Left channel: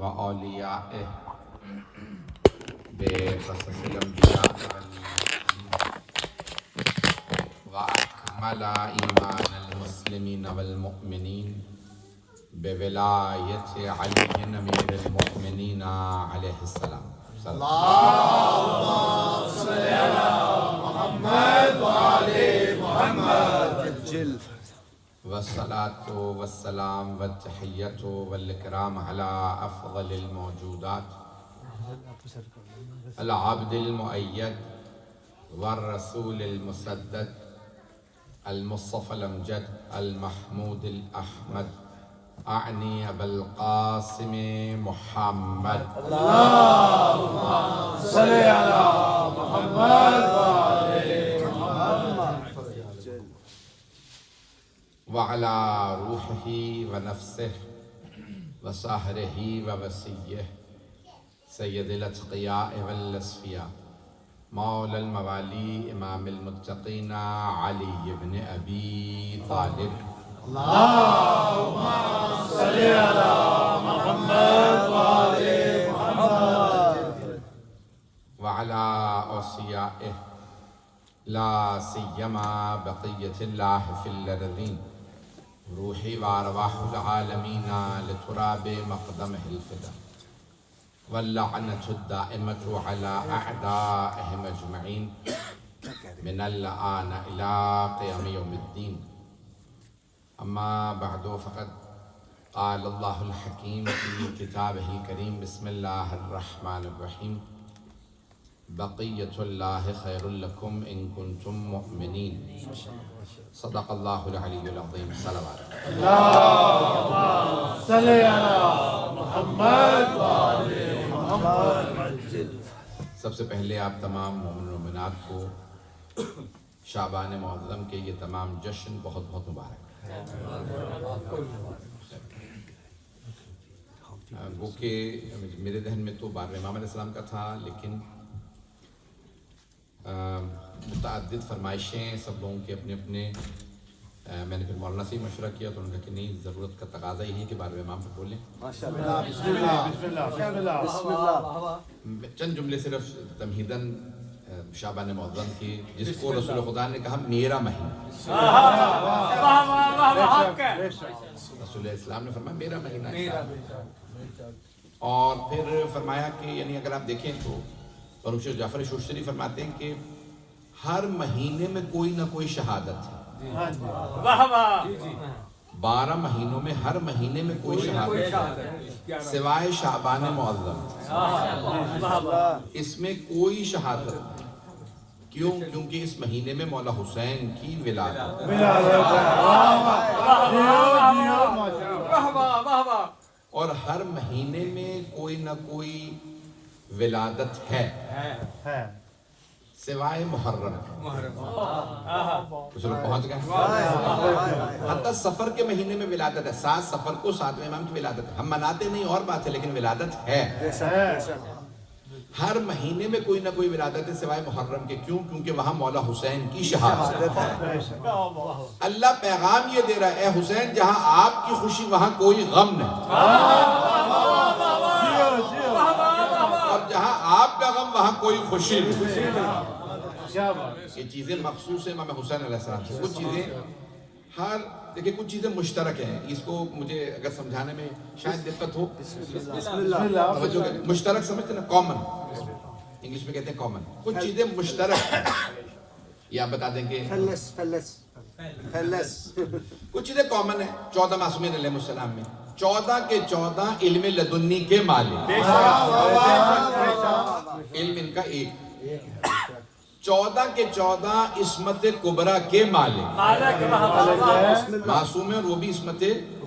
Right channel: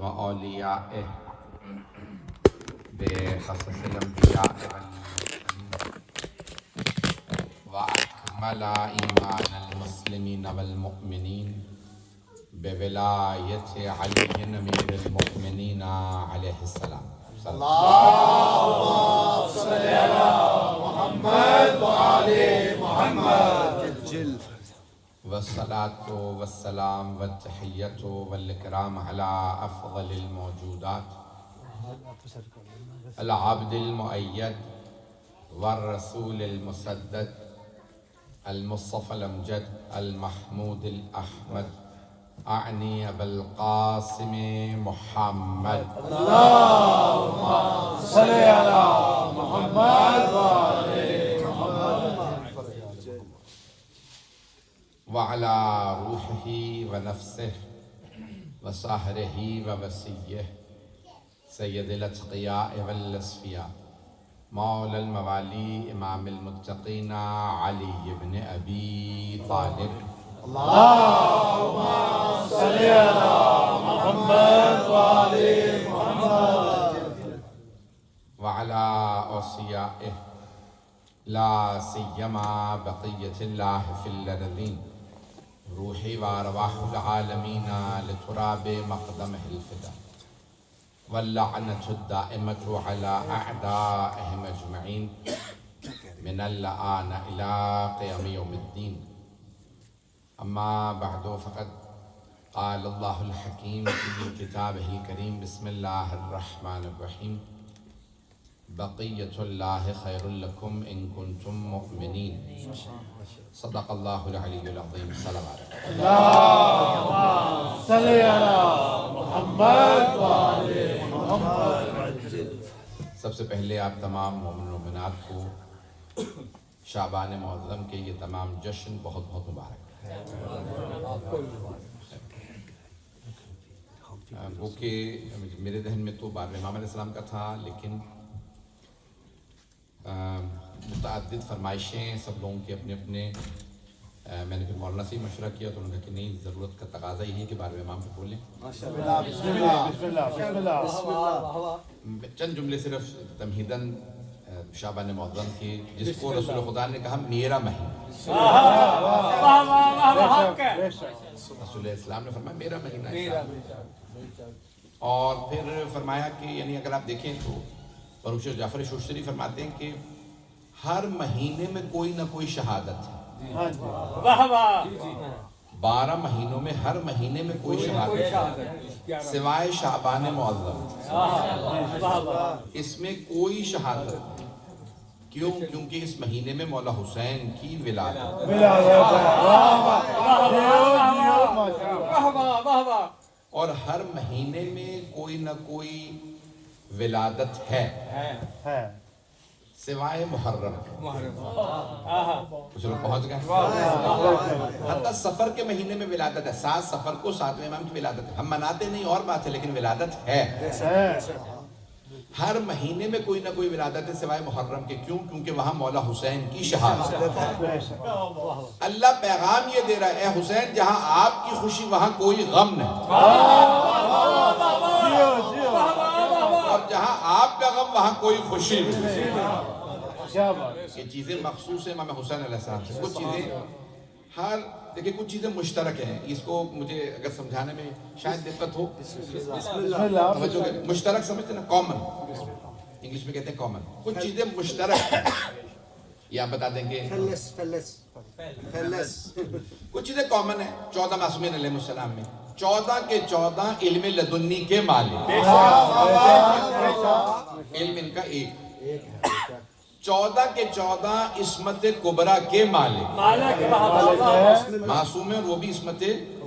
وأوليائه بقصص الأنبياء وأكمل إيمان المسلمين والمؤمنين بولاية علي أمير المؤمنين عليه السلام. اللهم صل على محمد وعلى محمد. والصلاة والسلام والتحية والإكرام على أفضل الموجودات العبد المؤيد والرسول المسدد المصطفى الأمجد المحمود الأحمد أعني أبا القاسم محمد. اللهم صل على محمد وعلى محمد وعلى روحه ونفسه وصهره ووسيه سيد الأتقياء والأصفياء مولى الموالي إمام المتقين علي بن أبي طالب. اللهم صل على محمد وعلى محمد وعلى أوصيائه لا سيما بقية الله في الأرضين روحي وأرواح العالمين لتراب مقدمه الفدا واللعنة الدائمة على أعدائهم أجمعين من الآن إلى قيام يوم الدين. أما بعد فقد قال الله الحكيم في كتابه الكريم بسم الله الرحمن الرحيم بقية الله خير لكم إن كنتم مؤمنين. صدق الله العلي العظيم. صلوات. اللهم صل على محمد وعلى محمد. سب سے پہلے آپ تمام مومن و مومنات کو شعبان معظم کے یہ تمام جشن بہت بہت مبارک. وہ کہ میرے ذہن میں تو بارہ امام علیہ السلام کا تھا، لیکن متعدد فرمائشیں سب لوگوں کے اپنے اپنے. میں نے پھر مولانا سے مشورہ کیا تو انہوں نے کہا کہ نہیں، ضرورت کا تقاضا یہی ہے کہ بارہ امام پہ بولیں. بسم اللہ بسم اللہ بسم اللہ بسم اللہ. چند جملے صرف تمہیداً شعبان معظم کی، جس کو رسول خدا نے کہا میرا مہینہ. رسول اسلام نے فرمایا میرا مہینہ ہے. اور پھر فرمایا کہ یعنی اگر آپ دیکھیں تو پروفیسر جعفر شوشتری فرماتے ہیں کہ ہر مہینے میں کوئی نہ کوئی شہادت ہے. 12 مہینوں میں ہر مہینے میں کوئی شہادت ہے سوائے شعبان معظم. اس میں کوئی شہادت نہیں. کیوں؟ کیونکہ اس مہینے میں مولا حسین کی ولادت. اور ہر مہینے میں کوئی نہ کوئی ولادت ہے سوائے محرم. کچھ لوگ پہنچ گئے. حتی سفر کے مہینے میں ولادت ہے. 7 سفر کو 7ویں امام کی ولادت ہے. ہم مناتے نہیں اور بات ہے، لیکن ولادت ہے. ہر مہینے میں کوئی نہ کوئی ولادت ہے سوائے محرم کے. کیوں؟ کیونکہ وہاں مولا حسین کی شہادت ہے. اللہ پیغام یہ دے رہا ہے، اے حسین جہاں آپ کی خوشی وہاں کوئی غم نہیں، اور جہاں آپ کا غم وہاں کوئی خوشی نہیں. یہ چیزیں مخصوص ہیں امام حسین علیہ السلام سے. کچھ چیزیں دیکھیں کچھ چیزیں مشترک ہیں. اس کو مجھے اگر سمجھانے میں شاید دقت ہو. مشترک سمجھتے نا، کامن انگلش میں کہتے ہیں کامن. کچھ چیزیں مشترک ہیں. یہ آپ بتا دیں گے. کچھ چیزیں کامن ہیں. 14 معصومین علیہ السلام میں 14 کے 14 علم لدنی کے مالک. علم ان کا ایک. 14 کے 14 عصمت کبریٰ کے مالک. معصوم ہیں اور وہ بھی عصمت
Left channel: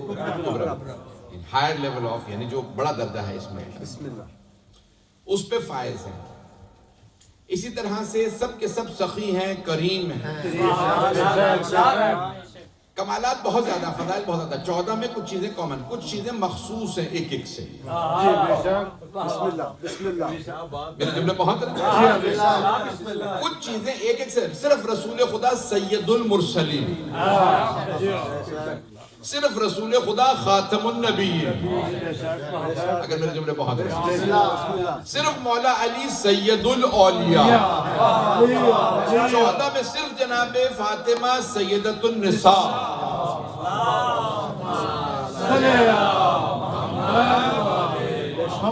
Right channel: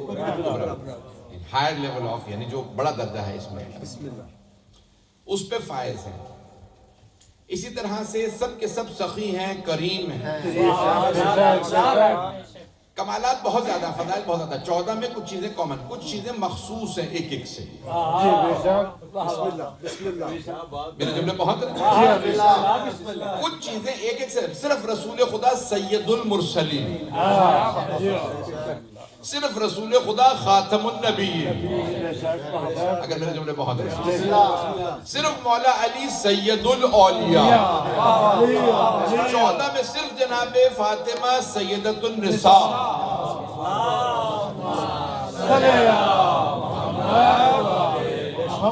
کبریٰ، ہائر لیول آف، یعنی جو بڑا درجہ ہے عصمت، اس پہ فائز ہیں. اسی طرح سے سب کے سب سخی ہیں، کریم ہیں. کمالات بہت زیادہ، فضائل بہت زیادہ. 14 میں کچھ چیزیں کامن، کچھ چیزیں مخصوص ہیں ایک ایک سے. میرے جملے پہنچ رہے ہیں. کچھ چیزیں ایک ایک سے. صرف رسول خدا سید المرسلین صرف رسول خدا خاتم النبی، اگر میرے جملے بہت ہیں، صرف مولا علی سید الاولیاء، 14 میں صرف جناب فاطمہ سیدۃ النساء،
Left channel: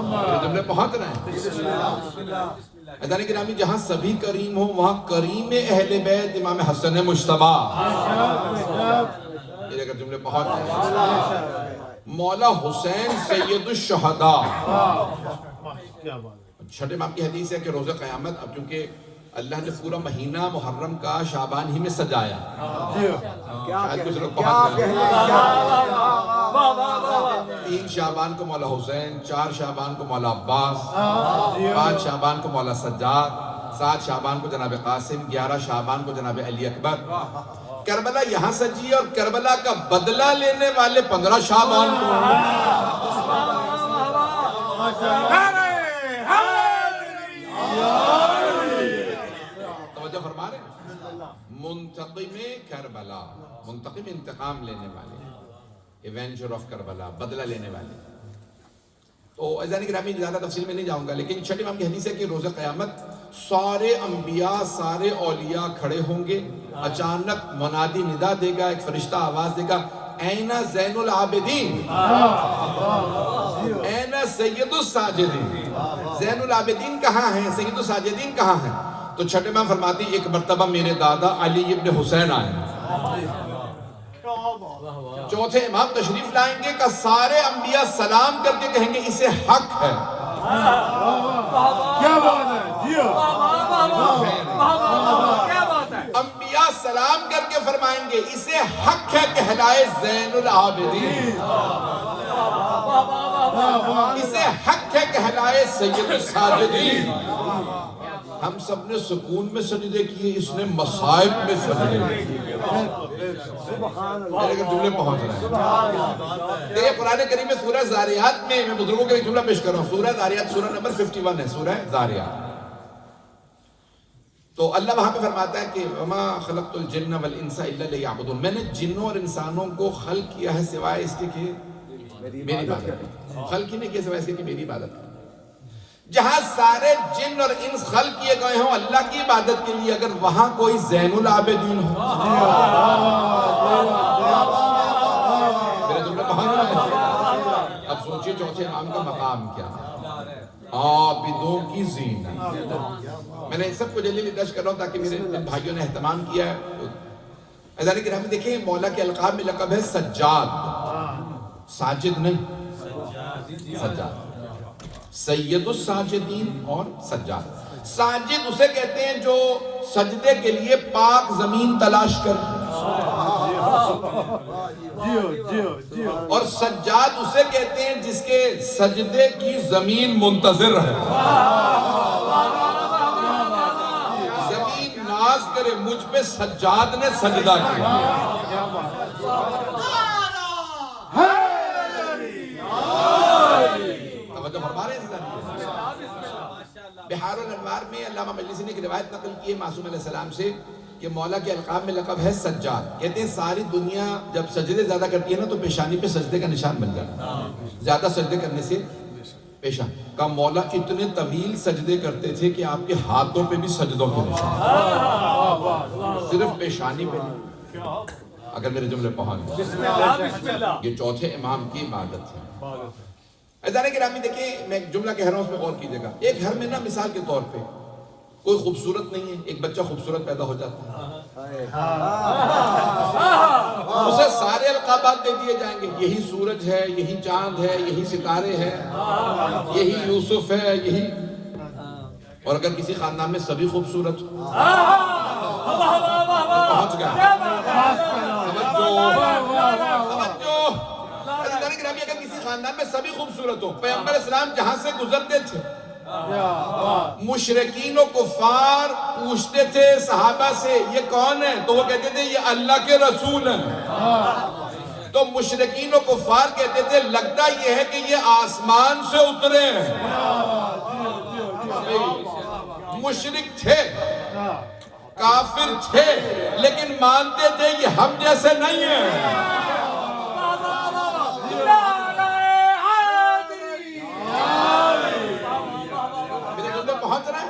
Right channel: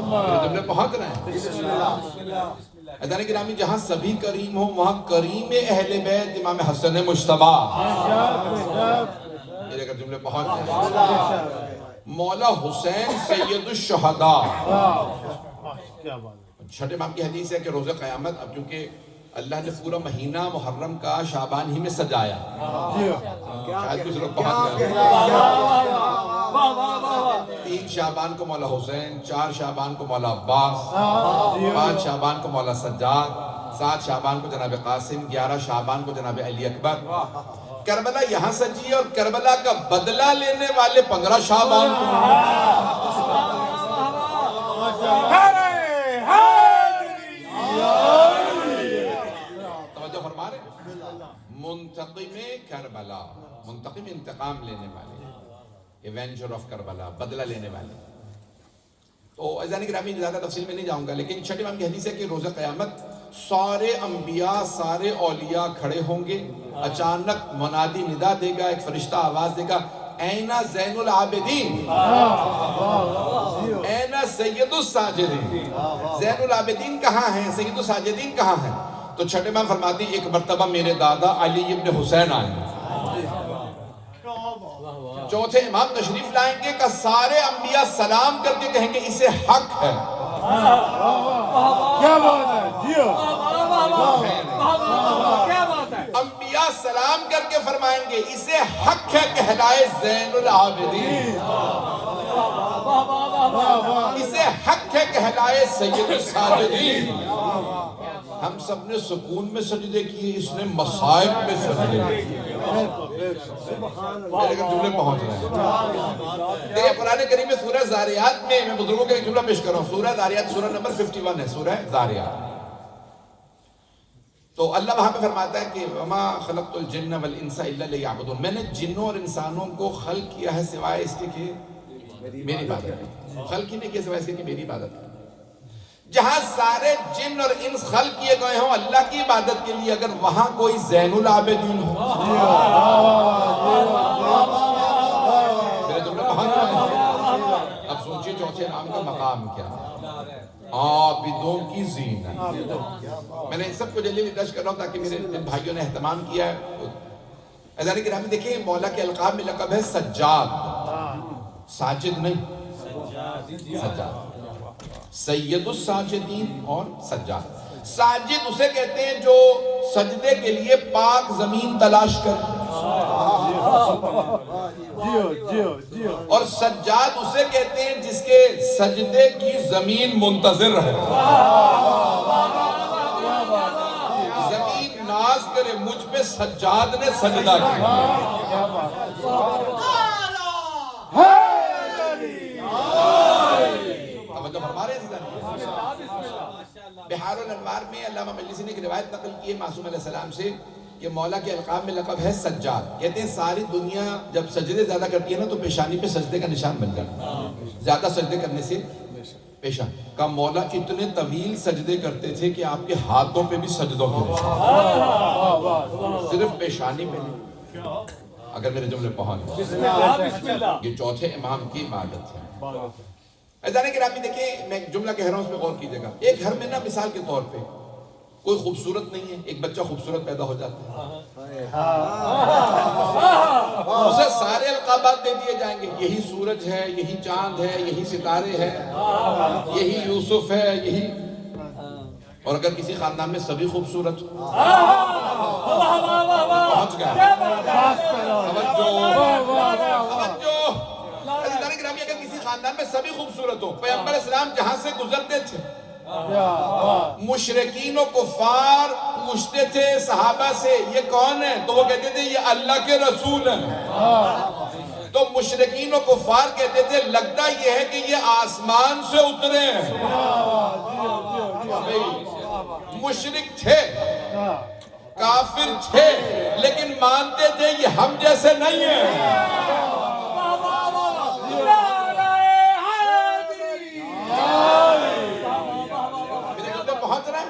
میرے جملے پہنچ رہے ہیں۔ عزیزان گرامی، جہاں سبھی کریم ہوں وہاں کریم اہل بیت امام حسن مجتبیٰ، میرے اگر جملے پہنچ رہے ہیں، مولا حسین سید الشہداء۔ چھٹے امام کی حدیث ہے کہ روز قیامت، اب چونکہ اللہ نے پورا مہینہ محرم کا شعبان ہی میں سجایا، شاید کچھ لوگ پہنچ گئے، 3 شعبان کو مولا حسین، 4 شعبان کو مولا عباس، 5 شعبان کو مولا سجاد، 7 شعبان کو جناب قاسم، 11 شعبان کو جناب علی اکبر۔ کربلا یہاں سجی اور کربلا کا بدلہ لینے والے 15 شعبان کو۔ توجہ فرما رہے ہیں؟ منتقم کربلا، منتقم انتقام لینے والے، ایونجر آف کربلا، بدلہ لینے والے۔ تو عزیزان گرامی زیادہ تفصیل میں نہیں جاؤں گا، لیکن چھٹے امام کی حدیث ہے کہ روز قیامت سارے انبیاء، سارے اولیاء کھڑے ہوں گے، اچانک منادی ندا دے گا، ایک فرشتہ آواز دے گا، این زین العابدین، این سید الساجدین، زین العابدین کہاں ہیں، سید الساجدین کہاں ہیں؟ تو چھٹے امام فرماتی ایک مرتبہ میرے دادا علی ابن حسین آئے، چوتھے امام تشریف لائیں گے کہ سارے انبیاء سلام کر کے کہیں گے اسے حق ہے، کیا بات ہے، جیو انبیاء سلام کر کے فرمائیں گے اسے حق ہے کہلائے زین العابدین، اسے حق ہے کہلائے سید الساجدین۔ ہم سب نے سکون میں سجدے کیے، اس نے مصائب میں سجدے کیے۔ میرے جملے پہنچ رہے ہیں۔ دیکھیں قرآن کریم میں سورہ زاریات میں، میں بزرگوں کے ایک جملہ پیش کر رہا ہوں، سورہ زاریات سورہ نمبر 51 ہے، سورہ زاریات۔ تو اللہ وہاں پہ فرماتا ہے کہ وَمَا خَلَقْتُ الْجِنَّ وَالْإِنسَ إِلَّا لِيَعْبُدُونَ، میں نے جنوں اور انسانوں کو خلق کیا ہے سوائے اس کے کہ میری عبادت ہے، خلق ہی نہیں کیا سوائے اس کے کہ میری عبادت ہے۔ جہاں سارے جن اور انس خلق کیے گئے ہوں اللہ کی عبادت کے لیے، اگر وہاں کوئی زین العابدین ہو، میرے جملے پہنچ رہے ہیں؟ اب سوچئے چوتھے امام کا مقام کیا ہے، عابدوں کی زینت۔ میں نے سب کو جلدی ٹچ کر رہا ہوں تاکہ میرے بھائیوں نے اہتمام کیا ہے۔ عزیزان گرامی دیکھیں، مولا کے القاب میں لقب ہے سجاد، ساجد نہیں، سجاد، سید الساجدین اور سجاد۔ ساجد اسے کہتے ہیں جو سجدے کے لیے پاک زمین تلاش کرے، اور سجاد اسے کہتے ہیں جس کے سجدے کی زمین منتظر رہے، زمین ناز کرے مجھ پہ سجاد نے سجدہ کیا۔ توجہ فرما رہے ہیں؟ بحار الانوار میں علامہ مجلسی نے ایک روایت نقل کی ہے معصوم علیہ السلام سے کہ مولا کے القاب میں لقب ہے سجاد۔ کہتے ہیں ساری دنیا جب سجدے زیادہ کرتی ہے نا تو پیشانی پہ سجدے کا نشان بن جاتا ہے، زیادہ سجدے کرنے سے پیشان کا مولا اتنے طویل سجدے کرتے تھے کہ آپ کے ہاتھوں پہ بھی سجدوں کے نشان، صرف پیشانی پہ نہیں۔ اگر میرے جملے پہنچ یہ چوتھے امام کی عبادت ہے۔ عزیزان گرامی دیکھیں، میں ایک جملہ کہہ رہا ہوں اس پہ غور کیجئے گا۔ ایک گھر میں نا مثال کے طور پہ کوئی خوبصورت نہیں ہے، ایک بچہ خوبصورت پیدا ہو جاتا ہے، اسے سارے القابات دے دیے جائیں گے، یہی سورج ہے، یہی چاند ہے، یہی ستارے ہیں، یہی یوسف ہے، یہی۔ اور اگر کسی خاندان میں سبھی خوبصورت پہنچ گیا، اگر کسی خاندان میں سبھی خوبصورت ہو، پیغمبر اسلام جہاں سے گزرتے تھے مشرکین و کفار پوچھتے تھے صحابہ سے یہ کون ہے، تو وہ کہتے تھے یہ اللہ کے رسول ہیں۔ تو مشرکین و کفار کہتے تھے لگتا یہ ہے کہ یہ آسمان سے اترے ہیں۔ مشرک تھے، کافر تھے، لیکن مانتے تھے یہ ہم جیسے نہیں ہیں۔ میرے جملے پہنچ رہے ہیں؟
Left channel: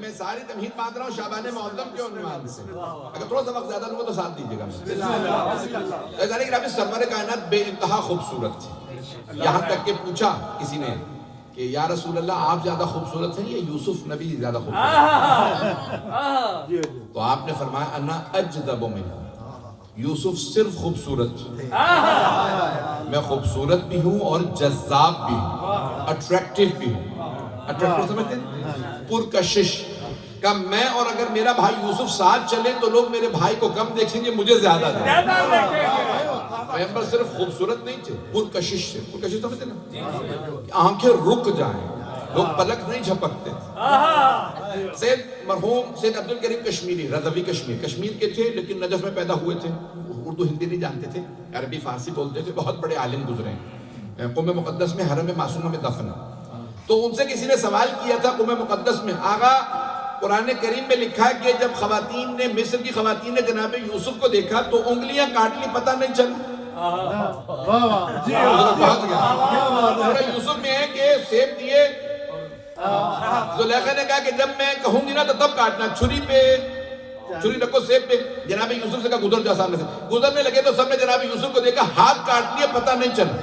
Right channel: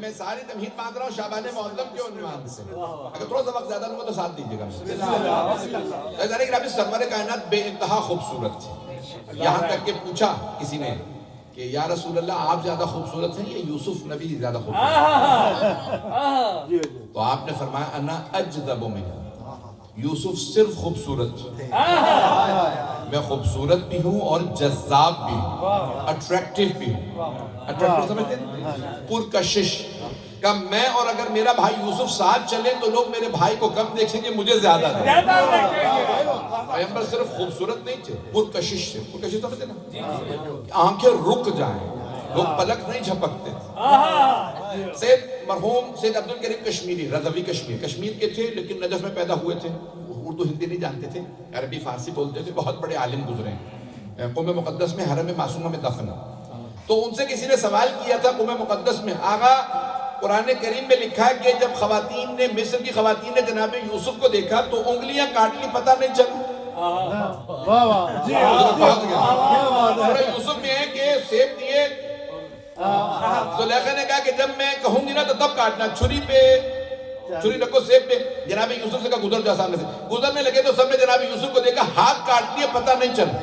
میں ساری تمہید مانگ رہا ہوں شعبان معظم کے عنوان سے. اگر تھوڑا سا وقت زیادہ لوں گا تو ساتھ دیجیے گا مجھے. سرور کائنات بے انتہا خوبصورت تھے. یہاں تک کہ پوچھا کسی نے کہ یا رسول اللہ آپ زیادہ خوبصورت ہیں یا یوسف نبی زیادہ خوبصورت ہیں؟ تو آپ نے فرمایا انا اجذب منہ. یوسف صرف خوبصورت, میں خوبصورت بھی ہوں اور جذاب بھی ہوں, اٹریکٹیو بھی ہوں. اٹریکٹیو سمجھتے ہیں؟ پرکشش کا میں, اور اگر میرا بھائی یوسف ساتھ چلے تو لوگ میرے بھائی کو کم دیکھیں گے, مجھے زیادہ دیں. پیغمبر صرف خوبصورت نہیں تھے, پرکشش تھے. پرکشش سمجھتے نا, آنکھیں رک جائیں, لوگ پلک نہیں جھپکتے. سید مرحوم سید عبدالکریم کشمیری, رضوی کشمیر کے تھے لیکن نجف میں پیدا ہوئے تھے. اردو ہندی نہیں جانتے تھے, عربی فارسی بولتے تھے. بہت بڑے عالم گزرے ہیں. قم مقدس میں حرم معصومہ میں دفن. تو ان سے کسی نے سوال کیا تھا قم مقدس میں, آغا قرآن کریم میں لکھا ہے کہ جب خواتین نے, مصر کی خواتین نے جناب یوسف کو دیکھا تو انگلیاں کاٹ لی, پتہ نہیں چلا. یوسف میں ہے کہ سیب دیے, زلیخا نے کہا کہ جب میں کہوں گی نا تو تب کاٹنا, چھری رکھو سیب پہ. جناب یوسف سے کہا گزر جا سامنے سے. گزرنے لگے تو سب نے جناب یوسف کو دیکھا, ہاتھ کاٹ لیے, پتہ نہیں چلا.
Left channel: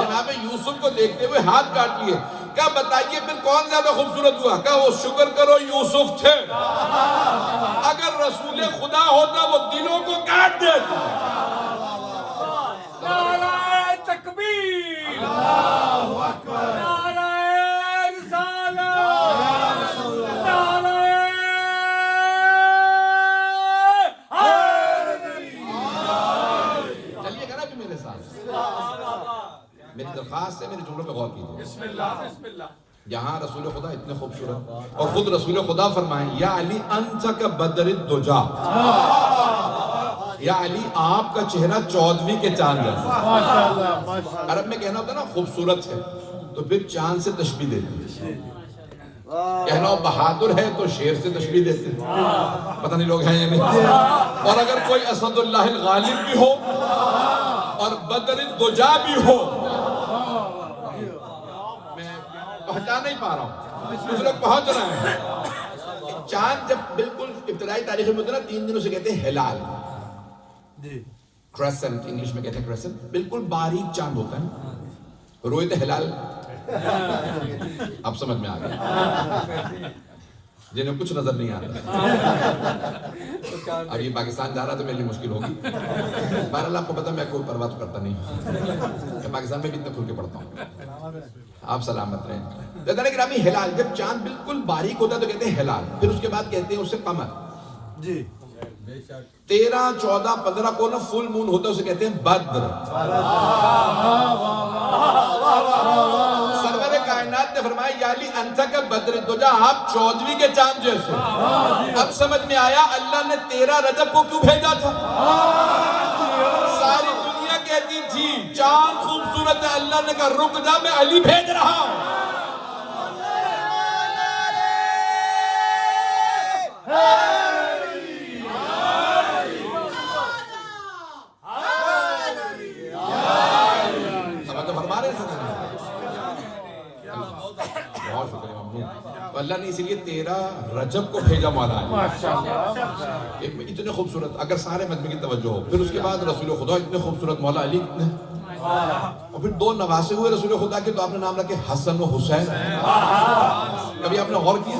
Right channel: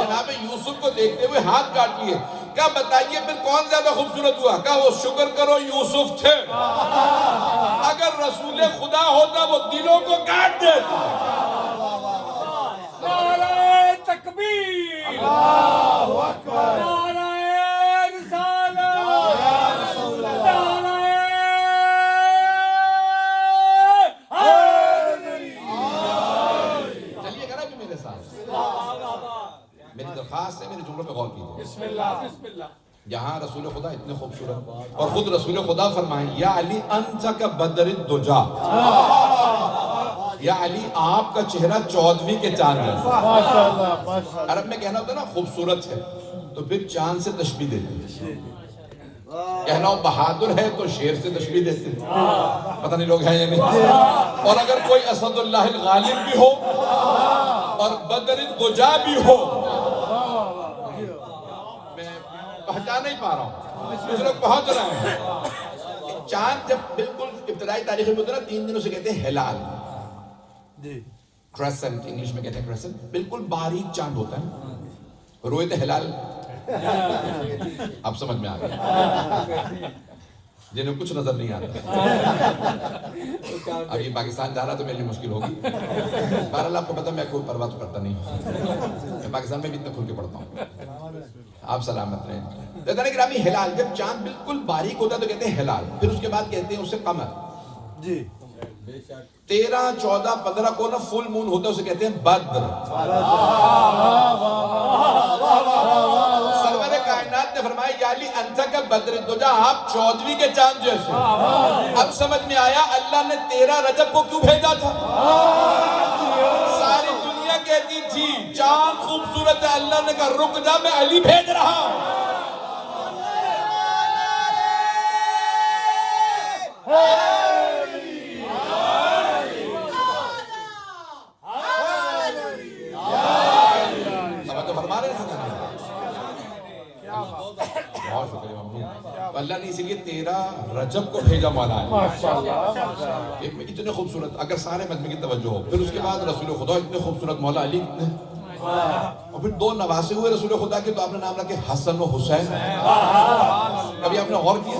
جناب یوسف کو دیکھتے ہوئے ہاتھ کاٹ لیے. کہا بتائیے پھر کون زیادہ خوبصورت ہوا؟ کہا وہ شکر کرو یوسف تھے, اگر رسول خدا ہوتا وہ دلوں کو کاٹ دیتا. نعرہ تکبیر, نعرہ رسالت, نعرہ حیدری. چلیے گا نا کہ میرے ساتھ. میری درخواست ہے, میرے جملوں پہ غور کیجیے. بسم اللہ. یہاں رسول خدا اتنے خوبصورت, اور خود رسول خدا فرمائیں یا علی انت کا بدر الدجا, یا علی آپ کا چہرہ 14ویں کے چاند جیسا. عرب میں کہنا ہوتا ہے نا خوبصورت ہے تو پھر چاند سے تشبیہ دیتے ہیں. کہنا ہو بہادر ہے تو شیر سے تشبیہ دیتے ہیں. پتہ نہیں لوگ ہیں یا نہیں. اور اگر کوئی اسد اللہ الغالب بھی ہو اور بدر الدجا بھی ہو, میں پہچان نہیں پا رہا ہوں, کچھ لوگ پہنچ رہے ہیں. چاند جب بالکل ابتدائی تاریخ میں ہوتا ہے نا, 3 دنوں سے کہتے ہیں ہلال, کریسنٹ انگلش میں کہتے ہیں کریسنٹ. بالکل باریک چاند ہوتا ہے, روئے تھے ہلال. اب سمجھ میں آ گیا جنہیں کچھ نظر نہیں آتا. اب یہ پاکستان جا رہا تو میرے لیے مشکل ہوگی. بہرحال آپ کو پتا میں کوئی پرواہ تو کرتا نہیں, میں پاکستان میں بھی اتنا کھل کے پڑھتا ہوں. آپ سلامت رہیں. جناب گرامی, ہلال جب چاند بالکل باریک ہوتا ہے تو کہتے ہیں ہلال. پھر اس کے بعد کہتے ہیں اسے قمر. 13, 14, 15 کو نا فل مون ہوتا ہے, اسے کہتے ہیں بدر. سرور کائنات نے فرمایا یا علی انت کا بدر الدجا, آپ 14ویں کے چاند جیسے. اب سمجھ میں آیا اللہ نے 13 رجب کو کیوں بھیجا تھا. ساری دنیا کہتی تھی چاند خوبصورت ہے, اللہ نے کہا رک جا, میں علی بھیج رہا ہوں. بہت شکریہ ممنون. تو اللہ نے اسی لیے 13 رجب کو بھیجا مولا علی. اتنے خوبصورت, اگر سارے مجمع کی توجہ ہو. پھر اس کے بعد رسول خدا اتنے خوبصورت, مولا علی اتنے, اور پھر 2 نواسے ہوئے رسول خدا کے, تو آپ نے نام رکھے حسن و حسین. کبھی آپ نے غور کیا؟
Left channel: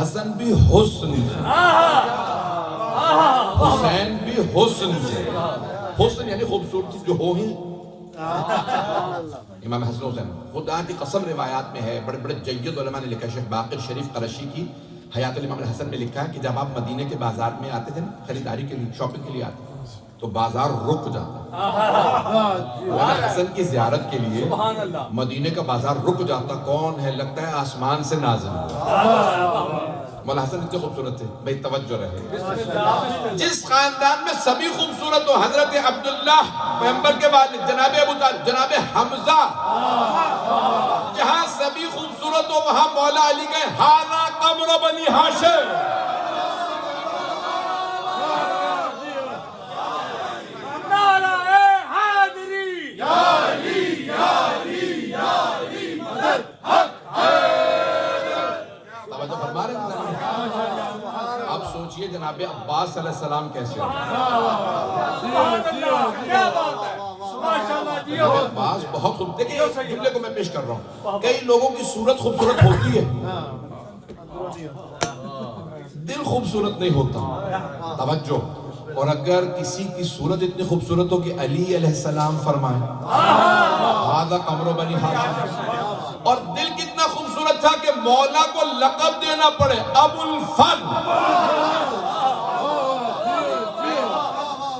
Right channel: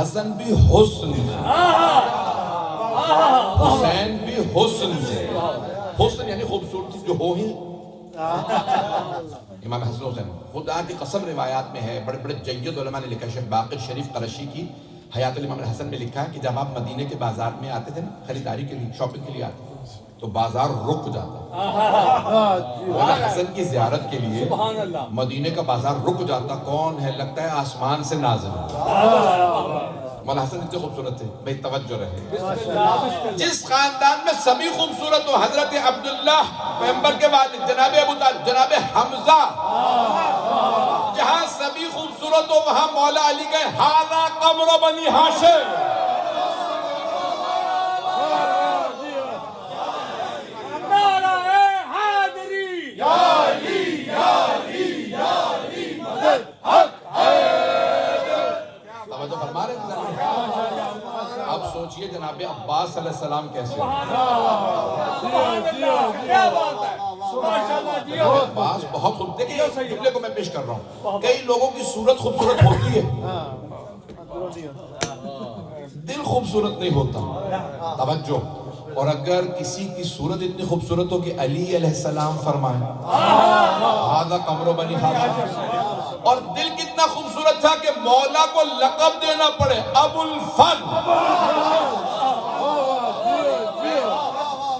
حسن بھی حسن سے, حسین بھی حسن سے. حسن یعنی خوبصورتی جو ہو ہی. امام حسن حسین, خدا کی قسم روایات میں ہے, بڑے بڑے جید علماء نے لکھا ہے. شیخ باقر شریف قرشی کی حیات الامام الحسن میں لکھا ہے کہ جب آپ مدینے کے بازار میں آتے تھے نا, خریداری کے لیے, شاپنگ کے لیے آتے تو بازار رک جاتا. مولا حسن کی زیارت کے لیے مدینے کا بازار رک جاتا. کون ہے؟ لگتا ہے آسمان سے نازل. مولا حسن اتنے خوبصورت تھے. بھئی توجہ رہے, جس خاندان میں سبھی خوبصورت ہو, حضرت عبداللہ پیغمبر کے والد, جناب ابو طالب, جناب حمزہ, جہاں سبھی خوبصورت ہو وہاں مولا علی گئے. ہاذا قمر بنی ہاشم. نعرہ جناب عباس علیہ السلام کیسے ہیں؟ جناب عباس بہت خوب. دیکھیں جملے کو میں پیش کر رہا ہوں. کئی لوگوں کی صورت خوبصورت ہوتی ہے, دل خوبصورت نہیں ہوتا. توجہ. اور اگر کسی کی صورت اتنی خوبصورت ہو کہ علی علیہ السلام فرمائیں ھذا قمر بنی ہاشم, اور دل کتنا خوبصورت تھا کہ مولا کو لقب دینا پڑے ابو الفضل.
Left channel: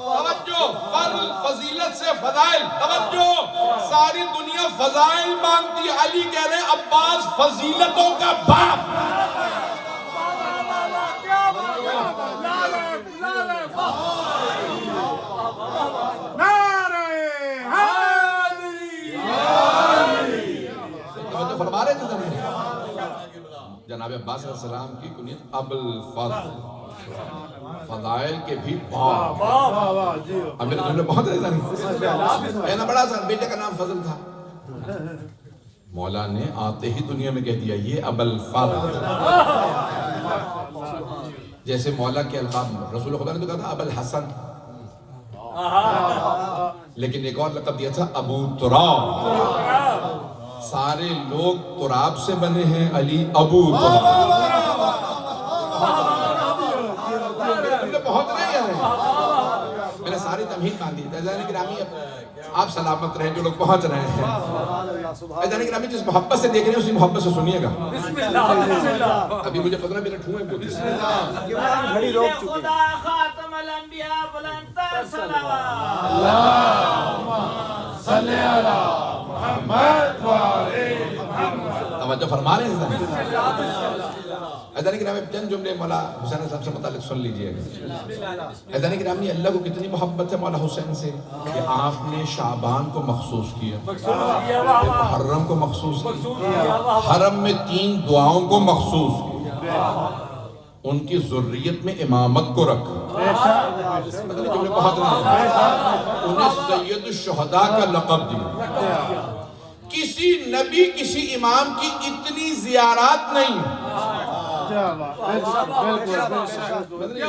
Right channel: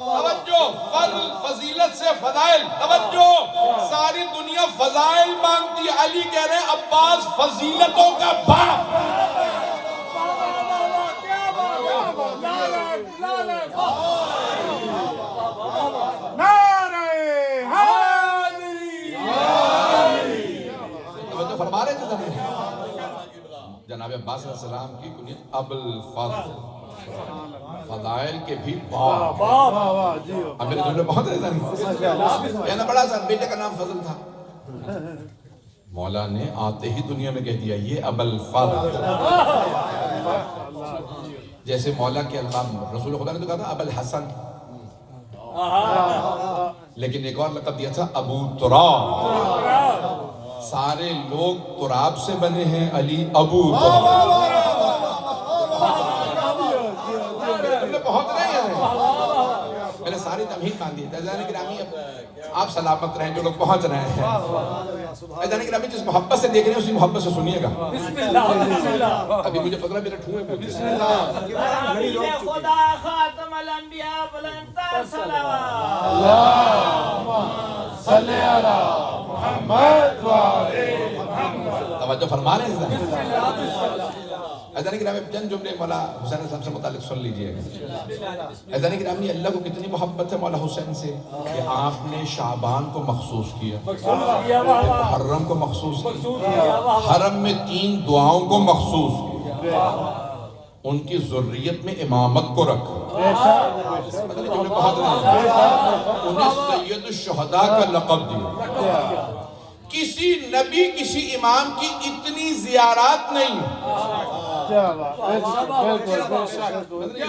توجہ. فضل فضیلت سے فضائل. توجہ. ساری دنیا فضائل مانگتی, علی کہہ رہے ہیں عباس فضیلتوں کا باپ. فرما رہے تھے جناب عباس علیہ السلام کی کنیت ابو الفضل, فضائل کے بھی باپ. اب میرے جملے بہت رہے تھے, کہنا بڑا سا بیٹے کا نام فضل تھا. مولا نے آتے ہی دنیا میں کہہ دیا یہ ابو الفضل. جیسے مولا کے القاب رسول خدا نے تو کہا تھا ابو الحسن, لیکن ایک اور لقب دیا تھا ابو تراب. سارے لوگ تراب سے بنے ہیں, علی ابو تراب. بہت رہے ہیں, میں نے ساری تمہید باندھی. عزیزان گرامی آپ سلامت رہیں جو لوگ پہنچ رہے ہیں. عزیزان گرامی جس محبت سے دیکھ رہے ہیں اسی محبت سے سنیے گا. ابھی مجھے پتہ میرے ٹھوئے پوچھے خدا خاتم الانبیاء بلندتر صلوات. اللہم صلی علی محمد و علی محمد. توجہ فرما رہے ہیں. عزیزان گرامی چند جملے مولا حسین صاحب سے متعلق سن لیجئے. عزیزان گرامی اللہ کو کتنی محبت ہے مولا حسین سے کہ آپ نے شعبان کو مخصوص کیا, محرم کو مخصوص کیا, حرم میں 3 دعاؤں کو مخصوص کیا, ان کی ذریت میں امامت کو رکھا. مطلب جملے بہت نہیں, انہیں سید الشہداء کا لقب دیا. کسی نبی کسی امام کی اتنی زیارات نہیں.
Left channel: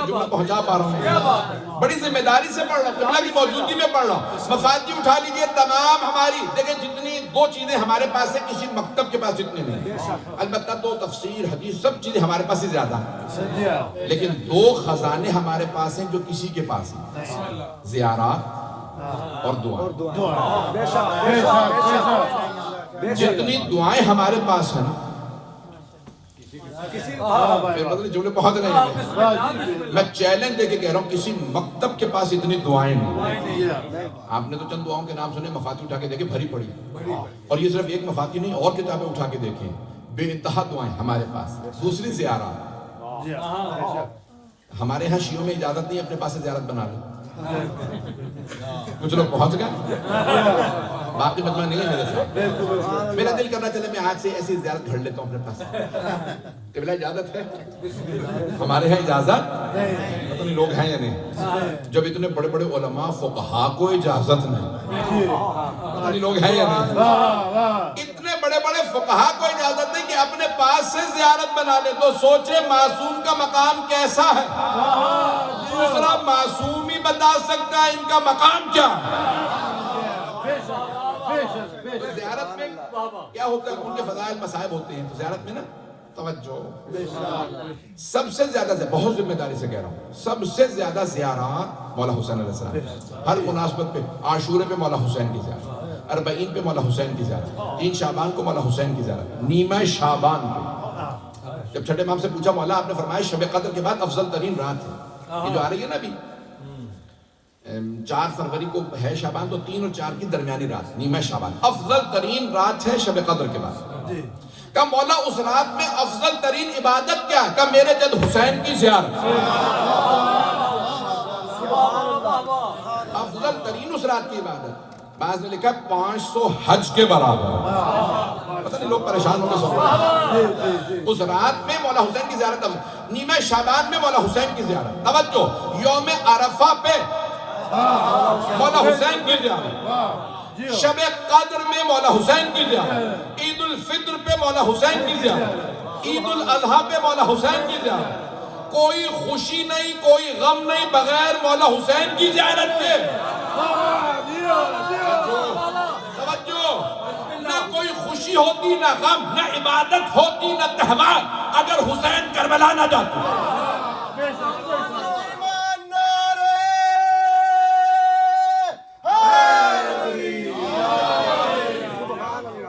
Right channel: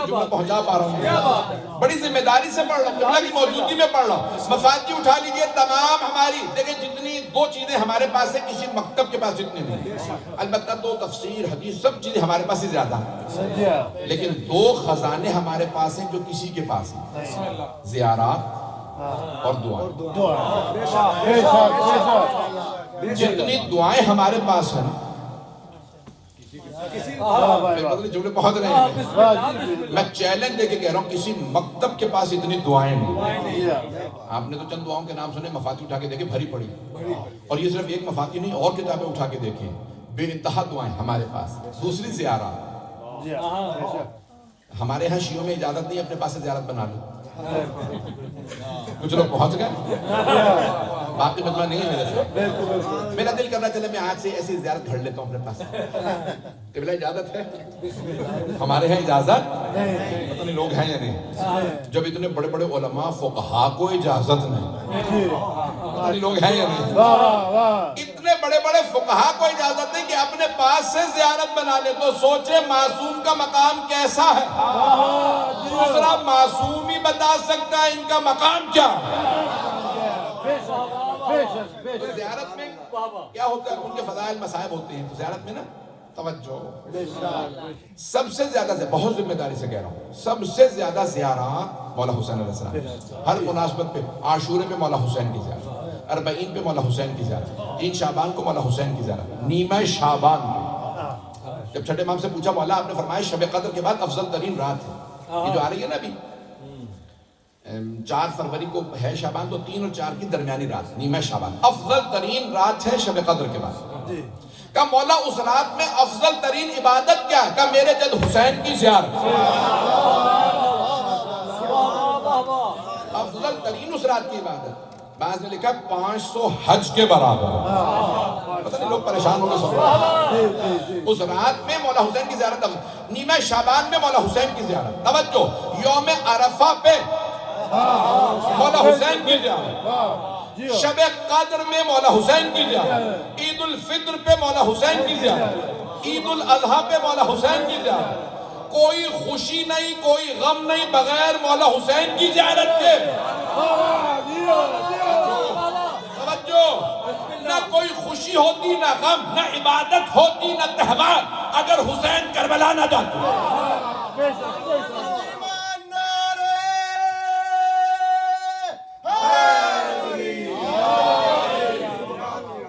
جملہ پہنچا پا رہا ہوں, بڑی ذمہ داری سے پڑھ رہا ہوں, قبلہ کی موجودگی میں پڑھ رہا ہوں. مفادی اٹھا لیجئے تمام ہماری. دیکھیں جتنی 2 چیزیں ہمارے پاس ہیں کسی مکتب کے پاس اتنے نہیں. البتہ 2 تفسیر حدیث سب چیزیں ہمارے پاس ہی زیادہ ہیں, لیکن 2 خزانے ہمارے پاس ہیں جو کسی کے پاس ہیں, زیارات اور دعائیں. جتنی دعائیں ہمارے پاس ہیں جملے بہت رہے ہیں, میں چیلنج دے کے کہہ رہا ہوں کسی مکتب کے پاس اتنی دعائیں نہیں. آپ نے تو چند دعاؤں کے نام سنے, مفاتیح اٹھا کے دیکھیں بھری پڑی, اور یہ صرف ایک مفاتیح نہیں اور کتابیں اٹھا کے دیکھیں, بے انتہا دعائیں ہمارے پاس. دوسری زیارات. ہمارے ہاں شیعوں میں اجازت نہیں اپنے پاس سے زیارت بنا لو. کچھ لوگ پہنچ گئے, باقی مجمع نہیں ہے میرے ساتھ. میرا دل کرنا چلے میں آج سے ایسی زیارت گھڑ لیتا ہوں اپنے پاس. قبلہ اجازت ہے ہمارے ہیں اجازت, پتہ نہیں لوگ ہیں یا نہیں. جب اتنے بڑے بڑے علماء فقہاء کو اجازت نہیں, پتہ نہیں لوگ ہیں یا نہیں. اتنے بڑے بڑے فقہاء کو اجازت نہیں کہ اپنے پاس سے زیارت بنا لے, تو سوچے معصوم کا مقام کیسا ہے. دوسرا معصوم ہی بتا سکتا ہے ان کا مقام کیا. زیارت میں کیا ہوتا ہے, ان کے فضائل مصائب ہوتے ہیں. تو زیارت میں نا توجہ, سب سے زیادہ, بہت ذمہ داری سے کہہ رہا ہوں, سب سے زیادہ زیارات مولا حسین علیہ السلام. ہر مناسبت پہ, عاشورے پہ مولا حسین کی زیارت, 40 پہ مولا حسین کی زیارت, 3 شعبان کو مولا حسین کی زیارت, نیمہ شعبان پہ. جب چھٹے امام سے پوچھا مولا آپ نے فرمایا شب قدر کے بعد افضل ترین رات ہے, یہ جو آ رہی ہے نا ابھی 4 فروری کو ہے شعبان, تو 3 اور 4 کی درمیانی رات نیمہ شعبان, افضل ترین رات ہے شب قدر کے بعد. کہ مولا اس رات میں افضل ترین عبادت کیا ہے, کہ میرے جد حسین کی زیارت. افضل ترین اس رات کی عبادت, بعض نے لکھا 500 حج کے برابر. پتہ نہیں لوگ پریشان ہونے سن رہے. اس رات میں مولا حسین کی زیارت, نیمہ شعبان میں مولا حسین کی زیارت. توجہ, یوم عرفہ پہ مولا حسین کی زیارت, شب قدر میں مولا حسین کی زیارت, عید الفطر پہ مولا حسین کی زیارت, عید الاضحیٰ پہ مولا حسین کی زیارت, کوئی خوشی نہیں کوئی غم نہیں بغیر مولا حسین کی زیارت کے. توجہ, نہ کوئی خوشی ہوتی نہ غم نہ عبادت ہوتی نہ تہوار اگر حسین کربلا نہ جاتے.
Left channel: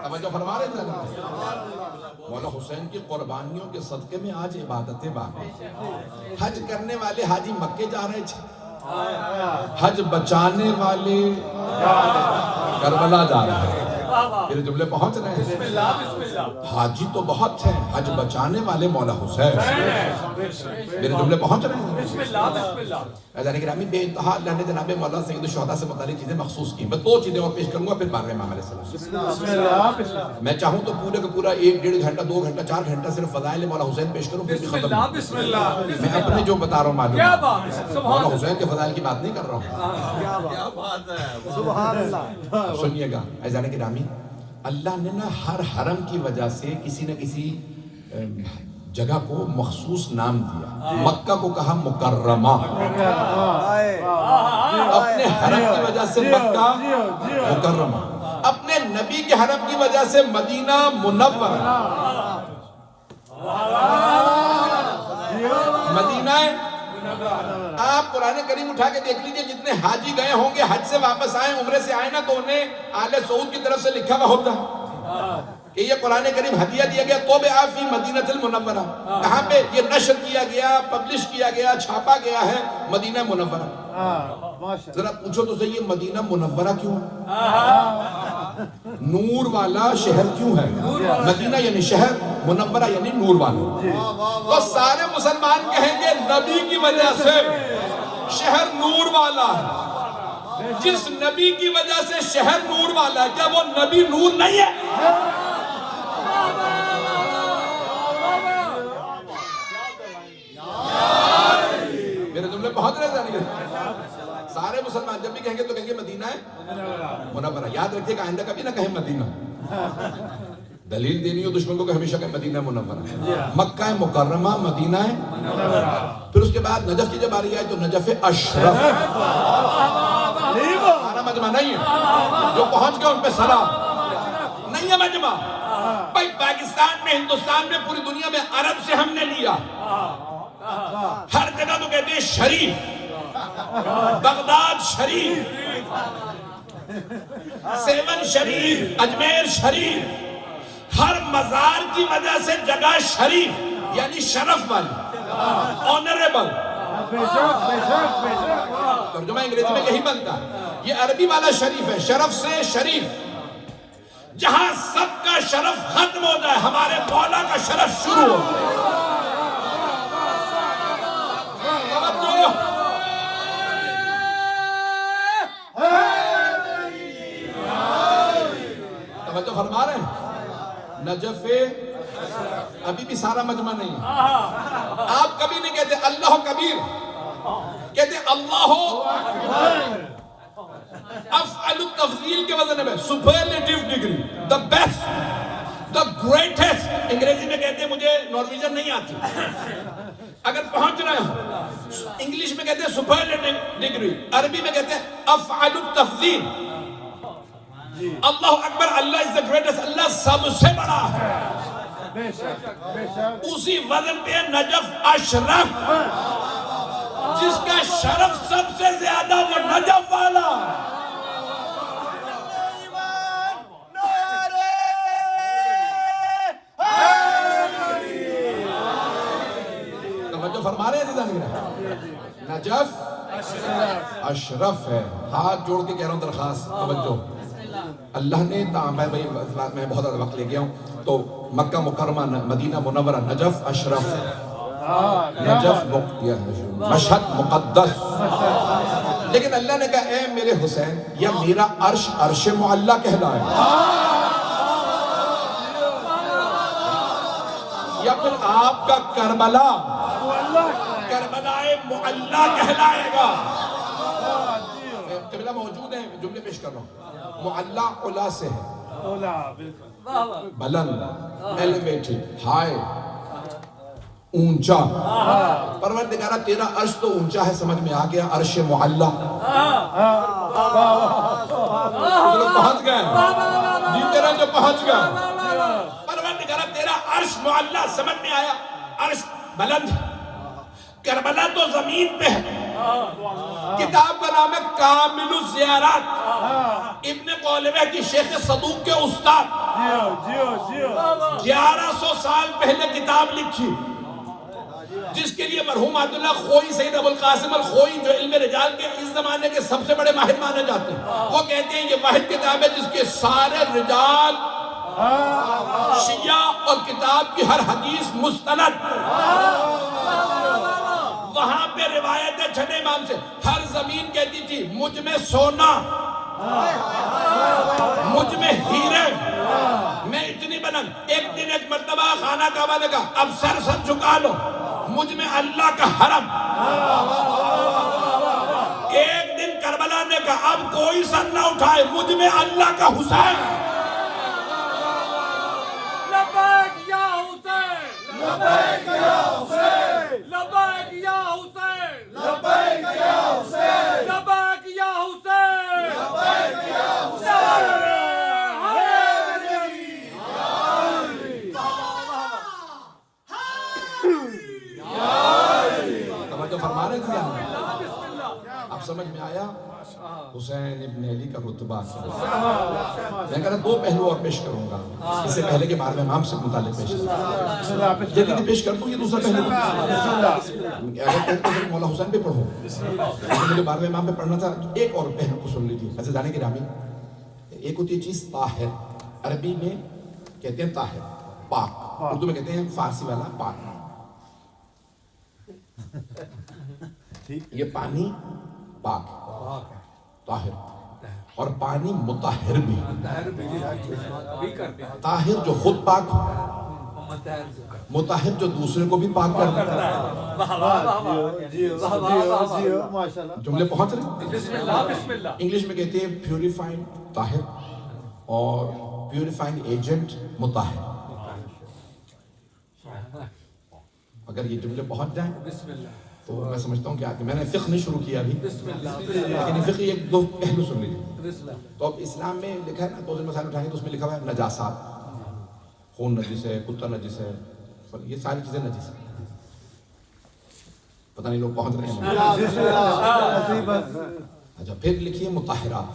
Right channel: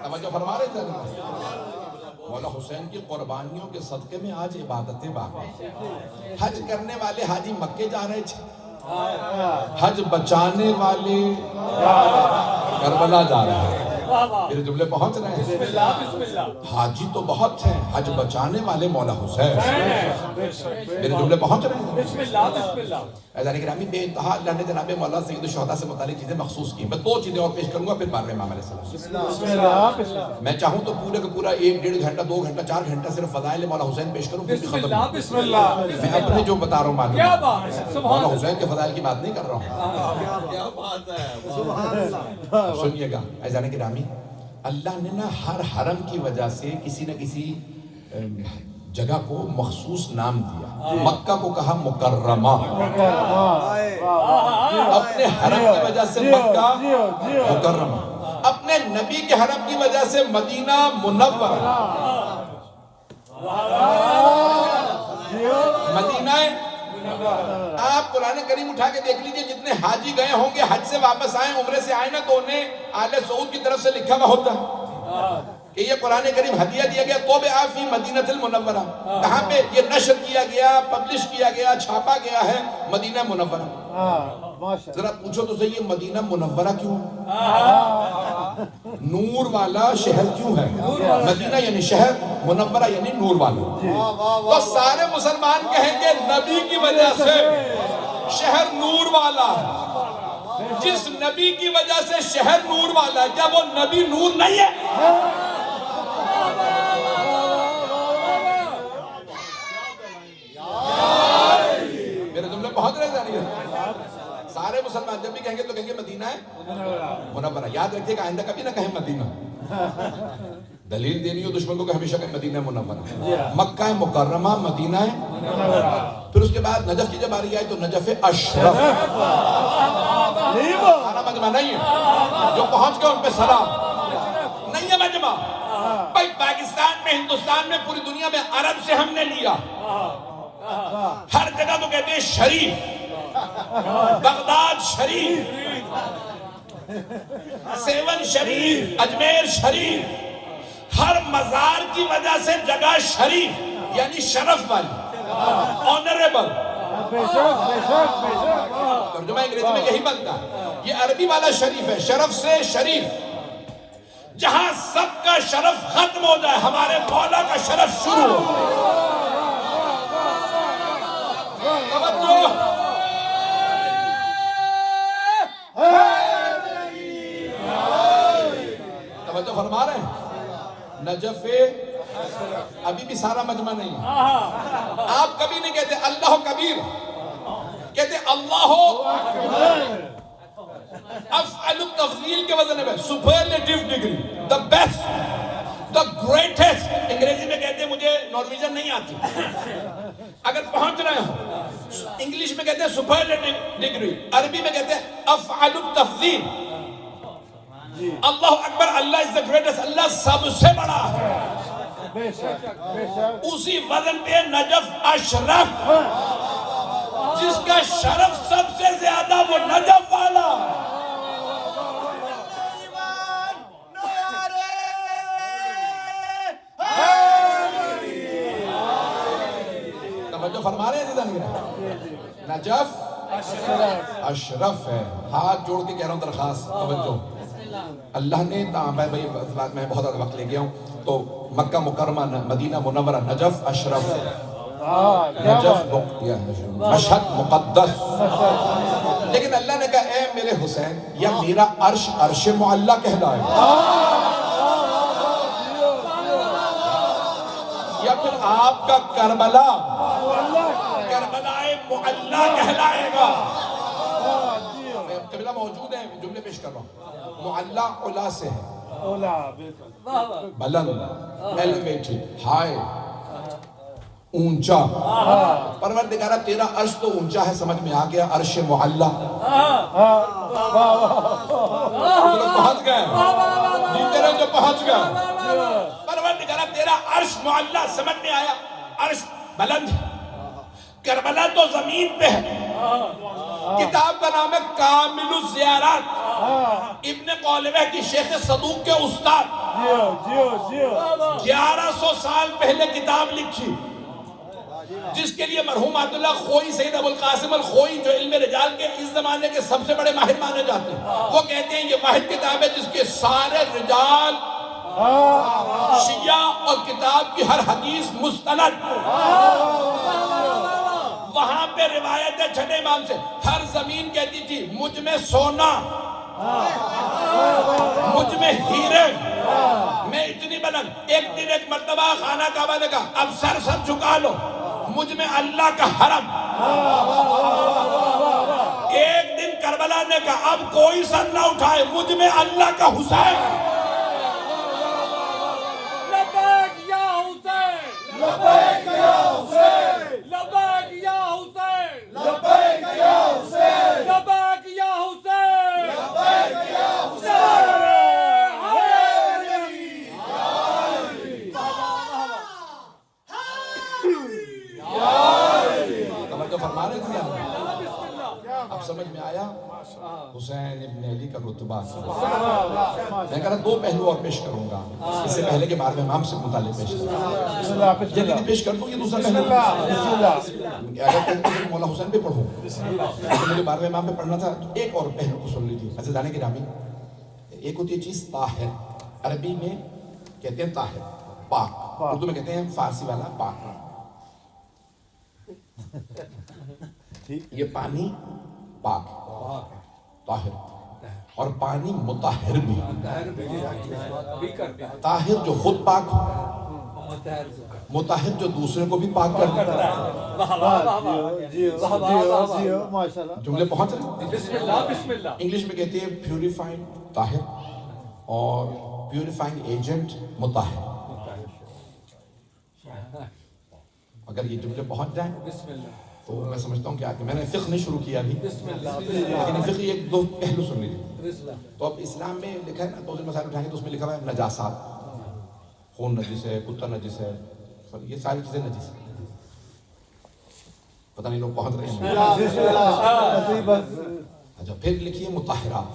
توجہ فرما رہے تھے مولا حسین کی قربانیوں کے صدقے میں آج عبادتیں باقی. حج کرنے والے حاجی مکے جا رہے تھے, حج بچانے والے کربلا جا رہے ہیں. میرے جملے پہنچ رہے ہیں. حاجی تو بہت ہیں, حج بچانے والے مولا حسین. میرے جملے پہنچ رہے ہیں. عزیزان گرامی, بے انتہا اللہ نے جناب مولا سید الشہداء سے متعلق چیزیں مخصوص کی. میں 2 چیزیں اور پیش کروں گا پھر بارگاہ امام علیہ السلام. میں چاہوں تو پورے کا پورا 1-1.5 گھنٹہ 2 گھنٹہ 4 گھنٹہ صرف فضائل مولا حسین پیش کروں, پھر بھی ختم نہیں. میں اپنے جو بتا رہا ہوں معلوم, مولا حسین کے فضائل کی بات نہیں کر رہا ہوں. سنیے گا عزیزان گرامی, اللہ نے نا ہر حرم کی وجہ سے کسی نہ کسی جگہ کو مخصوص نام دیا. مکہ کو کہا مکرمہ, اپنے حرم کی وجہ سے مکہ مکرمہ, اپنے نبی کے حرم کی وجہ سے مدینہ منورہ. مدینہ آپ قرآن کریم اٹھا کے دیکھ لیجئے, جتنے حاجی گئے ہوں گے حج سے واپس آئے عمرے سے آئے نا, تو انہیں آل سعود کی طرف سے لکھا ہوا ہوتا کہ یہ قرآن کریم ہدیہ دیا گیا تو فی مدینہ المنورہ. کہاں پہ یہ نشر کیا گیا, پبلش کیا گیا, چھاپا گیا ہے مدینہ منورہ. ذرا پوچھو تو صحیح, یہ مدینہ منورہ کیوں ہے؟ نور والا شہر کیوں ہے؟ مدینہ یعنی شہر, منورہ یعنی نور والا. تو سارے مسلمان کہیں گے نبی کی وجہ سے شہر نور والا ہے. جس نبی کی وجہ سے شہر نور والا ہے, کیا وہ نبی نور نہیں ہے؟ میرے جملے بہت رہے جانے گے. سارے مسلمان جب بھی کہیں گے تو کہیں گے مدینہ ہے منورہ. یاد رکھیے کہ آئندہ کبھی نہ کہیں مدینہ. دلیل دینی ہو دشمن کو کہ ہمیشہ کہیں مدینہ منورہ. مکہ ہے مکرمہ, مدینہ ہے منورہ. پھر اس کے بعد نجف کی جب آ رہی ہے تو نجف اشرف. سارا مجمع نہیں ہے, جو پہنچ گئے ان پہ سلام. نہیں ہے مجمع بھائی, پاکستان میں, ہندوستان میں, پوری دنیا میں عرب سے ہم نے لیا. ہر جگہ تو کہتے ہیں شریف, بغداد شریف, سیون شریف, اجمیر شریف. ہر مزار کی وجہ سے جگہ شریف یعنی شرف والی, آنریبل. ترجمہ انگریزی میں یہی بنتا ہے. یہ عربی والا شریف ہے, شرف سے شریف. جہاں سب کا شرف ختم ہو جائے ہمارے مولا کا شرف شروع ہو. توجہ فرما رہے ہیں. نجف ابھی بھی سارا مجمع نہیں ہے. آپ کبھی نہیں کہتے اللہ کبیر, کہتے اللہ افعل التفضیل کے وزن میں, سپرلیٹیو degree, the best, the greatest. انگریزی میں کہتے ہیں, مجھے نارویجن نہیں آتی, اگر پہنچ رہے ہوں انگلیش میں کہتے ہیں سپرلیٹیو ڈگری, عربی میں کہتے ہیں افعل التفضیل. اللہ اکبر, اللہ is the greatest, اللہ سب سے بڑا ہے. اسی وزن پہ نجف اشرف, جس کا شرف سب سے زیادہ وہ نجف والا. توجہ فرما رہے ہیں نجف اشرف ہے. ہاتھ جوڑ کے کہہ رہا ہوں درخواست, توجہ. اللہ نے میں بہت زیادہ وقت لے گیا ہوں, تو مکہ مکرمہ, مدینہ منورہ, نجف اشرف, نجف مشہد مقدس. لیکن اللہ نے کہا اے میرے حسین, یا میرا عرش عرش معلی کہلائے, یا پھر آپ کا کربلا کربلائے معلی کہلائے گا. قبلہ موجود ہے, جملے پیش کر رہا ہوں. معلی علا سے ہے, بلند, elevated, high. اونچا. پروردگارہ تیرا عرش تو اونچا ہے, سمجھ میں آ گیا, عرش معلا. کچھ لوگ پہنچ گئے, جیتے رہے جو پہنچ گئے. پروردگارہ تیرا عرش معلا, سمجھ میں آیا, عرش بلند. کربلا تو زمین پہ ہے. کتاب کا نام ہے کامل الزیارات, ابن قولوہ کی شیخ صدوق کے استاد. 1100 سال پہلے کتاب لکھی, جس کے لیے مرحوم عبداللہ خوئی, سید ابو القاسم الخوئی, جو علم رجال کے اس زمانے کے سب سے بڑے ماہر مانے جاتے ہیں, وہ کہتے ہیں یہ واحد کتاب ہے جس کے سارے رجال شیعہ اور کتاب کی ہر حدیث مستند. وہاں پہ روایت ہے چھٹے امام سے, ہر زمین کہتی تھی مجھ میں سونا, مجھ میں ہیرے, میں اتنی بلند. ایک دن ایک مرتبہ خانہ کعبہ نے کہا اب سر جھکا لو, مجھ میں اللہ کا حرم. ایک دن کربلا نے کہا اب کوئی سر نہ اٹھائے, مجھ میں اللہ کا حسین. لبیک یا حسین, لبیک یا حسین, لبیک یا حسین, لبیک یا حسین, لبیک یا حسین, لبیک یا توجہ فرما رہے تھے. اب سمجھ میں آیا حسین ابن علی کا رتبہ. میں کہہ رہا دو پہلو اور پیش کروں گا, اس سے پہلے کے بارے میں امام سے متعلق پیش کروں, جلدی پیش کر دوں. یہ دوسرا پہلو, اگر کہتے ہیں مولا حسین پہ پڑھوں, مجھے بارے میں امام پہ پڑھنا تھا. ایک اور پہلو کو سن لیجیے عزیزان گرامی. ایک ہوتی ہے چیز طاہر, عربی میں کہتے ہیں طاہر, پاک. اردو میں کہتے ہیں فارسی والا پاک. یہ پانی پاک طاہر, اور پانی مطہر بھی. طاہر جو خود پاک ہو, مطہر جو دوسرے کو بھی پاک کرتا ہے. جملے پہنچ رہے. بسم اللہ, بسم اللہ. انگلش میں کہتے ہیں پیوریفائنگ طاہر اور پیوریفائنگ ایجنٹ مطہر. اگر یہ جملے پہنچ جائیں تو میں سمجھتا ہوں کہ میں نے فقہ نہیں شروع کیا ابھی, لیکن فقہ ایک دو پہلو سن لیجیے. تو اب اسلام میں لکھا ہے نا, دو مسائل اٹھائیں گے تو اس میں لکھا ہوا ہے نجاسات, خون نجس ہے, کتا نجس ہے, یہ ساری چیزیں نجس ہیں. پتہ نہیں لوگ پہنچ رہے ہیں. اچھا پھر لکھیے مطہرات,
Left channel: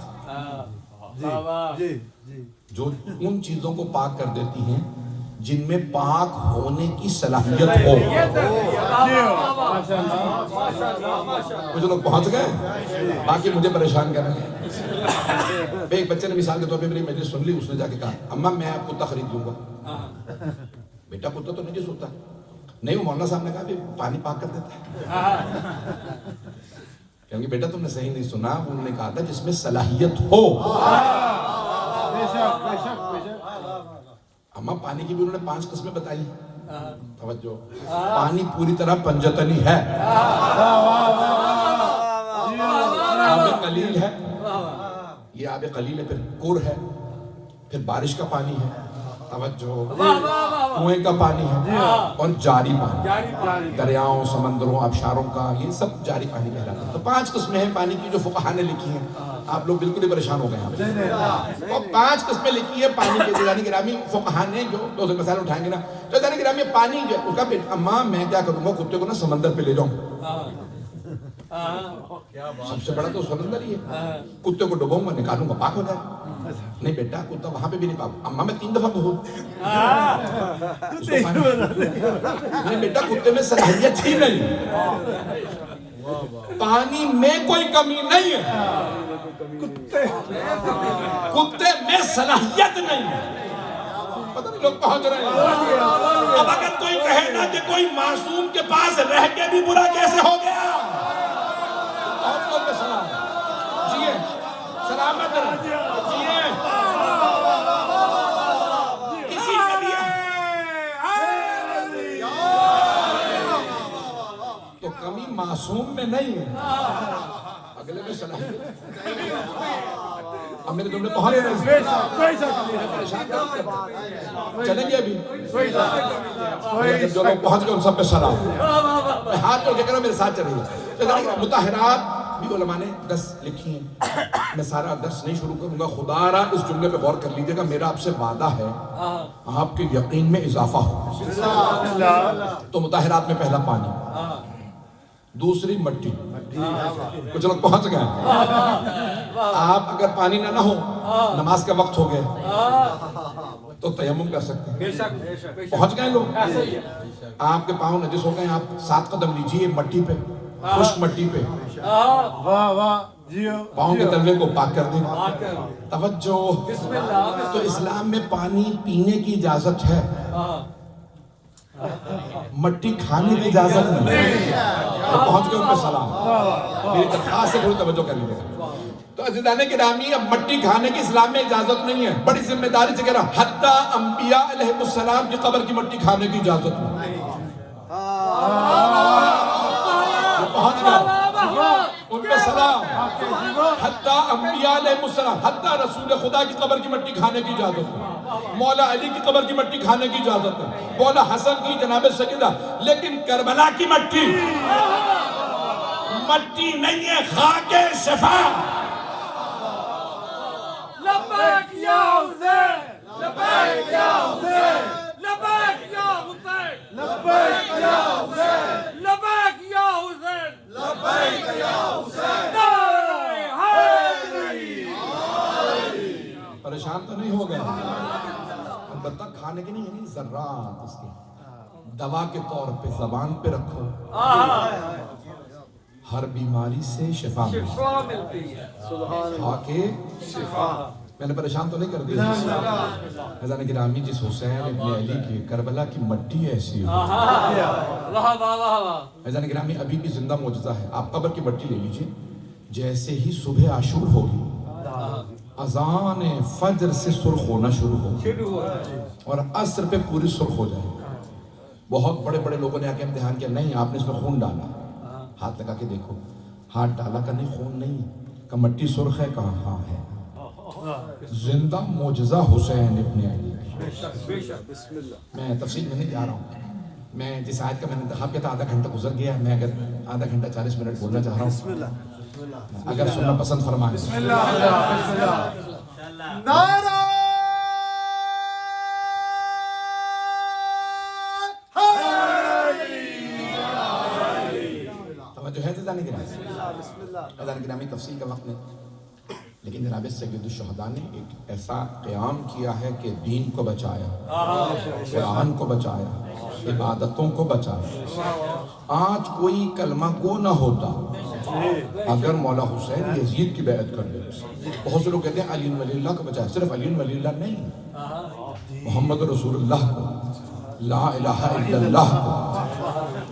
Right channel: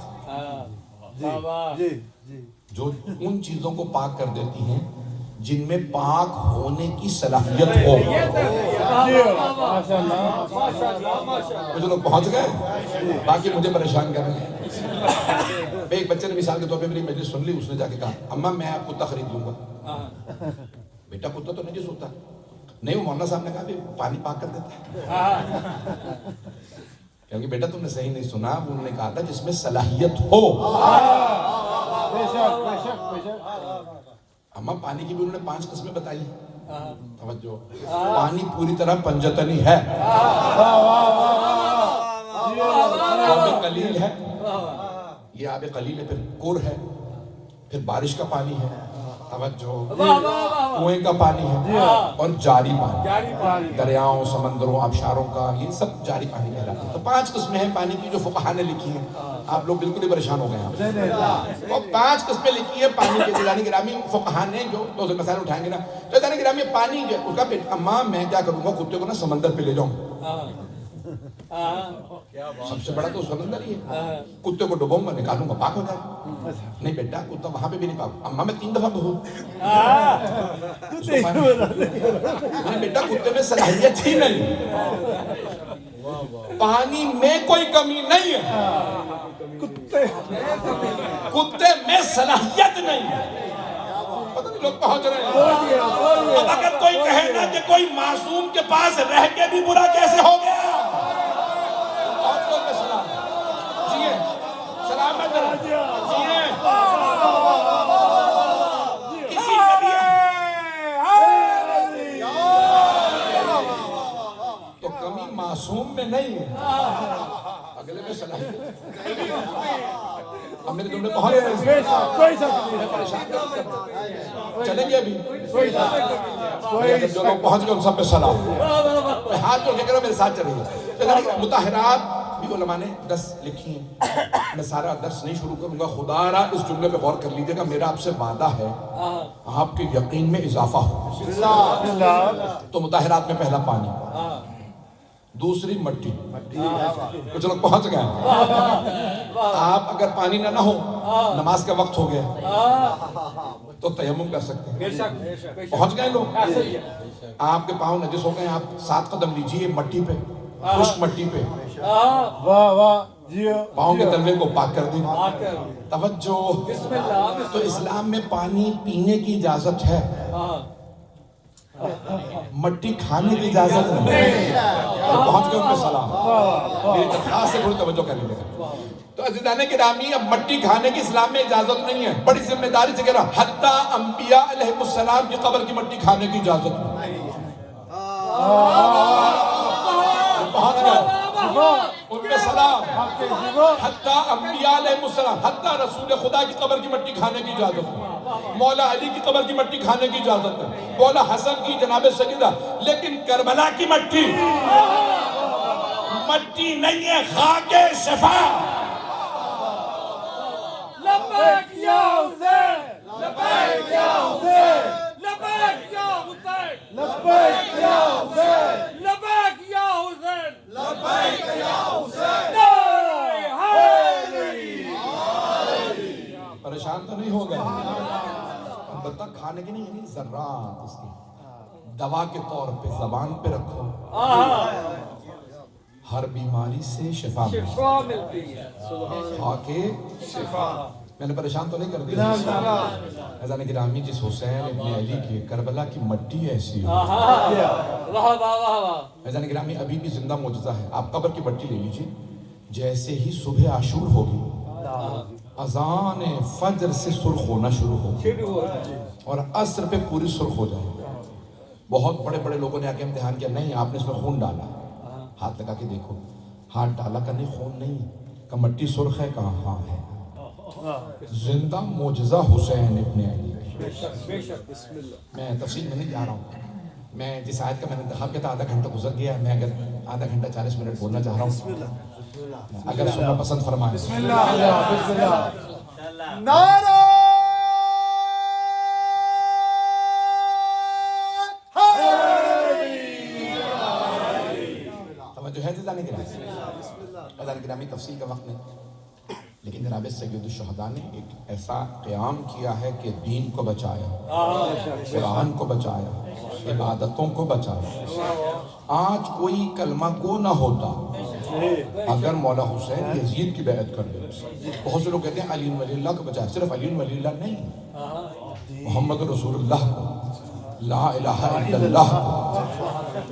جو ان چیزوں کو پاک کر دیتی ہیں جن میں پاک ہونے کی صلاحیت ہو. کچھ لوگ پہنچ گئے, باقی مجھے پریشان کر رہے ہیں. ایک بچے نے مثال کے طور پہ میری مجلس سن لی, اس نے جا کے کہا اماں میں آپ کتا خرید لوں گا. بیٹا کتا تو نجس ہوتا ہے. نہیں, وہ مولانا صاحب نے کہا بھی پانی پاک کر دیتا ہے. کیونکہ بیٹا تم نے صحیح نہیں سنا, انہوں نے کہا تھا جس میں صلاحیت ہو. اماں پانی کی بھی انہوں نے 5 قسمیں بتائی. توجہ, پانی پوری طرح پنجتنی ہے, آب قلیل ہے, یہ آب قلیل ہے, پھر کور ہے, پھر بارش کا پانی ہے, توجہ, کنویں کا پانی ہے, اور جاری پانی, دریاؤں, سمندروں, آبشاروں کا, یہ سب جاری پانی کہلاتا ہے. تو 5 قسمیں ہیں پانی کی جو فقہاء نے لکھی ہیں. آپ لوگ بالکل ہی پریشان ہو گئے ہیں. اور 5 قسمیں لکھی ہیں پانی کے. عزیزان گرامی فقہاء نے جو دو مسائل اٹھائیں گے نا, تو عزیزان گرامی پانی جو اس کا اماں میں کیا کروں گا, کتے کو نا سمندر پہ لے جاؤں. سب سے بڑا تو سمندر ہی ہے. کتے کو ڈبوں گا, نکالوں گا, پاک ہو جائے. نہیں بیٹا, کتا وہاں پہ بھی نہیں پاک. اماں میں 3 دفعہ بہت. نہیں بیٹا, کتے میں صلاحیت ہی نہیں, پانی میں کوئی کمی نہیں ہے, کتے میں صلاحیت نہیں ہے. پتہ نہیں لوگ پہنچ رہے ہیں. اب اگر کوئی کہے نا کہ کوئی معصوم کے پاس رہ کے بھی برا کیسے ہو گیا, بہت لوگ میں سلام جیے, سلامت جیے, کسی کے لیے تو کمی معصوم میں نہیں ہے, اگلے میں صلاحیت. اب میرے تم نے پہنچ رہے ہیں, پریشان کر. چلیں گے ابھی؟ جب جو لوگ پہنچ گئے ان سب پہ سلام. میں ہاتھ جوڑ کے کہہ رہا ہوں میرے ساتھ چلیں. مطہرات بھی علماء نے 10 لکھی ہیں. میں سارا درس نہیں شروع کروں گا. خدا را اس جملے پہ غور کر لیجئے گا. میرا آپ سے وعدہ ہے آپ کے یقین میں اضافہ ہو. تو مطہرات میں پہلا پانی, دوسری مٹی. کچھ لوگ پہنچ گئے. آپ اگر پانی نہ ہو, نماز کا وقت ہو گیا تو تیمم کر سکتے ہیں. پہنچ گئے لوگ. آپ کے پاؤں نجس ہو گئے, آپ 7 قدم لیجئے مٹی پہ, خشک مٹی پہ, واہ واہ جیو. پاؤں کے تلوے کو پاک کر دیں. توجہ. تو اسلام میں پانی پینے کی اجازت ہے, مٹی کھانے کی اجازت نہیں. تو پہنچ گئے ان پہ سلام. میری درخواست سے تھوڑی توجہ کر لیجیے. تو عزیزان گرامی, اب مٹی کھانے کی اسلام میں اجازت نہیں ہے. بڑی ذمہ داری سے کہہ رہا, حتیٰ انبیاء علیہ السلام کی قبر کی مٹی کھانے کی اجازت نہیں. وہ پہنچ گئے ان پہ سلام. حتیٰ انبیاء علیہ السلام, حتیٰ رسول خدا کی قبر کی مٹی کھانے کی اجازت نہیں. مولا علی کی قبر کی مٹی کھانے کی اجازت نہیں. مولا حسن کی, جناب سیدہ. لیکن کربلا کی مٹی نہیں ہے, خاک شفا. لبیک یا حسین, لبیک یا حسین, لبیک یا حسین, لبیک یا حسین, لبیک یا حسین, لبیک یا حسین. پریشان تو نہیں ہو گئے؟ البتہ کھانے کی نہیں, یعنی ذرات اس کی دوا کے طور پہ زبان پہ رکھو, ہر بیماری سے شفا ملتی ہے. کھا کے شفا. میں نے پریشان تو نہیں کر دیا؟ عزیزان گرامی, جس حسین ابن علی کی کربلا کی مٹی ایسی ہو. عزیزان گرامی, ابھی بھی زندہ معجزہ ہے. آپ قبر کی مٹی لے لیجئے, جیسے ہی صبح عاشور ہوگی, اذان فجر سے سرخ ہونا شروع ہو اور عصر پہ پوری سرخ ہو جائے. بہت بڑے بڑے لوگوں نے آ کے امتحان کیا, نہیں آپ نے اس میں خون ڈالا. ہاتھ لگا کے دیکھو, ہاتھ ڈالا کا نہیں, خون نہیں کہ مٹی سرخ ہے, کہاں ہاں ہے. زندہ معجزہ حسین ابن علی. میں تفصیل میں نہیں جا رہا ہوں. میں جس آیت کا میں نے انتخاب کیا تھا, آدھا گھنٹہ گزر گیا. میں اگر آدھا گھنٹہ 40 منٹ بولنا چاہ رہا ہوں, اگر سننا پسند فرمائیں. نعرہ توجہ ہے عزیزان گرامی, تفصیل کا وقت نہیں, لیکن جناب سید الشہداء نے ایک ایسا قیام کیا ہے کہ دین کو بچایا, قرآن کو بچایا, عبادتوں کو بچایا. آج کوئی کلمہ گو نہ ہوتا اگر مولا حسین یزید کی بیعت کر لے. بہت سے لوگ کہتے ہیں علی ولی اللہ کو بچایا. صرف علی ولی اللہ نہیں, محمد رسول اللہ کو, لا الہ الا اللہ کو.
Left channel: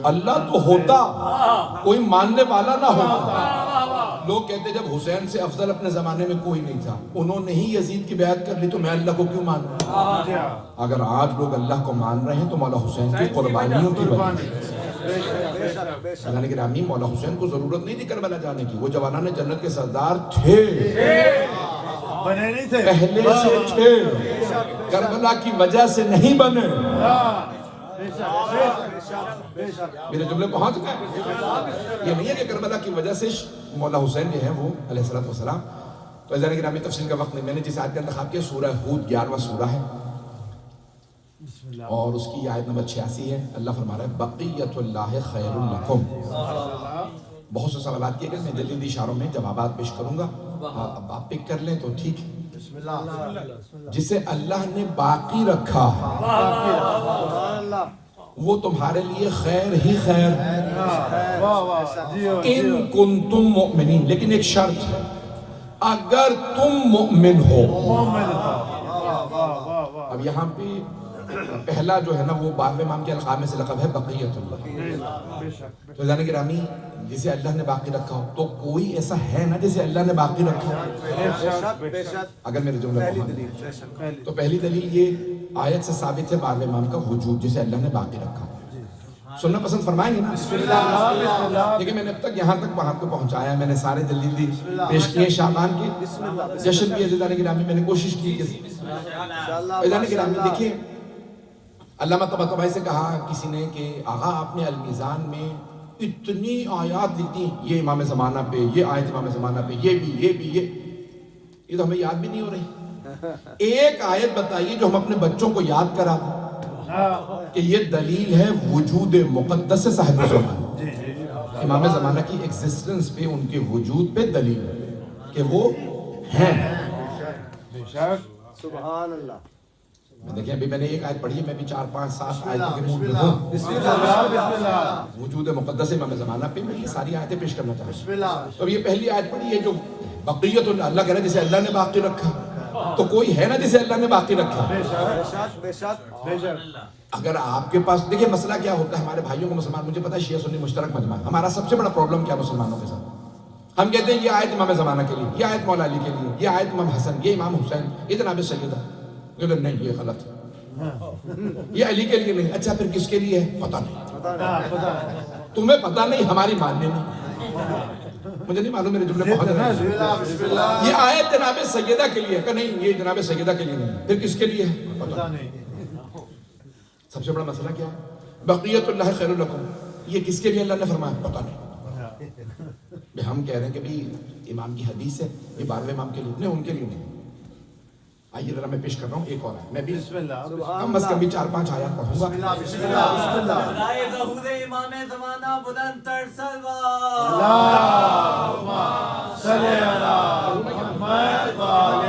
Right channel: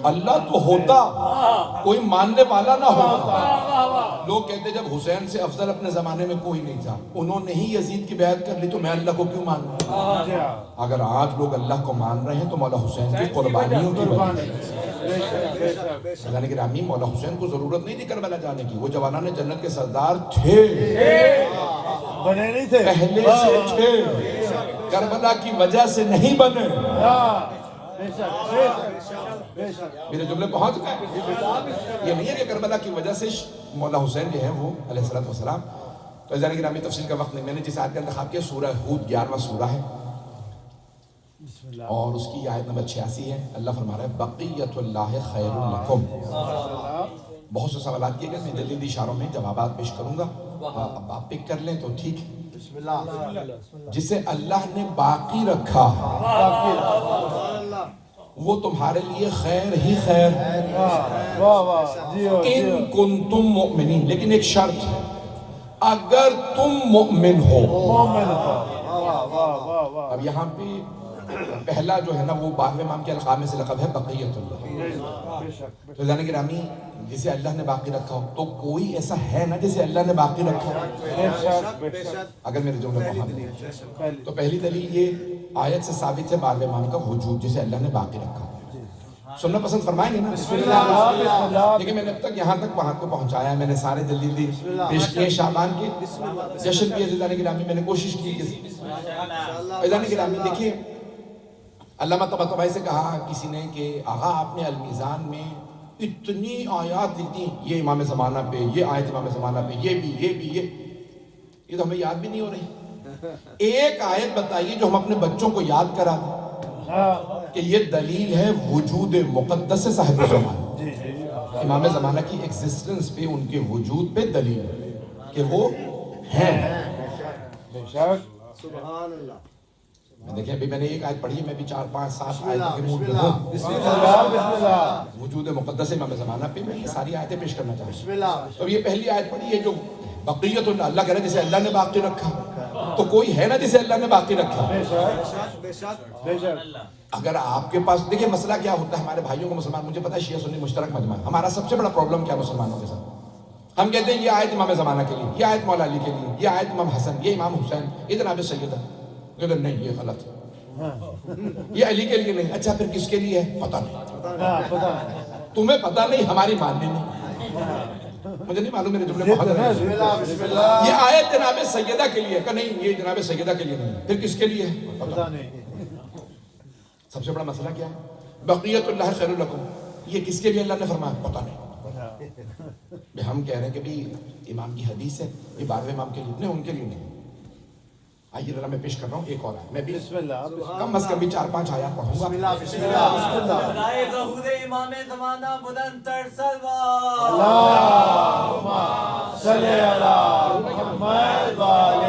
اللہ تو ہوتا, کوئی ماننے والا نہ ہوتا. لوگ کہتے جب حسین سے افضل اپنے زمانے میں کوئی نہیں تھا, انہوں نے ہی یزید کی بیعت کر لی, تو میں اللہ کو کیوں مانوں؟ اگر آج لوگ اللہ کو مان رہے ہیں تو مولا حسین کی قربانیوں کی وجہ سے. اللہ گرامی, مولا حسین کو ضرورت نہیں تھی کربلا جانے کی. وہ جوانان جنت کے سردار تھے, بنے نہیں تھے, پہلے سے تھے, کربلا کی وجہ سے نہیں بنے. میرے جملے پہنچ گئے. یہ نہیں ہے کہ کربلا کی وجہ سے مولا حسین جو ہے وہ علیہ السلام. تو عزیزان گرامی, تفصیل کا وقت نہیں. میں نے جس آیت کا انتخاب کیا, سورہ ہود 11واں سورہ ہے, اور اس کی آیت نمبر 86 ہے. اللہ فرما رہا ہے, بقیت اللہ خیر لکم. بہت سے سوالات کیے گئے, میں جلدی جلدی اشاروں میں جوابات پیش کروں گا. اب آپ پک کر لیں تو ٹھیک ہے. جسے اللہ نے باقی رکھا ہے وہ تمہارے لیے خیر ہی خیر ان کنتم مؤمنین. لیکن ایک شرط ہے, اگر تم مؤمن ہو. اب یہاں پہ پہلا جو ہے نا وہ 12ویں امام کے القاب میں سے لقب ہے بقیت اللہ. تو عزیزان گرامی, جسے اللہ نے باقی رکھا ہو, تو کوئی ایسا ہے نا جسے اللہ نے باقی رکھا ہو؟ اگر میرے جملے کو تو پہلی دلیل یہ آیت سے ثابت ہے 12ویں امام کا وجود, جسے اللہ نے باقی رکھا. سننا پسند فرمائیں گے نا؟ دیکھیں, میں نے اب تک یہاں تک وہاں کو پہنچایا ہے. میں نے سارے جلدی پیش کیے شعبان کے جشن کی. عزیزان گرامی, میں نے کوشش کی. عزیزان گرامی دیکھیں, علامہ طباطبائی سے کہا کسی نے کہ آغا آپ نے المیزان میں اتنی آیات لکھ دی، یہ امام زمانہ پہ، یہ آیت امام زمانہ پہ، یہ تو ہمیں یاد بھی نہیں ہو رہی۔ ایک آیت بتائیے جو ہم اپنے بچوں کو یاد کرا دیں کہ یہ دلیل ہے وجود مقدس صاحب زمان، امام زمانہ کی ایگزسٹنس پہ، ان کے وجود پہ دلیل ہے کہ وہ ہیں۔ سبحان اللہ۔ دیکھیں ابھی میں نے ایک آیت پڑھی ہے، میں بھی 4 5 7 آیتوں کے موڈ میں ہوں۔ بسم اللہ۔ وجود مقدس امام زمانہ پہ میں یہ ساری آیتیں پیش کرنا چاہتا ہوں۔ تو یہ پہلی آیت پڑھی ہے جو بقیت اللہ، اللہ کہہ رہا ہے جسے اللہ نے باقی رکھا، تو کوئی ہے نا جسے اللہ نے باقی رکھا؟ بے شک۔ اگر آپ کے پاس دیکھیں مسئلہ کیا ہوتا ہے ہمارے بھائیوں کو مسلمان، مجھے پتا ہے شیعہ سنی مشترک مجمع، ہمارا سب سے بڑا پرابلم کیا مسلمانوں کے ساتھ، ہم کہتے ہیں یہ آیت امام زمانہ کے لیے، یہ آیت مولا علی کے لیے، یہ آیت امام حسن، یہ امام حسین، یہ جناب سیدہ، نہیں یہ غلط ہے، یہ علی کے لیے نہیں۔ اچھا پھر کس کے لیے ہے؟ پتہ نہیں، تمہیں پتہ نہیں، ہماری ماننے نہیں، مجھے نہیں معلوم، میرے جملے بہت ہیں۔ یہ آیت جناب سیدہ کے لیے ہے کہ نہیں، یہ جناب سیدہ کے لیے نہیں، پھر کس کے لیے ہے؟ پتہ نہیں۔ سب سے بڑا مسئلہ کیا ہے؟ بقیت اللہ خیر لکم، یہ کس کے لیے اللہ نے فرمایا؟ پتہ نہیں۔ ہم کہہ رہے ہیں کہ بھی امام کی حدیث ہے، یہ 12ویں امام کے لیے نہیں، ان کے لیے نہیں۔ آئیے ذرا میں پیش کر رہا ہوں ایک اور آیت، میں بھی کم از کم بھی 4 5 آیات پڑھوں گا۔ برائے ظہور امام زمانہ بلند تر صلوات۔ اللہم صلی علی محمد و آل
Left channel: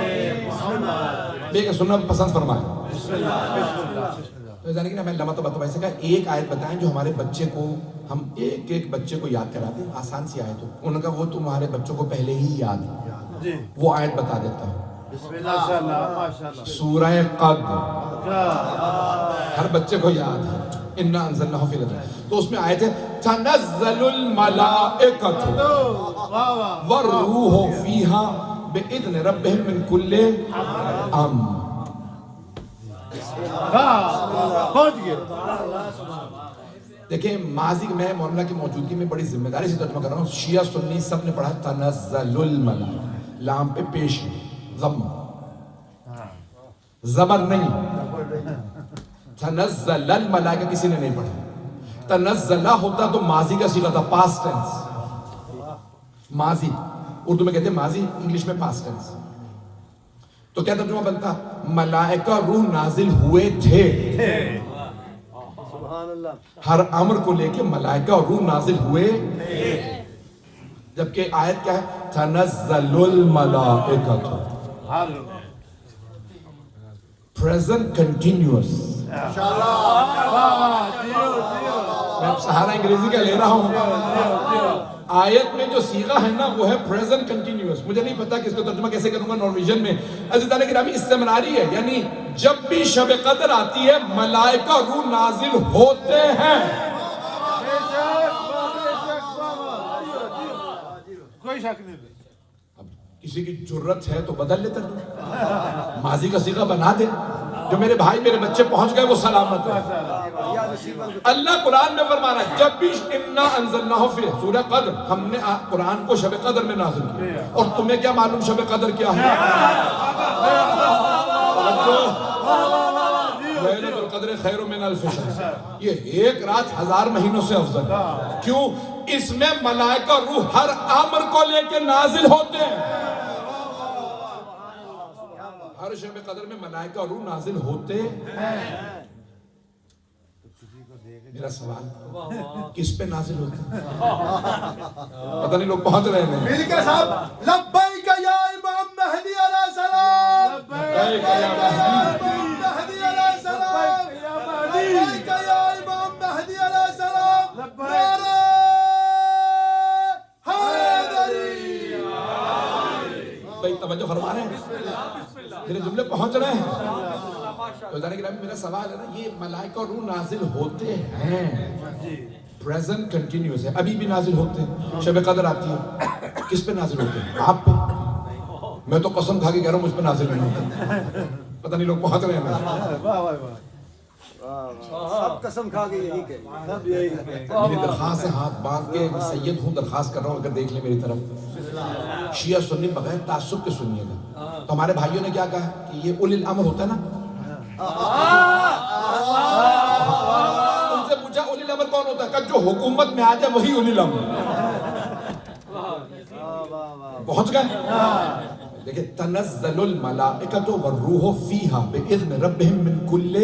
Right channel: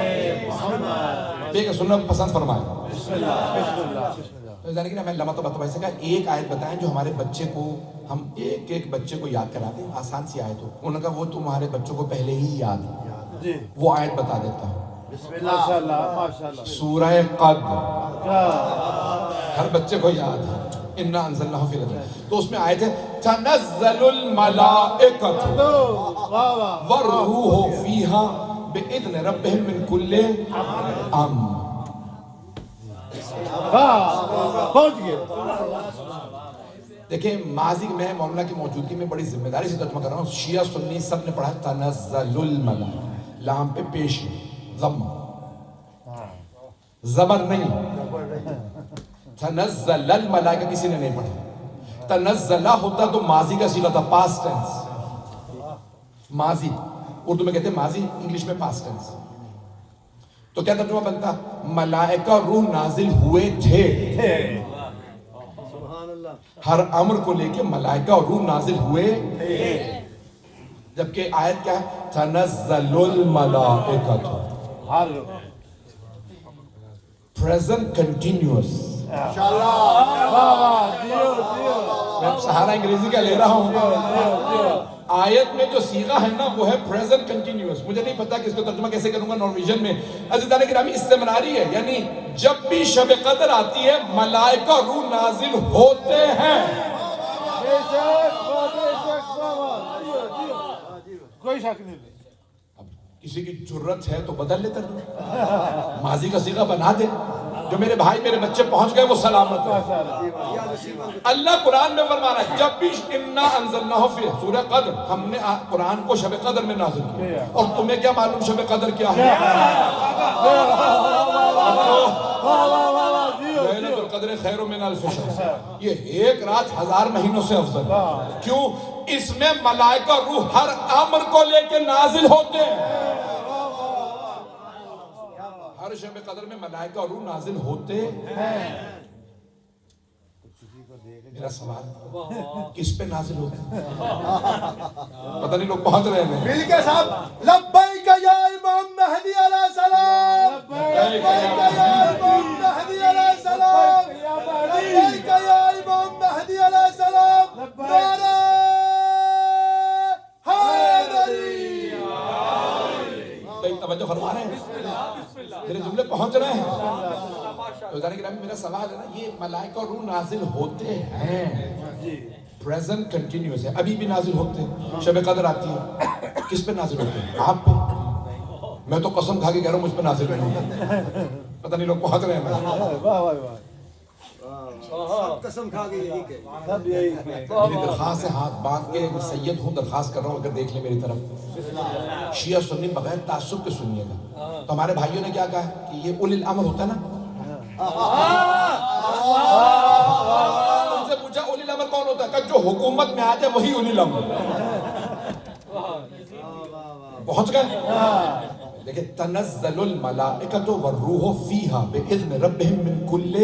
محمد۔ دیکھیں سننا پسند فرمائیں۔ بسم اللہ۔ جانے کہ میں علامہ طباطبائی سے کہا ایک آیت بتائیں جو ہمارے بچے کو، ہم ایک بچے کو یاد کراتے ہیں، آسان سی آیت ہو۔ انہوں نے کہا وہ تمہارے بچوں کو پہلے ہی یاد ہے، وہ آیت بتا دیتا ہوں۔ ماشاءاللہ۔ سورہ قدر ہر بچے کو یاد ہے، انا انزلناہ فی لیلۃ، تو اس میں آیت ہے تنزل الملائکۃ والروح فیہا باذن ربہم من کل امر۔ دیکھیں ماضی میں مولانا کی موجودگی میں بڑی ذمہ داری سے ترجمہ کر رہا ہوں، شیعہ سنی سب نے پڑھا تنزل الملائکۃ، لام پہ پیش ضم، زبر نہیں، تنزل الملائکہ کسی نے نہیں پڑھا۔ تنزلہ ہوتا تو ماضی کا صیغہ تھا، پاسٹ ٹینس، ماضی، اردو میں کہتے ہیں ماضی، انگلش میں پاسٹ ٹینس، تو کیا ترجمہ بنتا؟ ملائکہ روح نازل ہوئے تھے، ہر امر کو لے کے ملائکہ اور روح نازل ہوئے، جبکہ آیت کیا ہے؟ تنزل الملائکۃ، present continuous۔ میں سہارا انگریزی کا لے رہا ہوں، آیت میں جو صیغہ ہے نا وہ ہے present continuous۔ مجھے نہیں پتا کہ اس کو ترجمہ کیسے کروں گا نارویجن میں۔ عزیزان گرامی استمراری ہے، یعنی جب بھی شب قدر آتی ہے ملائکہ روح نازل ہوتے ہیں۔ کوئی شک نہیں۔ اب کسی کی جرت ہے تو بدل لے ترجمہ، ماضی کا صیغہ بنا دے، جو میرے بھائی میرے بچے پہنچ گئے وہ سلامت ہے۔ اللہ قرآن میں فرما رہا ہے جب بھی انا انزلناہ فی سورہ قدر، ہم نے قرآن کو شب قدر میں نازل کیا، اور تمہیں کیا معلوم شب قدر کیا ہے؟ لیلۃ القدر خیر من الف شہر، یہ ایک رات 1000 مہینوں سے افضل ہے۔ کیوں؟ اس میں ملائکہ روح ہر امر کو لے کے نازل ہوتے ہیں، ہر شب قدر میں ملائکہ اور روح نازل ہوتے ہیں۔ میرا سوال کس پہ نازل ہوتے ہیں؟ پتہ نہیں لوگ پہنچ رہے ہیں۔ مل کے صاحب لبیک یا امام مہدی علیہ السلام، لبیک یا امام مہدی علیہ السلام، لبیک یا امام مہدی علیہ السلام، نعرہ حیدری۔ بھائی توجہ فرما رہے ہیں، میرے جملے پہنچ رہے ہیں؟ تو جانے گرامی میرا سوال ہے نا، یہ ملائکہ اور روح نازل ہوتے ہیں، پریزنٹ کنٹینیوس ہے، ابھی بھی نازل ہوتے ہیں۔ شب قدر آتی ہے، کس پہ نازل ہوتے ہیں؟ آپ پہ؟ میں تو قسم کھا کے کہہ رہا ہوں مجھ پہ نازل نہیں ہوتے، پتہ نہیں لوگ پہنچ رہے ہیں۔ واہ واہ واہ، سب قسم کھا کے یہی کہ سب یہی کہ میری درخواست ہے، ہاتھ باندھ کے سید ہوں، درخواست کر رہا ہوں اگر دیکھ لیں میری طرف، شیعہ سنی بغیر تعصب کے سنیے گا۔ تو ہمارے بھائیوں نے کیا کہا کہ یہ اولی الامر ہوتا ہے نا، حکومت میں آ جائے وہی اولی الامر. پہنچ گئے. دیکھیں تنزل الملائکۃ والروح فیہا باذن ربہم من کل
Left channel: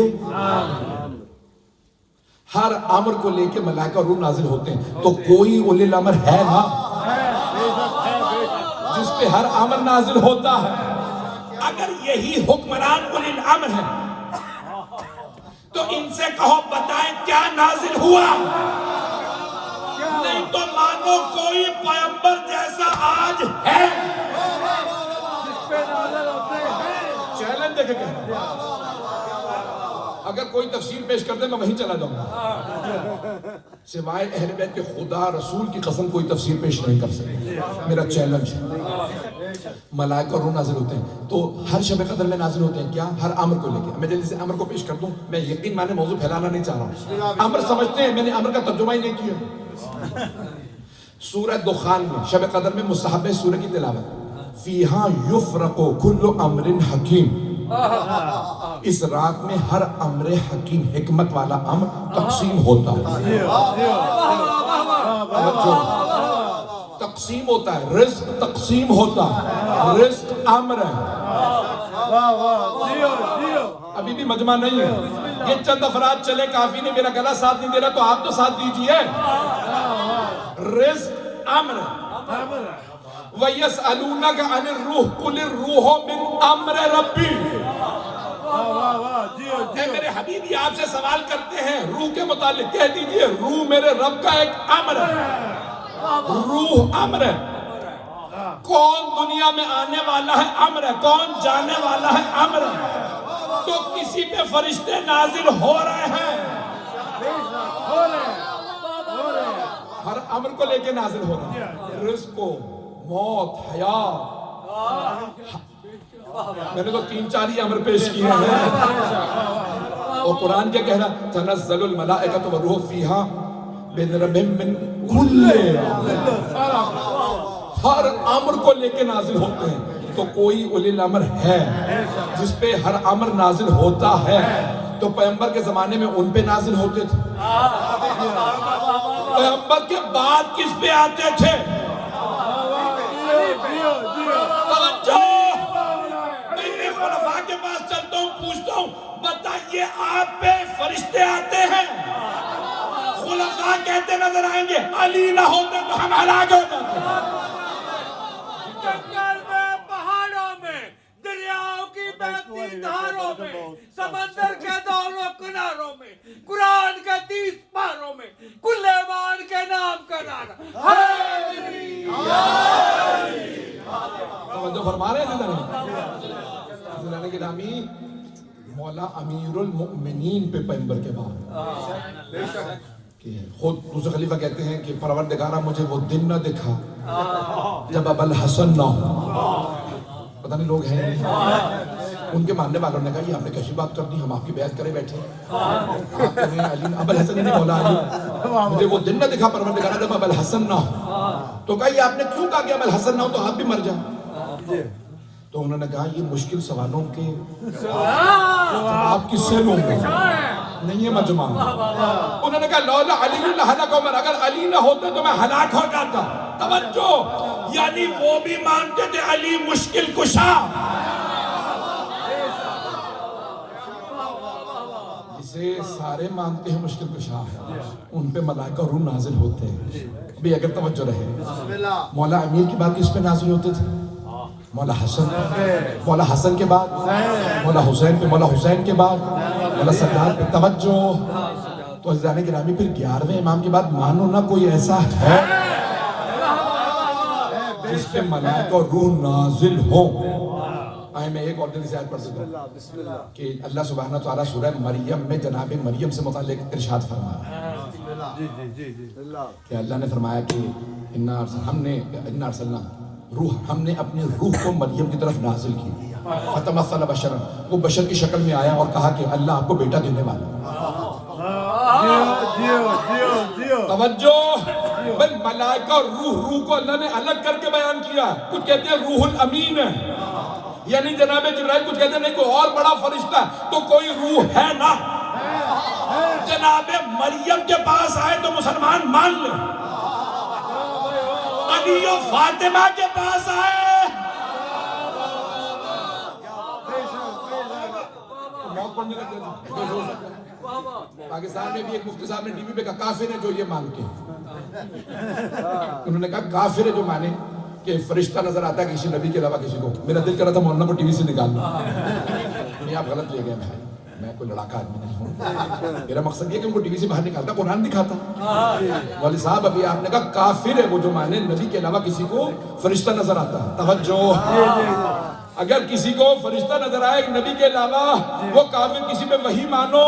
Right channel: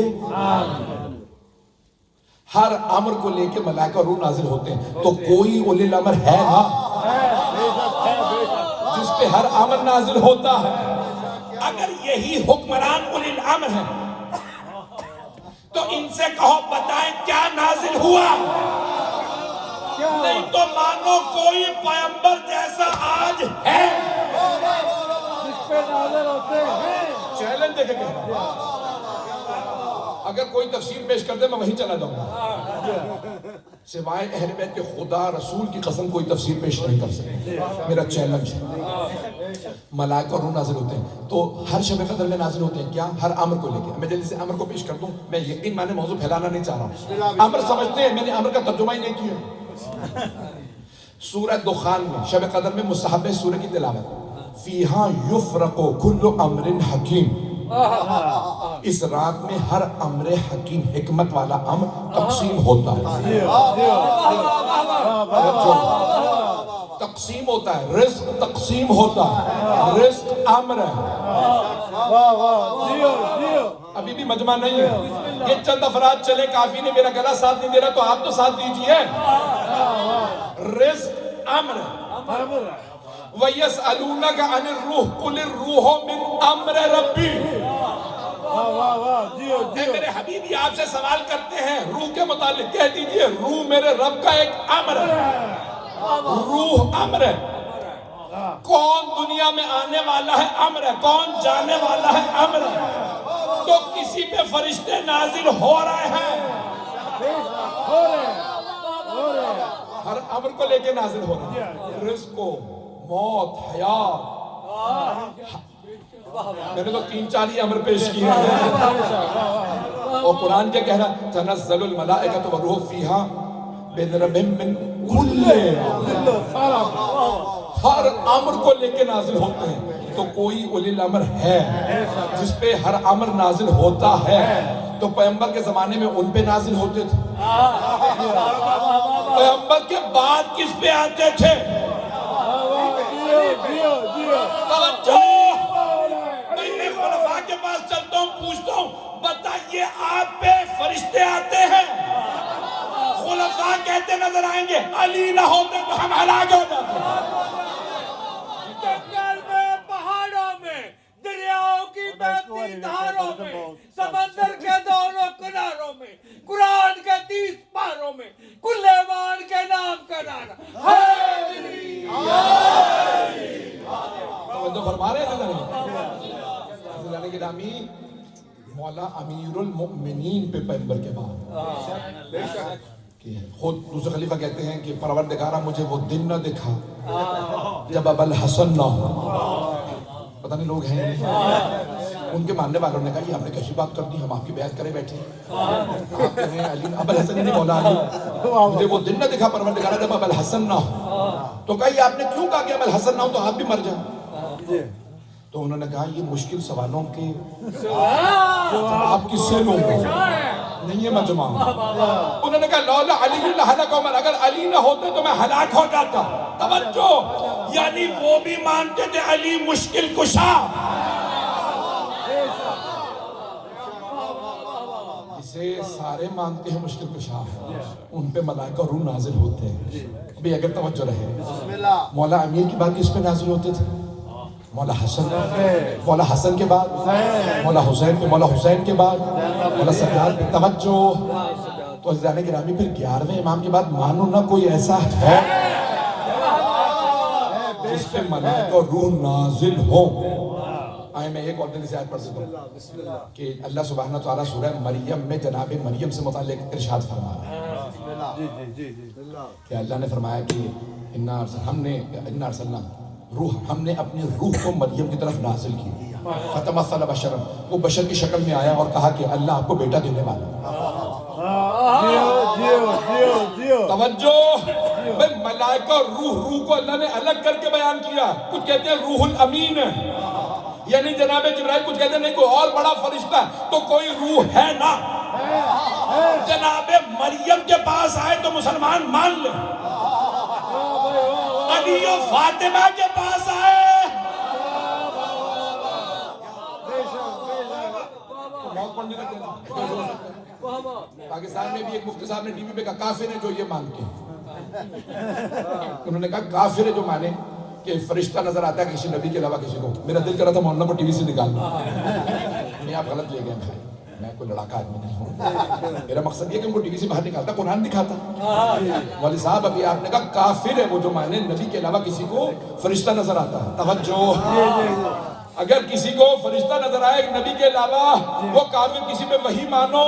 ہر امر کو لے کے ملائکہ اور روح نازل ہوتے ہیں. تو کوئی اولی الامر ہے نا جس پہ ہر امر نازل ہوتا ہے. اگر یہی حکمران اولی الامر ہے تو ان سے کہو بتائیں کیا نازل ہوا. نہیں تو مانو کوئی پیغمبر جیسا آج ہے جس پہ نازل ہوتے ہیں. چیلنج دے کے کہہ رہا ہوں. اگر کوئی تفسیر پیش کر دے میں وہیں چلا جاؤں گا. سوائے اہل بیت کے خدا رسول کی قسم کوئی تفسیر پیش نہیں کر سکتے. میرا چیلنج ہے. ملائکہ اور روح نازل ہوتے ہیں تو ہر شب قدر میں نازل ہوتے ہیں. کیا ہر امر کو لے کے. میں جلدی سے امر کو پیش کر دوں. میں یقین مانے موضوع پھیلانا نہیں چاہ رہا ہوں. امر سمجھتے ہیں. میں نے امر کا ترجمہ ہی نہیں کیا. سورہ دخان میں شب قدر میں مستحب ہے سورہ کی تلاوت. فیہا یفرق کل امر حکیم. اس رات میں ہر امر حکیم حکمت والا امر تقسیم ہوتا ہے. تقسیم ہوتا ہے. رزق تقسیم ہوتا ہے. رزق امر ہے. ابھی بھی مجمع نہیں ہے. یہ چند افراد چلے کافی نہیں. میرا گلا ساتھ نہیں دے رہا تو آپ تو ساتھ دیجئے. رزق امر ہے. وَيَسْأَلُونَكَ عَنِ الرُّوحِ قُلِ الرُّوحُ مِنْ أَمْرِ رَبِّي. اے میرے حبیبی آپ سے سوال کرتے ہیں روح کے متعلق. کہہ دیجئے روح میرے رب کا ایک امر ہے. روح امر ہے. کون دنیا میں آنے والا ہے امر ہے. کون جانے والا ہے امر ہے. تو کسی پہ فرشتے نازل ہو رہے ہیں. ہر امر کو لے کے نازل ہو رہے ہیں. رزق کو موت حیات. میں نے تو 3-4 ہی امر پیش کیے ہیں. اور قرآن کیا کہہ رہا. تنزل الملائکۃ والروح فیہا باذن ربہم من کل. ہر امر کو لے کے نازل ہوتے ہیں. تو کوئی اولی الامر ہے جس پہ ہر امر نازل ہوتا ہے. تو پیغمبر کے زمانے میں ان پہ نازل ہوتے تھے. پیغمبر کے بعد کس پہ آتے تھے. توجہ. میں خلفاء کے پاس چلتا ہوں پوچھتا ہوں بتائیے آپ پہ فرشتے آتے ہیں. خلفاء کہتے نظر آئیں گے علی نہ ہوتے تو ہم ہلاک ہو جاتے. پہاڑوں میں دریاؤں کی بہتی دھاروں میں سمندر کے دونوں کناروں میں قرآن کے 30 پاروں میں کل ایمان کے نام کا نعرہ. توجہ فرما رہے ہیں عزیزان گرامی. مولا امیر المؤمنین پہ پیغمبر کے بعد خود دوسرے خلیفہ کہتے ہیں کہ پروردگارہ مجھے وہ دن نہ دکھا جب ابو الحسن نہ ہو. پتہ نہیں لوگ ہیں ان کے ماننے والوں نے کہا یہ آپ نے کیسی بات کر دی. ہم آپ کی بیعت کرے بیٹھے. آپ کہہ رہے ہیں علی ابو الحسن نہیں مولا علی مجھے وہ دن نہ دکھا پروردگارہ جب ابو الحسن نہ ہو. تو کہا یہ آپ نے کیوں کہا کہ ابو الحسن نہ ہو تو آپ بھی مر جائیں. تو انہوں نے کہا یہ مشکل سوالوں کے جواب کس سے لوں گا. نہیں ہے مجمع. انہوں نے کہا لولا علی لہلک عمر. اگر علی نہ ہوتے تو میں ہلاک ہو جاتا. توجہ. یعنی وہ بھی مانتے تھے علی مشکل کشا. جسے سارے مانتے ہیں مشکل کشا ہے ان پہ ملائکہ روح نازل ہوتے ہیں. بھی اگر توجہ رہے مولا امیر کی بات کس پہ نازل ہوتے تھے. مولا حسن. مولا حسن کے بعد مولا حسین پہ. مولا حسین کے بعد مولا سجاد پہ. توجہ. تو عزیزان گرامی پھر 11ویں امام کے بعد مانو نہ کوئی ایسا ہے جس پہ ملائکہ اور روح نازل ہو. آئے میں ایک اور دن سے آیت پڑھ دیتا ہوں کہ اللہ سبحانہ تعالیٰ سورہ مریم میں جناب مریم سے متعلق ارشاد فرمایا کہ اللہ نے فرمایا کہ انا ارسلنا روح. ہم نے اپنی روح کو مریم کی طرف نازل کی. فتمثل بشرا. وہ بشر کی شکل میں آیا اور کہا کہ اللہ آپ کو بیٹا دینے والا. توجہ. ملائکہ اور روح کو اللہ نے الگ کر کے بیان کیا. کچھ کہتے ہیں روح الامین ہے یعنی جناب جبرائیل. کچھ کہتے ہیں نہیں کوئی اور بڑا فرشتہ. تو کوئی روح ہے نا جناب مریم کے پاس آئے تو مسلمان مان لیں، علی و فاطمہ کے پاس آئے تو موت پڑھنے لگ گئے۔ پاکستان میں بھی ایک مفتی صاحب نے ٹی وی پہ کہا کافر ہے جو یہ مان کے، انہوں نے کہا کافر ہے جو مانے کہ فرشتہ نظر آتا ہے کسی نبی کے علاوہ کسی کو۔ میرا دل کر رہا تھا مولانا کو ٹی وی سے نکالنا، نہیں آپ غلط لے گئے بھائی، میں کوئی لڑاکا آدمی نہیں ہوں، میرا مقصد یہ کہ ان کو ٹی وی سے باہر نکالتا قرآن دکھاتا۔ مولوی صاحب ابھی آپ نے کہا کافر ہے وہ جو مانے نبی کے علاوہ کسی کو فرشتہ نظر آتا ہے۔ توجہ، اگر کسی کو فرشتہ نظر آئے نبی کے علاوہ وہ کافر، کسی پہ وحی مانو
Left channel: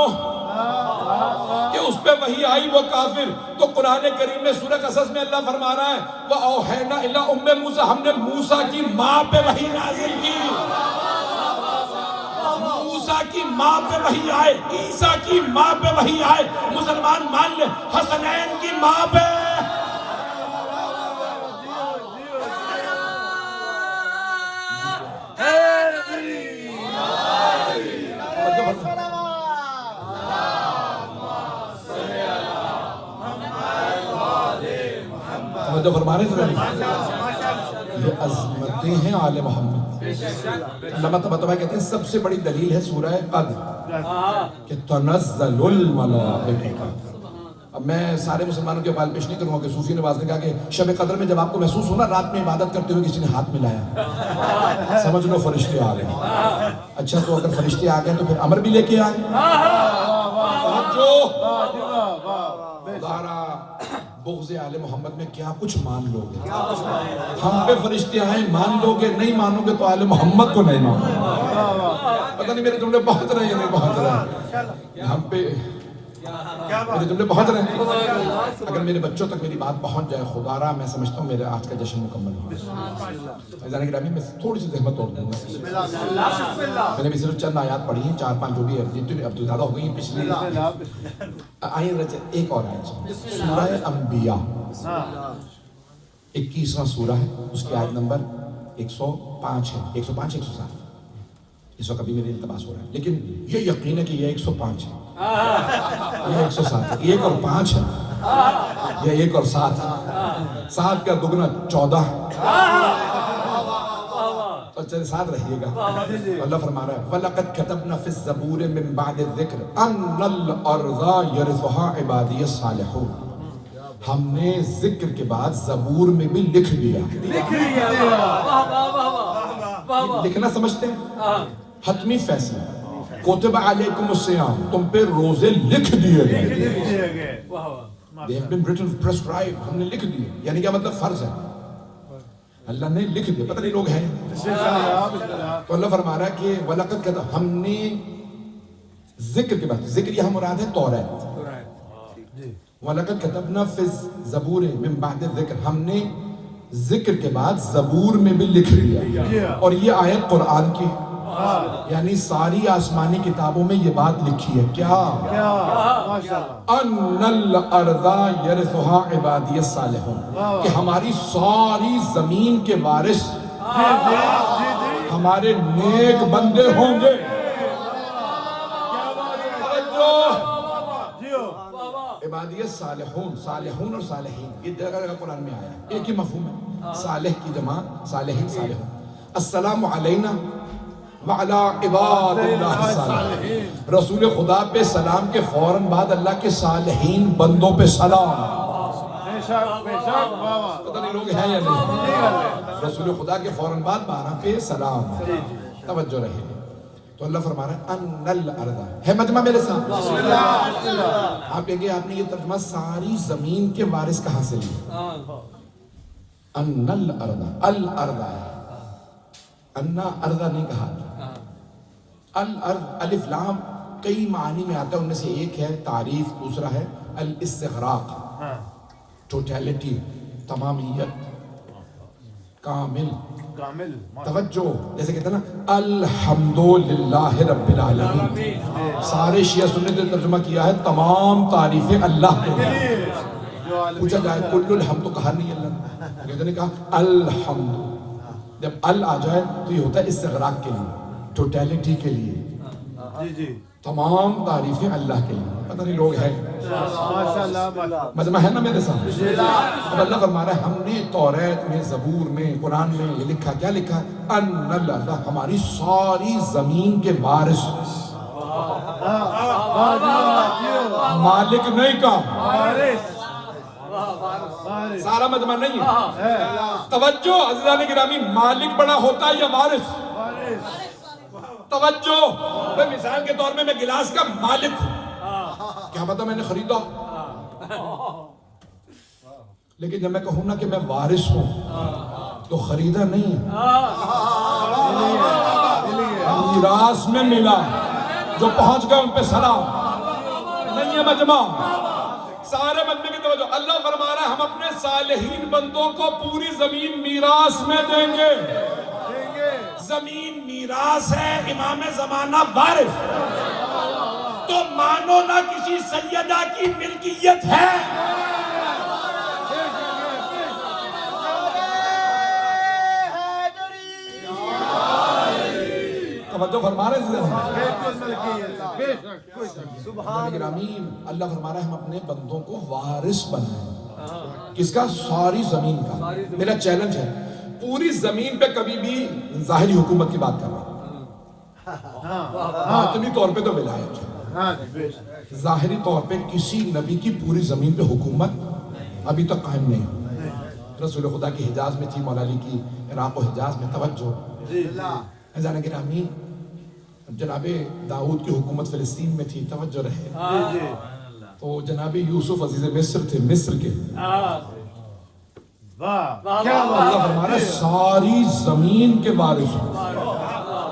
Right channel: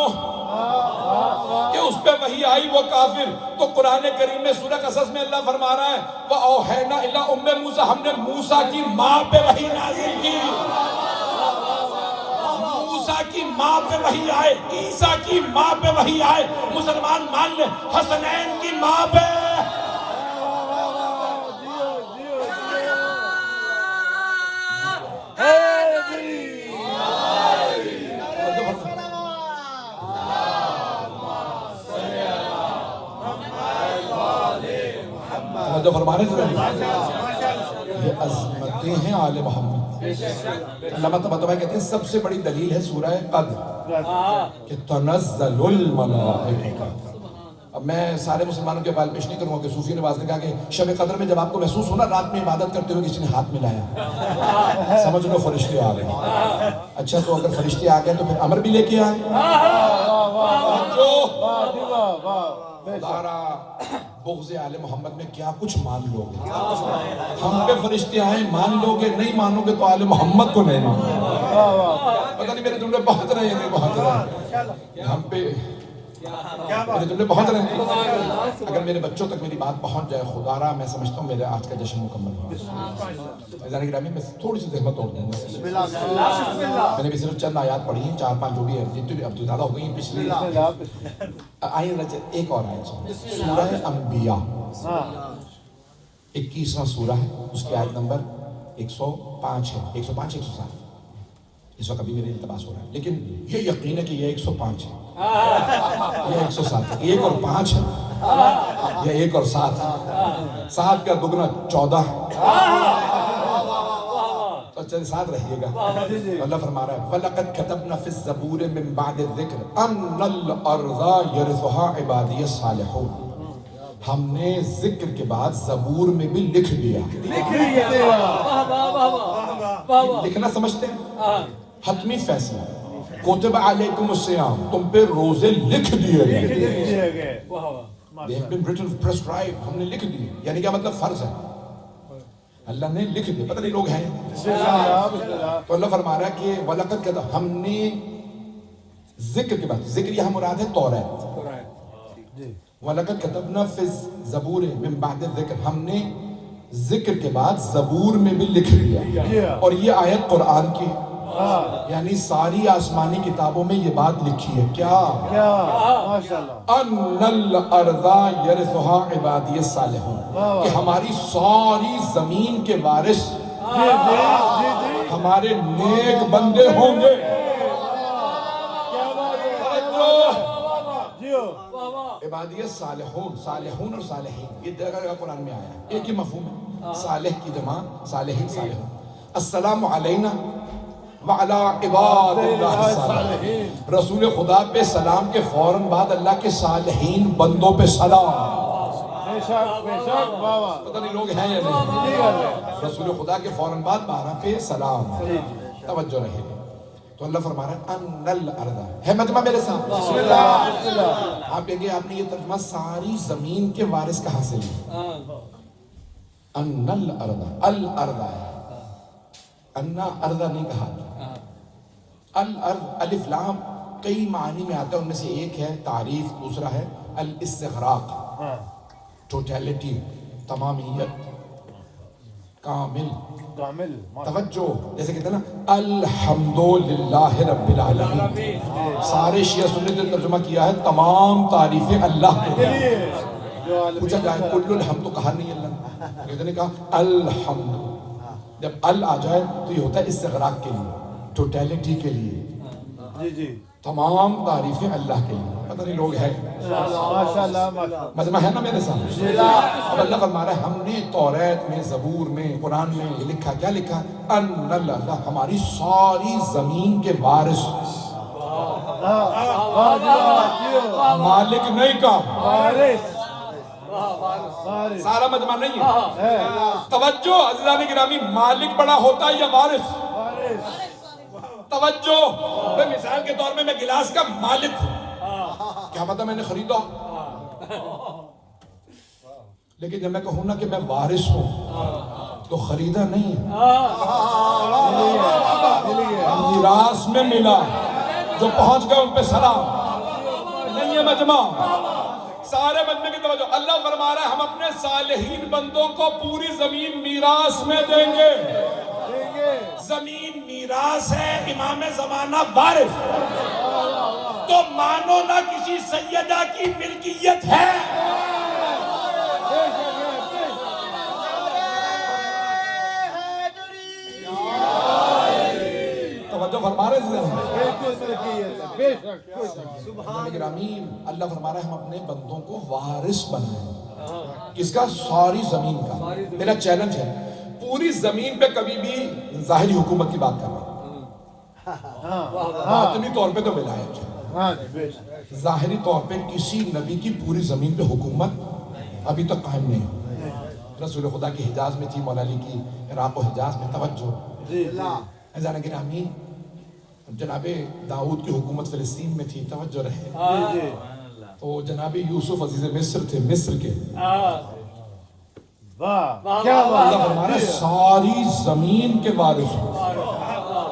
کہ اس پہ وحی آئی وہ کافر۔ تو قرآن کریم میں سورہ قصص میں اللہ فرما رہا ہے وَأَوْحَيْنَا إِلَىٰ أُمِّ مُوسَىٰ، ہم نے موسیٰ کی ماں پہ وحی نازل کی، موسیٰ کی ماں پہ وحی آئے، عیسیٰ کی ماں پہ وحی آئے، مسلمان مان لیں حسنین کی ماں پہ۔ جو فرما رہے تھے یہ عظمتیں ہیں آل محمد۔ علامہ طباطبائی کہتے ہیں سب سے بڑی دلیل ہے سورہ قدر کہ تنزل الملائکہ۔ اب میں سارے مسلمانوں کے بال پیش نہیں کروں گا کہ صوفی نواز نے کہا کہ شب قدر میں جب آپ کو محسوس ہونا رات میں عبادت کرتے ہوئے کسی نے ہاتھ ملایا، سمجھ لو فرشتے آ گئے۔ اچھا تو اگر فرشتے آ گئے تو پھر امر بھی لے کے آئے۔ بغض آل محمد میں کیا کچھ مان لو گے؟ ہم پہ فرشتے آئیں مان لو گے، نہیں مانو گے تو آل محمد کو نہیں مانو گے۔ پتہ نہیں میرے جملے بہت رہے ہیں یا نہیں بہت رہے، ہم پہ میرے جملے بہت رہے ہیں۔ اگر میرے بچوں تک میری بات پہنچ جائے خدا را، میں سمجھتا ہوں میرا آج کا جشن مکمل ہو۔ عزیزان گرامی میں تھوڑی سی زحمت توڑ دوں گا، میں نے بھی صرف چند آیات پڑھی ہیں، 4-5 جو بھی ہے، جتنی اب تو زیادہ ہو گئی ہیں پچھلی۔ آئیں ایک اور آیت سورہ انبیاء 21واں سورہ ہے، اس کی آیت نمبر 105 ہے، 105 107۔ اس وقت ابھی میرے التباس ہو رہا ہے لیکن یہ یقین ہے کہ یہ 105 ہے، یہ 107 ہے، 1 اور 5 ہے، یہ 1 اور 7 ہے، 7 کا دگنا 14 ہے۔ تو چلے ساتھ رہیے گا۔ اللہ فرما رہا ہے وَلَقَدْ كَتَبْنَا فِي الزَّبُورِ مِن بَعْدِ الذِّكْرِ أَنَّ الْأَرْضَ يَرِثُهَا عِبَادِيَ الصَّالِحُونَ، ہم نے ذکر کے بعد زبور میں بھی لکھ دیا۔ لکھنا سمجھتے ہیں حتمی فیصلہ، کتب علیکم الصیام، تم پہ روزے لکھ دیے گئے۔ They have been written, prescribed، ہم نے لکھ دیے، یعنی کیا مطلب فرض ہے، اللہ نے لکھ دیا۔ پتہ نہیں لوگ ہیں تو اللہ فرما رہا ہے کہ وَلَقَدْ كَتَبْنَا، ہم نے ذکر کے بعد، ذکر یہاں مراد ہے توریت، وَلَقَدْ كَتَبْنَا فِي الزَّبُورِ مِن بَعْدِ الذِّكْرِ، ہم نے ذکر کے بعد زبور میں بھی لکھ دیا۔ اور یہ آیت قرآن کی، یعنی ساری آسمانی کتابوں میں یہ بات لکھی ہے کیا؟ اَنَّ الْأَرْضَ يَرِثُهَا عِبَادِيَ الصَّالِحُونَ، کہ ہماری ساری زمین کے وارث ہمارے نیک بندے ہوں گے۔ عبادیہ صالحون، صالحون اور صالحین، یہ جگہ قرآن میں آیا ہے، ایک ہی مفہوم ہے، صالح کی جمع صالحین صالحون۔ السلام علینا وعلی عباد اللہ الصالحین، رسول خدا پہ سلام کے فوراً بعد اللہ کے صالحین بندوں پہ سلام۔ پتہ نہیں لوگ ہیں یا نہیں، رسول خدا کے فوراً بعد 12 پہ سلام۔ توجہ رہے، تو اللہ فرما رہا ہے ان الارض، ہے مجمع میرے ساتھ؟ آپ کہیں گے آپ نے یہ ترجمہ ساری زمین کے وارث کہاں سے لیا؟ ان الارض، الارض ہے، انا ارض نہیں کہا، الارض الف لام کئی معنی میں آتا ہے، ان میں سے ایک ہے تعریف، دوسرا ہے الاستغراق، ٹوٹیلٹی، تمامیت، کامل۔ توجہ، جیسے کہتے ہیں نا الحمدللہ رب العالمین، سارے شیعہ سنت نے ترجمہ کیا ہے تمام تعریفیں اللہ کو۔ پوچھا جائے کل الحمد، تو کہا نہیں اللہ نے، کہتے ہیں کہا الحمد، جب ال آ جائے تو یہ ہوتا ہے استغراق کے لیے، ٹوٹیلٹی کے لیے۔ تمام تعریفیں اللہ کے لیے. پتہ نہیں لوگ ہیں ماشاءاللہ مجمع ہے نا میرے سامنے. اب اللہ فرما رہا ہے ہم نے توریت میں، زبور میں، قرآن میں یہ لکھا. کیا لکھا؟ ان اللہ ہماری ساری زمین کے وارث. مالک نہیں کہا، سارا مجمع نہیں ہے. توجہ عزیزان گرامی، مالک بڑا ہوتا ہے یا وارث؟ توجہ. میں مثال کے طور میں گلاس کا مالک ہوں، کیا پتہ میں نے خریدا، لیکن جب میں کہوں نا کہ میں وارث ہوں تو خریدا نہیں، میراث میں ملا. جو پہنچ گئے ان پہ سلام. نہیں ہے مجمع، سارے بندے کی توجہ. اللہ فرما رہا ہے ہم اپنے صالحین بندوں کو پوری زمین میراث میں دیں گے. زمین میراث ہے، امام زمانہ وارث. تو مانو نہ کسی سیدہ کی ملکیت ہے. توجہ فرما رہے ہیں. سبحان گرامی، اللہ فرما رہا ہے ہم اپنے بندوں کو وارث بنائیں. کس کا؟ ساری زمین کا. میرا چیلنج ہے پوری زمین پہ کبھی بھی ظاہری حکومت کی بات کر رہا ہوں، باطنی طور پہ تو ولایت ہے. ظاہری طور پہ کسی نبی کی پوری زمین پہ حکومت ابھی تک قائم نہیں ہوئی. رسول خدا کی حجاز میں تھی، مولا علی کی عراق و حجاز میں. توجہ عزیزان گرامی، جناب داؤد کی حکومت فلسطین میں تھی. توجہ رہے. تو جناب یوسف عزیز مصر تھے، مصر کے. اللہ فرما رہا ہے ساری زمین کے وارث ہوں.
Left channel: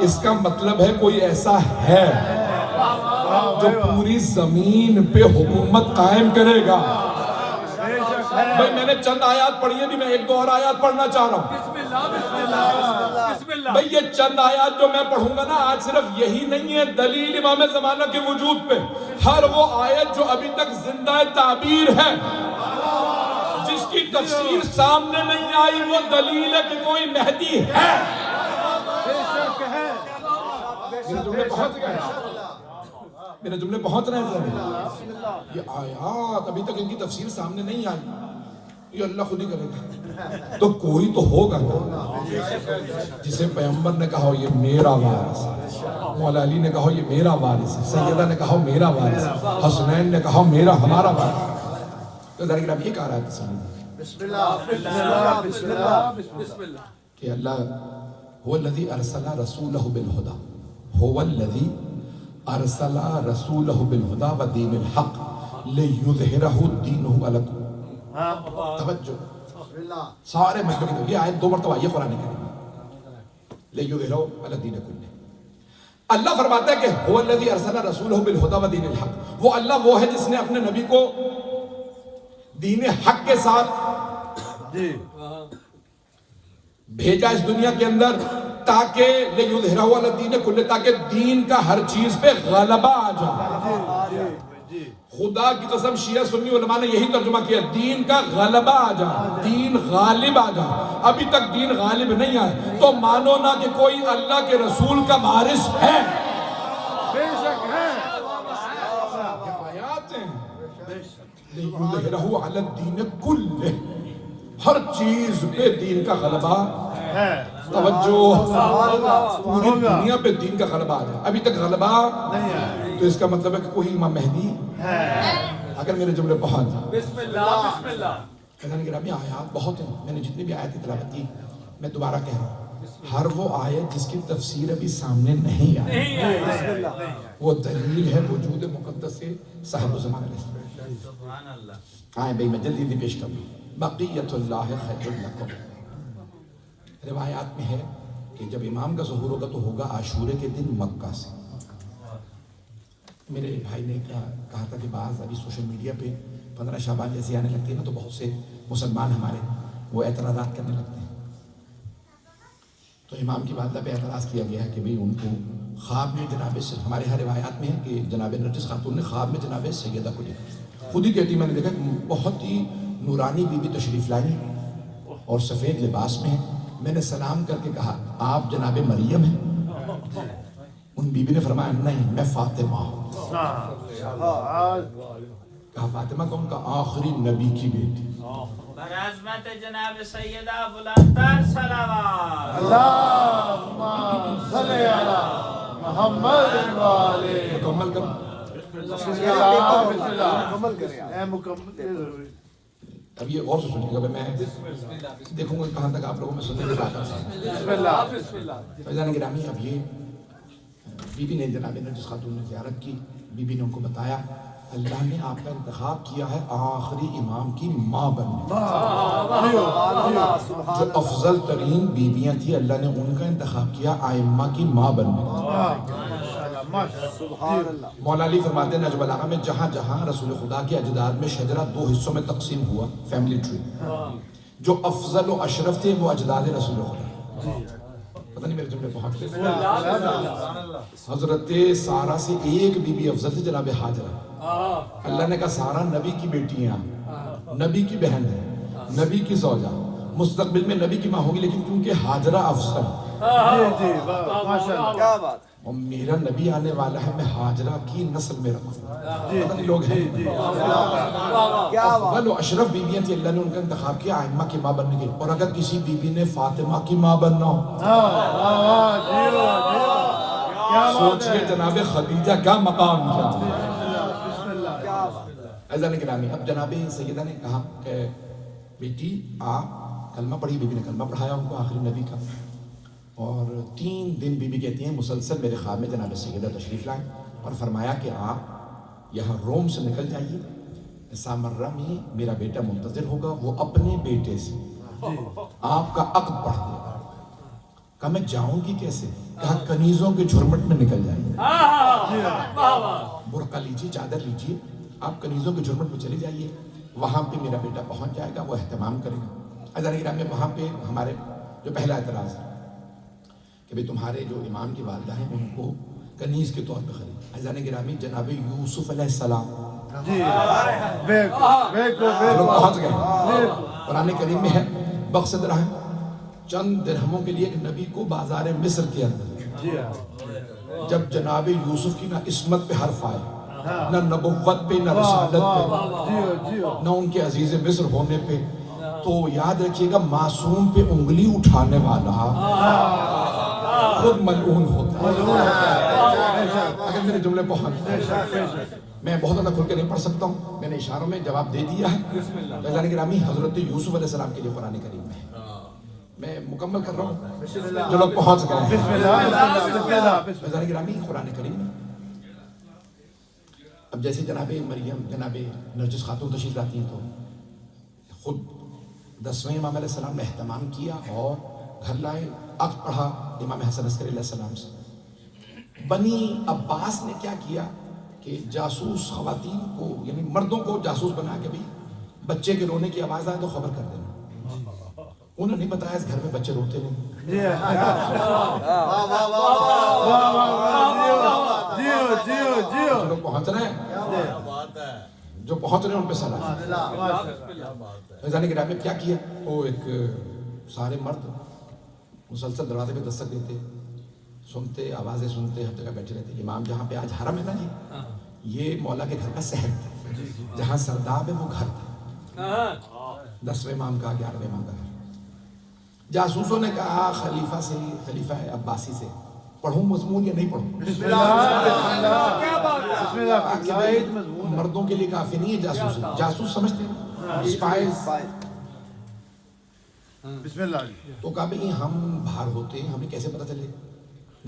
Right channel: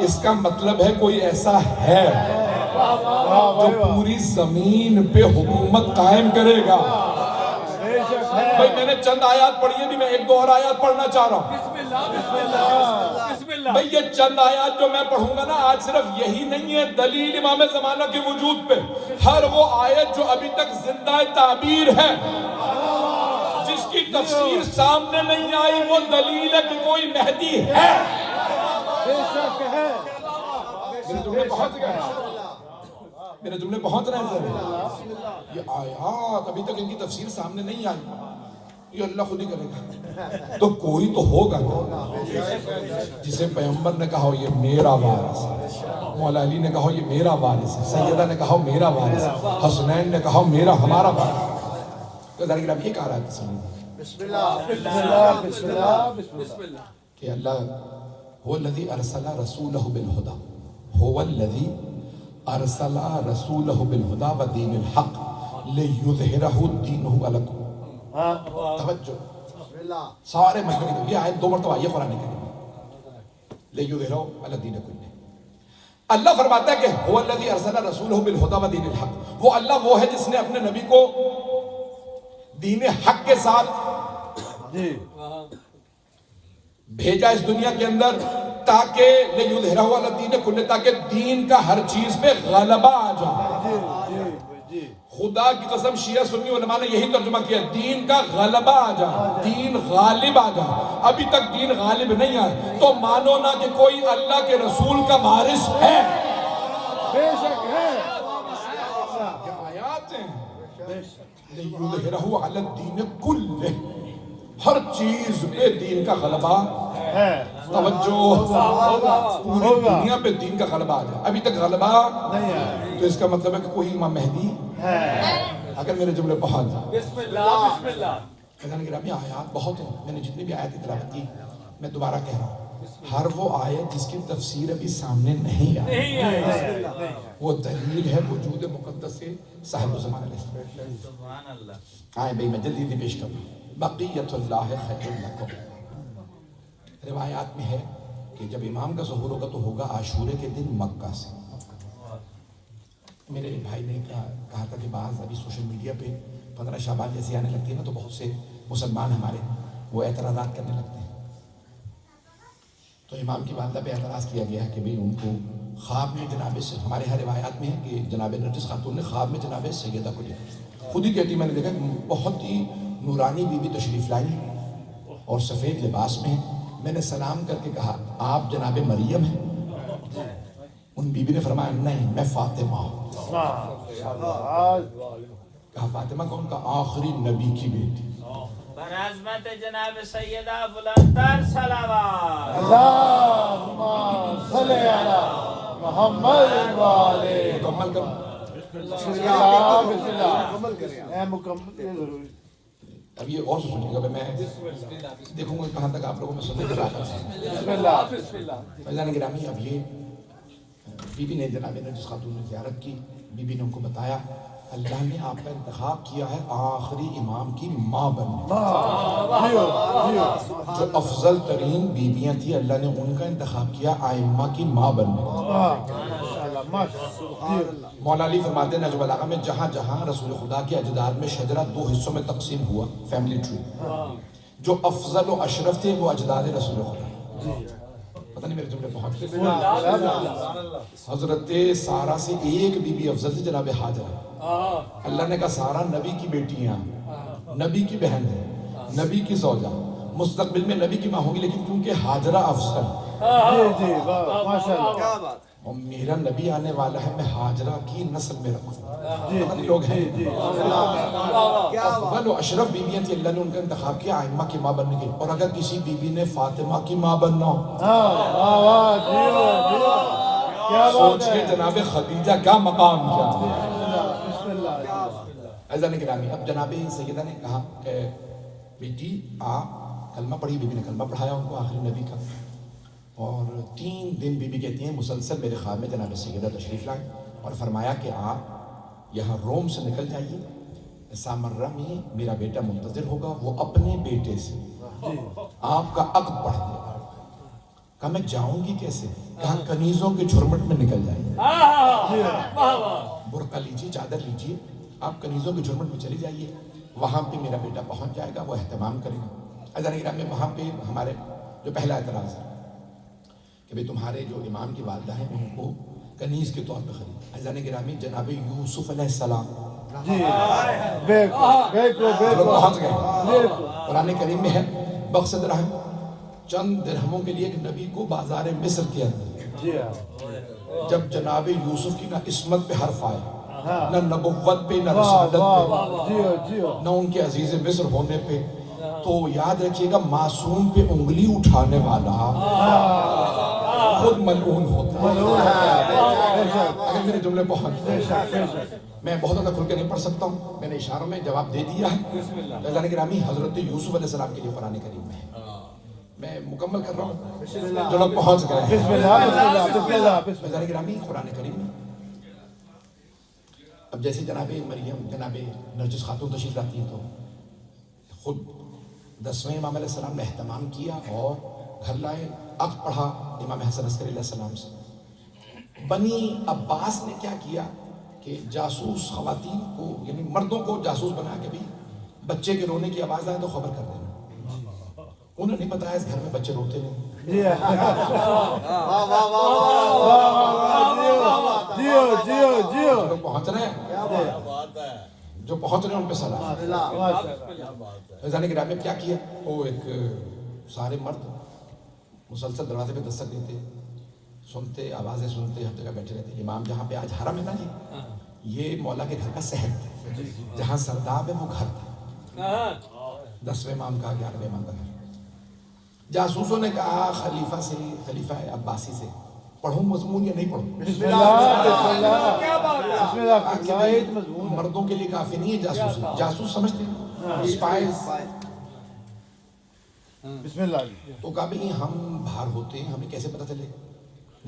اس کا مطلب ہے کوئی ایسا ہے جو پوری زمین پہ حکومت قائم کرے گا. بھائی میں نے چند آیات پڑھی ہیں بھی، میں ایک دو اور آیات پڑھنا چاہ رہا ہوں. بھئی یہ چند آیات جو میں پڑھوں گا نا آج، صرف یہی نہیں ہے دلیل امام زمانہ کے وجود پہ. ہر وہ آیت جو ابھی تک زندہ تعبیر ہے، جس کی تفسیر سامنے نہیں آئی، وہ دلیل ہے کہ کوئی مہدی ہے. میرے جملے پہنچ گئے، میرے جملے پہنچ رہے ہیں. یہ آیات ابھی تک ان کی تفسیر سامنے نہیں آئی، یہ اللہ خود ہی کرے گا. تو کوئی تو ہوگا جسے پیغمبر نے کہا یہ میرا وارث ہے، مولا علی نے کہا یہ میرا وارث ہے، سیدہ نے کہا میرا وارث ہے، حسنین نے کہا میرا ہمارا وارث ہے. تو ذرا یہ کہا رہا ہے کہ اللہ هو الذي ارسل رسوله بالهدى، هو الذي ارسل رسوله بالهدى ودين الحق ليظهره دينه على كل. توجہ سارے مجمع کی. یہ آیت 2 مرتبہ آئی ہے قرآن کریم. ليظهره على الدين كله. اللہ فرماتا ہے کہ هو الذي ارسل رسوله بالهدى ودين الحق. وہ اللہ وہ ہے جس نے اپنے نبی کو دین حق کے ساتھ بھیجا اس دنیا کے اندر، تاکہ لیظہرہ علی الدین کلہ، تاکہ دین کا ہر چیز پہ غلبہ آ جائے. خدا کی قسم شیعہ سنی علماء نے یہی ترجمہ کیا، دین کا غلبہ آ جائے، دین غالب آ جائے. ابھی تک دین غالب نہیں آئے تو مانو نہ کہ کوئی اللہ کے رسول کا وارث ہے. بے شک ہے. آیات ہیں لیظہرہ علی الدین کلہ، ہر چیز پہ دین کا غلبہ ہے. توجہ، پوری دنیا پہ دین کا غلبہ آ جائے. ابھی تک غلبہ نہیں ہے. تو اس کا مطلب ہے کہ کوئی امام مہدی ہے. اگر میرے جملے بہت ہیں. بسم اللہ بسم اللہ. خزانہ گرامی آیات بہت ہیں. میں نے جتنی بھی آیت کی تلاوت کی، میں دوبارہ کہہ رہا ہوں، ہر وہ آیت جس کی تفسیر ابھی سامنے نہیں آئی، وہ دلیل ہے وجود مقدس سے صاحب زمان علیہ السلام. آئیں بھئی میں جلدی پیش کروں. بقیت اللہ خیر لکم. روایات میں ہے کہ جب امام کا ظہور ہوگا تو ہوگا عاشورے کے دن مکہ سے. میرے بھائی نے کہا تھا کہ بعض ابھی سوشل میڈیا پہ 15 شعبان جیسے آنے لگتی ہے نا، تو بہت سے مسلمان ہمارے وہ اعتراضات کرنے لگتے ہیں. تو امام کی والدہ پہ اعتراض کیا گیا کہ بھئی ان کو خواب میں جناب سے، ہمارے ہاں روایات میں ہے کہ جناب نرجس خاتون نے خواب میں جناب سیدہ کو دیکھا. خود ہی کہتی میں نے دیکھا کہ بہت ہی نورانی بی بی تشریف لائی اور سفید لباس میں. میں نے سلام کر کے کہا آپ جناب مریم ہیں؟ ان بی بی نے فرمایا نہیں میں فاطمہ ہوں. کہا فاطمہ کون؟ کا آخری نبی کی بیٹی. عظمت جناب سیدہ بلندر صلوات. اللہم صلی علی محمد والے. مکمل کرو. بسم اللہ بسم اللہ. مکمل کریں. اے مکمل ضروری. اب یہ غور سے سنیے گا. میں دیکھوں گا کہاں تک آپ لوگوں میں سننے کی طاقت ہے. بسم اللہ. فیضان گرامی اب یہ بی بی نے جناب نرجس خاتون نے زیارت کی. بی بی نے ان کو بتایا اللہ نے آپ کا انتخاب کیا ہے آخری امام کی ماں بننے. جو افضل ترین بیویاں تھیں اللہ نے ان کا انتخاب کیا آئمہ کی ماں بننے. مولا علی فرماتے ہیں نہج البلاغہ میں جہاں جہاں رسول خدا کے اجداد میں شجرہ 2 حصوں میں تقسیم ہوا فیملی ٹری، جو افضل و اشرف تھے وہ اجداد رسول خدا. پتہ نہیں میرے جملے پہنچ گئے. حضرت سارہ سے ایک بی بی افضل تھی جناب حاجرہ. اللہ نے کہا سارہ نبی کی بیٹی ہیں، نبی کی بہن ہے، نبی کی زوجہ، مستقبل میں نبی کی ماں ہوگی، لیکن کیونکہ حاجرہ افضل کیا بات. اور میرا نبی آنے والا ہے میں حاجرہ کی نسل میں رکھوں. پتہ نہیں لوگ ہیں افضل و اشرف بیویاں تھی اللہ نے ان کا انتخاب کیا آئمہ کی ماں بننے کے. اور اگر کسی بی بی نے فاطمہ کی ماں بننا ہو سوچئے جناب خدیجہ کا مقام کیا. عزیزان گرامی اب جناب سیدہ نے کہا کہ بیٹی آپ کلمہ پڑھی. بی بی نے کلمہ پڑھایا ان کو آخری نبی کا. اور 3 دن بی بی کہتی ہیں مسلسل میرے خواب میں جناب سیدہ تشریف لائیں اور فرمایا کہ آپ یہاں روم سے نکل جائیے، سامرہ میں میرا بیٹا منتظر ہوگا، وہ اپنے بیٹے سے آپ کا عقد پڑھ دے گا. کہا میں جاؤں گی کیسے؟ کہا کنیزوں کے جھرمٹ میں نکل جائیے، برقع لیجیے، چادر لیجیے، آپ کنیزوں کے جھرمٹ میں چلے جائیے، وہاں پہ میرا بیٹا پہنچ جائے گا، وہ اہتمام کرے گا. عزیزان گرامی وہاں پہ ہمارے جو پہلا اعتراض ہے کہ بھئی تمہارے جو امام کی والدہ ہیں ان کو کنیز کے طور پہ خرید. عزیزان گرامی جناب یوسف علیہ السلام پہنچ گئے. قرآن کریم میں ہے بخس درہم، چند درہموں کے لیے ایک نبی کو بازار مصر کے اندر جب جناب یوسف کی نہ عصمت پہ حرف آئے، نہ نبوت پہ، نہ رسالت پہ، نہ ان کے عزیز مصر ہونے پہ، تو یاد رکھیے گا معصوم پہ انگلی اٹھانے والا خود ملعون ہوتا ہے. اگر میرے جملے پہنچ، میں بہت زیادہ کھل کے نہیں پڑھ سکتا ہوں، میں نے اشاروں میں جواب دے دیا ہے. عزیزان گرامی حضرت یوسف علیہ السلام کے لیے قرآن کریم میں ہے، میں مکمل کر رہا ہوں جو لوگ پہنچ گئے ہیں. عزیزان گرامی قرآن کریم میں اب جیسے جناب مریم جناب نرجس خاتون تشریف لاتی ہیں تو خود 10ویں امام علیہ السلام نے اہتمام کیا اور گھر لائے، عقد پڑھا امام حسن عسکری علیہ السلام سے. بنی عباس نے کیا کیا کہ جاسوس خواتین کو یعنی مردوں کو جاسوس بنا کے بھی بچے کے رونے کی آواز آئے تو خبر کر دینا. انہوں نے بتایا اس گھر میں بچے روتے نہیں. جو پہنچ رہے ہیں جو پہنچ رہے ہیں ان پہ سلام. فیضان گرامی کیا کیا وہ ایک سارے مرد مسلسل دروازے پہ دستک دیتے، سنتے آوازیں سنتے، ہر جگہ بیٹھے رہتے. امام جہاں پہ آج حرم ہے نا جی، یہ مولا کے گھر کا شہر تھا، جہاں سرداب ہے وہ گھر تھا. 10ویں امام کا 11ویں امام کا گھر. جاسوسوں نے کہا خلیفہ سے، خلیفہ عباسی سے پڑھوں مضمون یا نہیں پڑھوں؟ مردوں کے لیے کافی نہیں ہے جاسوس. جاسوس سمجھتے ہیں اسپائز. تو کہا بھئی ہم باہر ہوتے ہیں، ہمیں کیسے پتہ چلے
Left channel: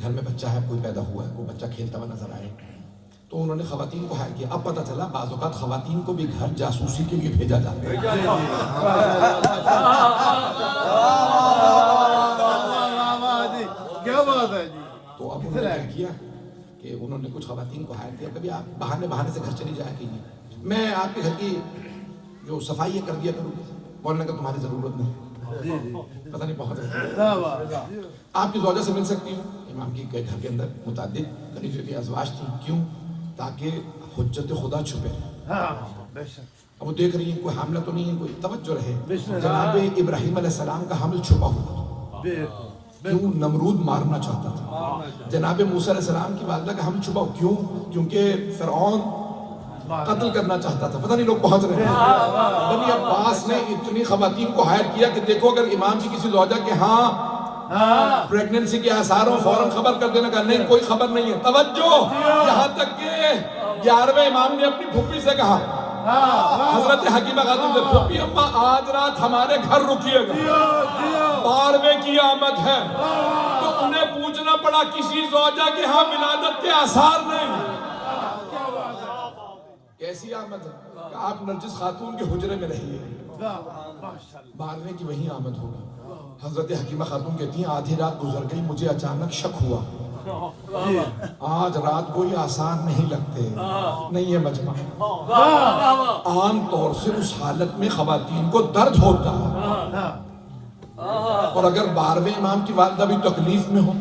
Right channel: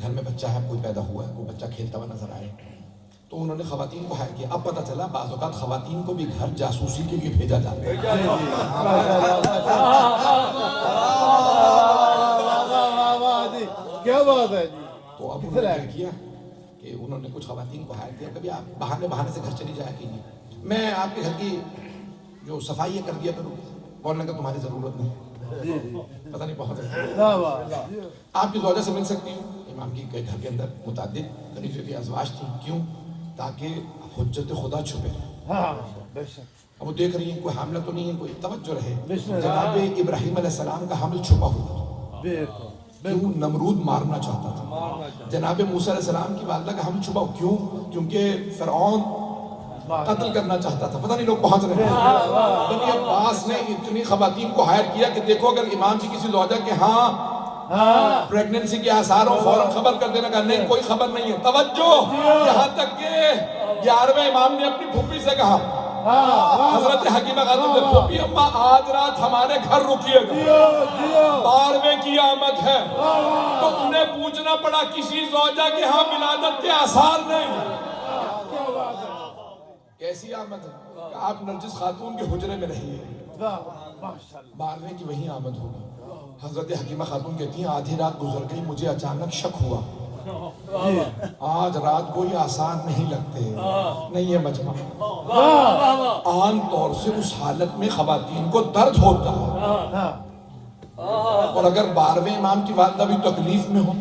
گھر میں بچہ ہے، کوئی پیدا ہوا ہے، کوئی بچہ کھیلتا ہوا نظر آئے. تو انہوں نے خواتین کو ہائر کیا. اب پتہ چلا بعض اوقات خواتین کو بھی گھر جاسوسی کے لیے بھیجا جاتا ہے. تو اب انہوں نے کیا کہ انہوں نے کچھ خواتین کو ہائر کیا، کبھی آپ بہانے سے گھر چلی جایا کیجیے، میں آپ کے گھر کی جو صفائی کر دیا کروں. بولنے کا تمہاری ضرورت نہیں، پتہ نہیں پہنچ رہا. آپ کی زوجہ سے مل سکتی ہوں. امام کی گھر کے اندر متعدد کنیزوں کی ازواج تھیں. کیوں؟ تاکہ حجت خدا چھپے. اب وہ دیکھ رہی ہیں کوئی حاملہ تو نہیں ہے، کوئی توجہ رہے. جناب ابراہیم علیہ السلام کا حمل چھپا ہوا تھا. کیوں؟ نمرود مارنا چاہتا تھا. جناب موسیٰ علیہ السلام کی والدہ کا ہم چھپاؤ کیوں؟ کیونکہ فرعون قتل کرنا چاہتا تھا. پتہ نہیں لوگ پہنچ رہے ہیں. بنی عباس نے اتنی خواتین کو ہائر کیا کہ دیکھو اگر امام کی کسی زوجہ کے ہاں پریگننسی کے آثار ہوں فوراً خبر کر دینا. کہا نہیں کوئی خبر نہیں ہے. توجہ, یہاں تک کہ 11ویں امام نے اپنی پھوپھی سے کہا, حضرت حکیمہ خاتون سے, پھوپھی اماں آج رات ہمارے گھر رکیے گا, 12ویں کی آمد ہے. تو انہیں پوچھنا پڑا کسی زوجہ کے ہاں ولادت کے آثار نہیں. کیسی آمد ہے؟ کہ آپ نرجس خاتون کے حجرے میں رہیے, 12ویں کی وہی آمد ہوگی. حضرت حکیمہ خاتون کہتی ہیں آدھی رات گزر گئی, مجھے اچانک شک ہوا آج رات کوئی آسان نہیں لگتے. نہیں ہے مجمع, عام طور سے اس حالت میں خواتین کو درد ہوتا ہے, اور اگر 12ویں امام کی والدہ بھی تکلیف میں ہو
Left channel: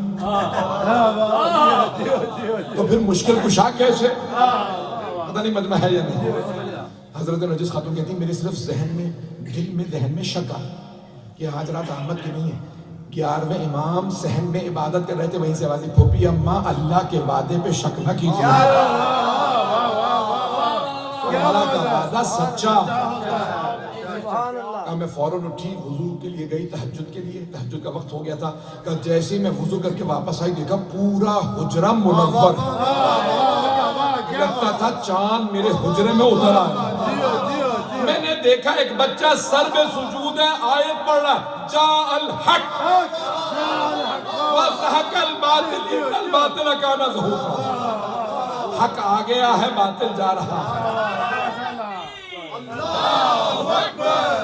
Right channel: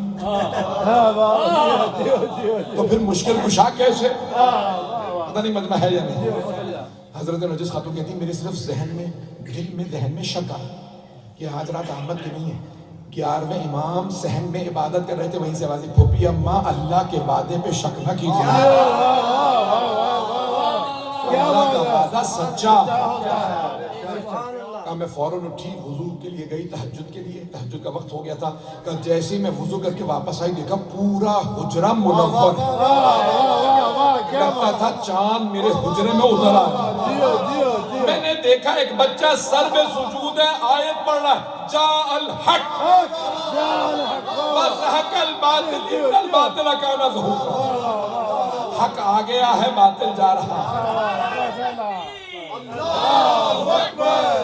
تو پھر مشکل کشا کیسے؟ پتہ نہیں مجمع ہے یا نہیں. حضرت نرجس خاتون کہتی میرے صرف ذہن میں شک آ کہ آج رات آمد کی نہیں ہے. 11ویں امام صحن میں عبادت کر رہے تھے, وہیں سے آواز دی, پھوپھی اماں اللہ کے وعدے پہ شک نہ کیجیے, اللہ کا وعدہ سچا. میں فوراً اٹھی, وضو کے لیے گئی تہجد کے لیے. تہجد کا وقت ہو گیا تھا. کہ جیسے میں وضو کر کے واپس آئی دیکھا پورا حجرہ منور, لگتا تھا چاند میرے حجرے میں اتر آیا. میں نے دیکھا ایک بچہ سر میں سجود ہے, آیت پڑھ رہا ہے, جاء الحق وزهق الباطل ان الباطل کان زهوقا. حق آ گیا ہے, باطل جا رہا ہے. اللہ اکبر,